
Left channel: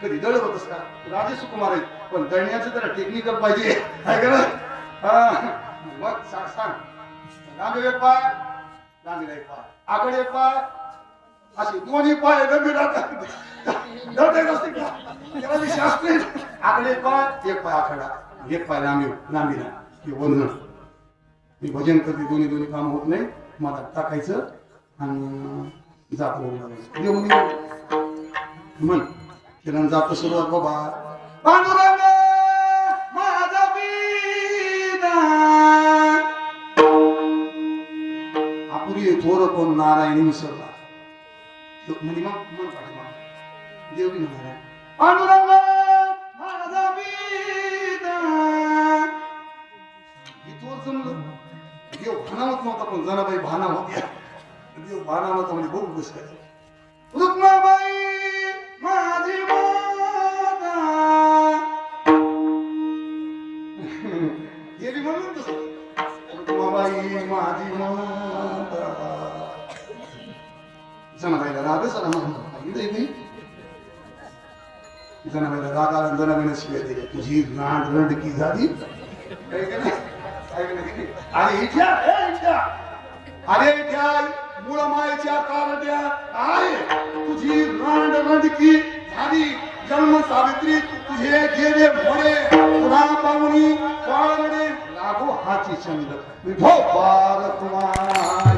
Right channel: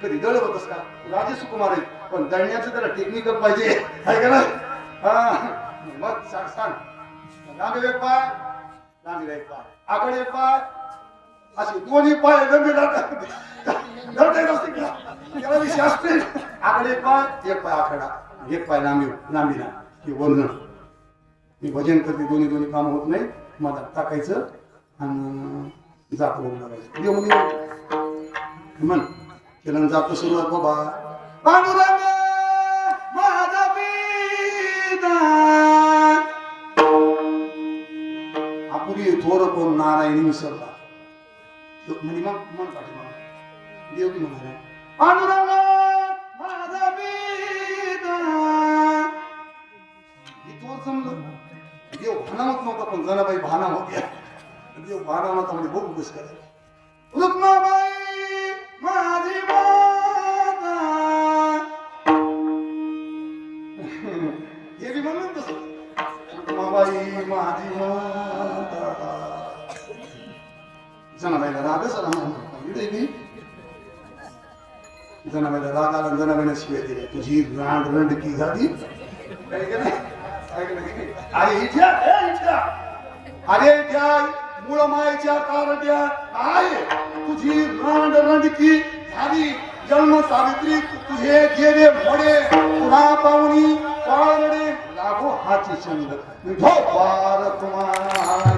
कधी दळत होतस का राजे सुकुमार आहे पण दळण्याचं जरा टेक्निकल पाहिजे आहे का ना मग सांग सांग लांबे एक पाय लांबे एक पाय आकडे एक पाय असे दोन्ही पाय लंबे टाकतात शास्त्री आकडे पाय एक पाय आकडा एक पाय लांबी लांबी ना हे बोलणं मी भजन करते दोन्ही दोन्ही काम होत नाही मला टाकायचं आणि जात बोलणार येऊन म्हण त्याला जात सुरुवात बाबा पांडुरंग माझा वीणा आपुरी थोर कोण नारायणी विसरला म्हणजे मग मन पाठवा देवनी म्हणाले पांडुरंग माझा वीणा हे थोर जमलं देव भानावत नव्हता पण जनाबाई भाना होत्या देव भाना नव्हता म्हणजे बहुत बसला रुक्माबाई माझी माता हे बी म्हणून तसं रुक्माबाई माझी माता जनाबाईला रागच आला जनाबाईला राग आला जनाबाईला शिवाय दिल्या तुझी रांड रंडकी झाली अरे त्या मूळ मायच्या कारड्या आहे तुझी रांड रंडकी झाली जन्म सावित्री तुझे गेले मोडे पुन्हा पाहुणी कारडे लागो हाची छंद विठो पार कुमार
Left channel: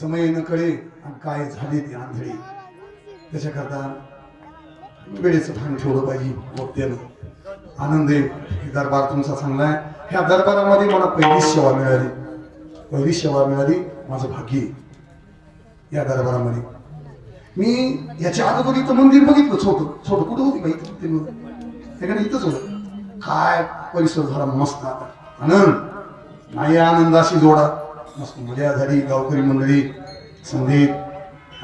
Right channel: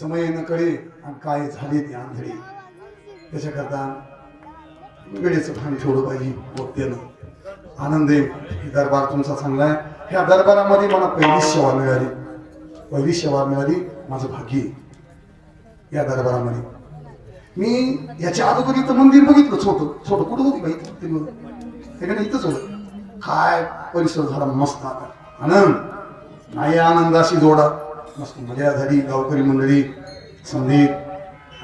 समय न कळे आणि काय झाले ते आंधळे त्याच्याकरता वेळेचं भान ठेवलं पाहिजे वक्त्यानं आनंद आहे दरबार तुमचा चांगला आहे ह्या दरबारामध्ये मला पहिली सेवा मिळाली माझं भाग्य या दरबारामध्ये मी याच्या अगोदर इथं मंदिर बघितलं छोटं कुठं होती माहिती त्याकडे इथंच होतं काय परिसर झाला मस्त आनंद नाही आनंदाशी जोडा मस्त मर्यादा झाली गावकरी मंडळी संदीप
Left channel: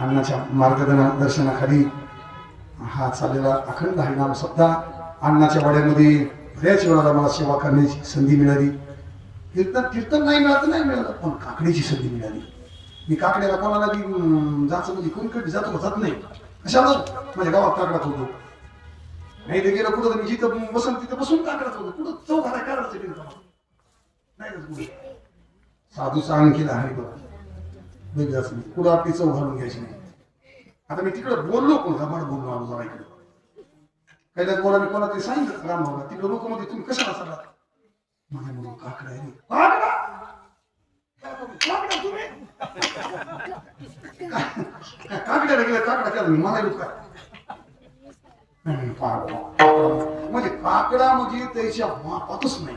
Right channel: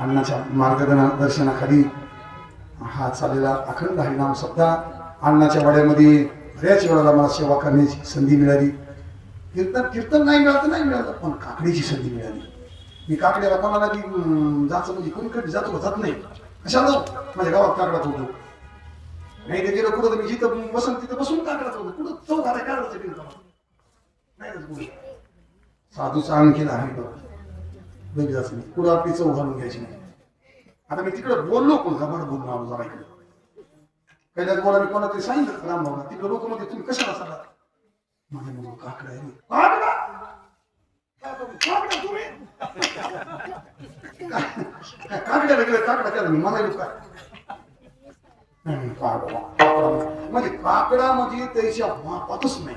अण्णाच्या मार्गदर्शनाखाली हा चाललेला अखंड हरिनाम सप्ताह अण्णाच्या वाड्यामध्ये बऱ्याच वेळेला मला सेवा करण्याची संधी मिळाली कीर्तन नाही मिळालं पण काकडीची संधी मिळाली मी काकड्याला कोणाला बी जायचं म्हणजे कोणीकडे जात नाही कशाला माझ्या गावात काकडा होतो नाही ते गेलं कुठं मी जिथं बसून तिथं बसून काकडा होतो कुठं चौघाला काढायचं नाही साधूचा आणखीन आहे कुठं आपली चव घालून घ्यायची नाही आता मी तिकडे बोललो कोण जबर बोललो आलो जरा इकडे पहिल्या कोणा ते सांगितलं रामभाऊला तिकडे लोक मध्ये तुम्ही कशाला सांगा काकडा काकड्याला गेलं काकडा केला मला म्हणजे काकडा म्हणजे त्याच्या मापातच नाही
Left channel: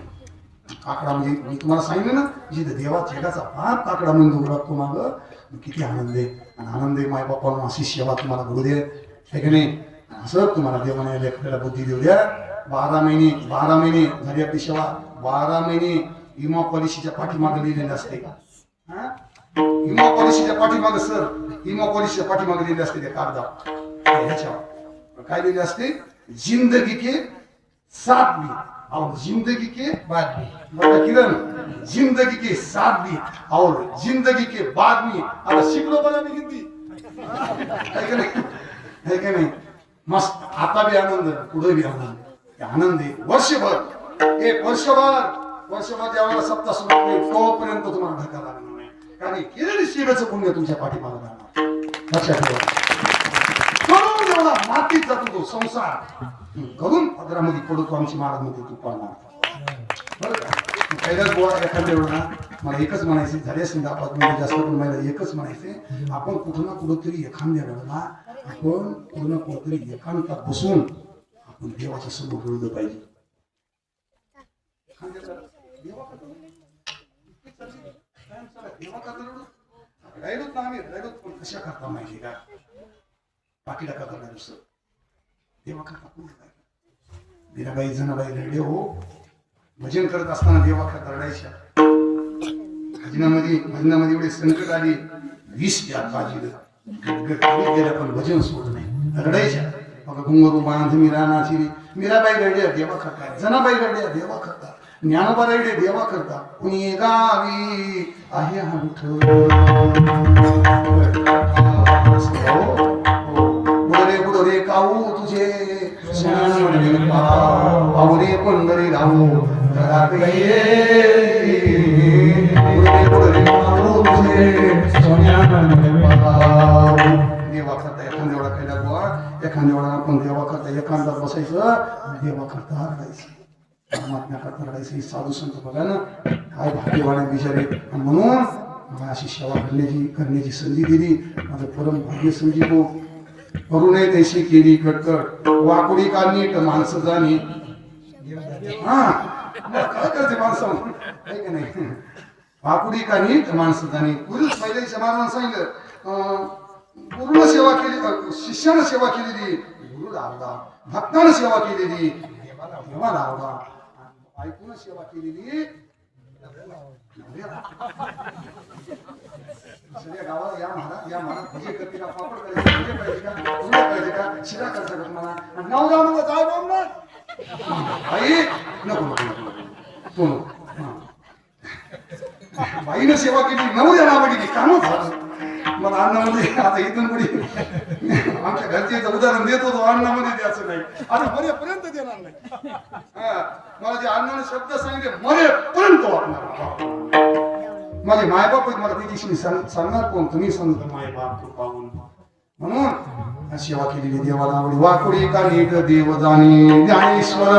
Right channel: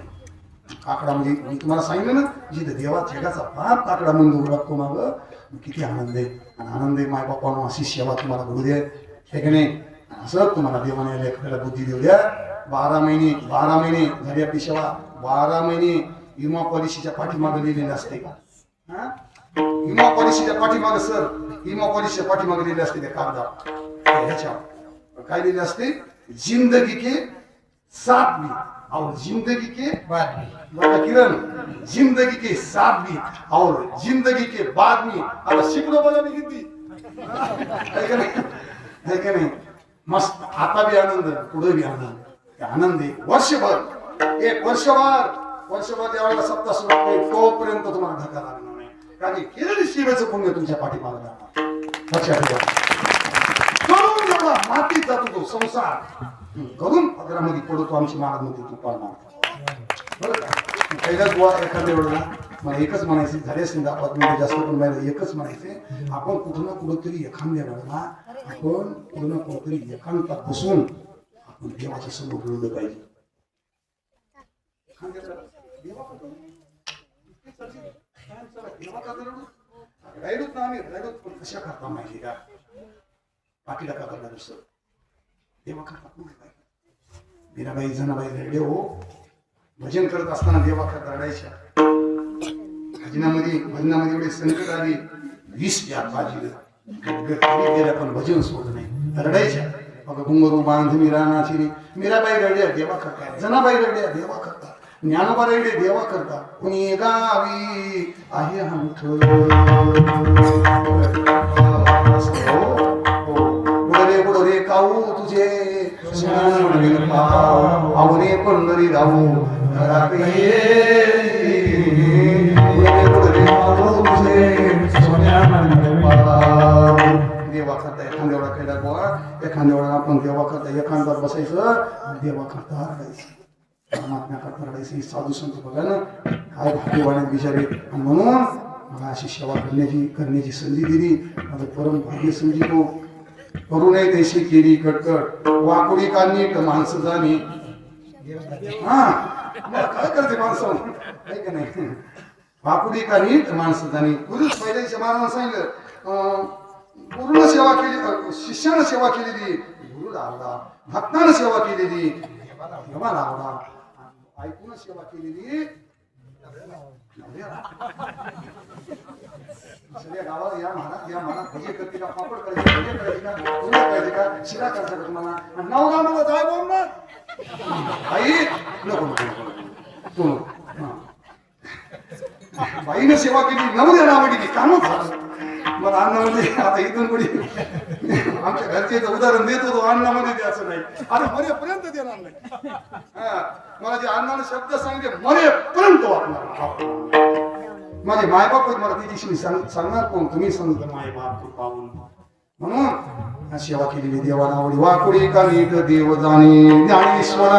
काकडा म्हणजे मी तुम्हाला सांगितलं ना जिथे देवा जगाचा फार काकडा म्हणून ओळखतो मागं किती आनंद आहे आणि आनंद आहे माय बापाला अशी सेवा तुम्हाला गुरु दे नाही असं तुम्हाला देवाने लेकराला बुद्धी देऊ द्या 12 महिने झाली आपली सेवा 12 महिने विमा पॉलिसीच्या पाठीमागे लिहिलेले असते विमा पॉलिसीच्या पाठीमागे लिहिलेले असते त्या कागदात ह्याच्यावर काय लिहिले असते जिंदगी के 7 दिन और जिंदगी के बातमी बघा किरण, जिंदगी के साथ भी और जिंदगी के बाद में. आता शिकलो बघा मी हिंदी. है का नाही? है का नाही? मस्त. आता भी आनंद, पुढे भी आनंद. हे आनंद आहे वर्षभर, एक वर्षभर ज्यावेळेला सत्ता सुरू होईल तोपर्यंत तुम्हाला धक्का लागणार नाही. कारण केलेली शिवेचं पुण्य तुमच्या पाठीमागे राहणार. लक्षात ठेवा. करून एवढा मातीत जातो तो संसार, करून पदरामध्ये पडतो आमची महाराज मध्ये तू पाहणार. बरं का? पहिल्याच गोळा एखाद्या वेळेला मला एकच म्हणायचे, झाले असेल म्हणजे जास्त पण मला एकच म्हणायचे, आपण कुठं ना कुठंतरी एखाद्या वेळेला आपण कुठं ना कुठंतरी एकांतात बसून आपण देवाच्या समोर बोललं पाहिजे. राहिलोत ना आम्ही, राहिलोत पण कशा करता माहिती का? बाकी टाका करणार दुसरं देवा करता कोणी पाहिजे. मीराबाई जनाबाई रेडे हो भजन करत असताना देवा करता रडायच्या. भजनामध्ये एवढे संकट आली, 20 या काळजीला गेल्या पण भजन सोडलं नाही, रडायच्या. मग घुंगरू बांधमी रानाची. मीराबाई रडल्या देवा करता, जनाबाई रडल्या देवा करता, ज्ञानोबा रडले देवा करता. कुणी गावी आहे हा विठ्ठल. बुडरे काऊ तुझे आवरे पंढरी राहू देवा करता. एखाद्या वेळा केल्या गोळा, एखाद्या वेळा आपण देवा करता एखादा बसायचं, देवा करता रडायचं, परमात्म्या करता रडायचं. साधू संत बघा ना काय भाग्यवान बिचारे. म्हणून मला अशी सेवा करण्याची संधी दिली. माझं परम भाग्य समजितो. करू नये तशी केली कटकट, वाकुडी काढणी तर माणसं जाणी. हा मग काय करते माणसं, आहे की नाही? वाकुडी काढणी तर माणसं जाणी. गुरुच पहिल्याच्या महाराजांना सांगितलं, गुरुनं सेवा केली, शिष्यानं सेवा केलेली गुरु लावला, भक्तानं सेवा केलेली देवा लावला, ऐकून सेवा केलेली सगळ्या गावाला या महाराज भजे करते का, पापड करते का, भजे करते का, तुला करते का, शिरा करते का तुम्हाला. नाव गाव मला जाय बोल ना आई, नको बाईने सेवा केली, नऊ जणांमध्ये कामच झालं. मला अन्नामध्ये आता इथून पुढे आमच्या घरचे उदाहरण देत होतो, अन्नामध्ये द्यायचं नाही, आता मरेपर्यंत देणार नाही. मला जे अन्नाने शब्द सांगितले मरेपर्यंत वाटणार. माझे मायबाप मला तिची सांगणार कोण, तुम्ही सांगता मायबाप पाहून. म्हणून सेवा केलेली देवाला आवडी. वाकुडी का नीट देव जाणे ज्ञानेश्वर.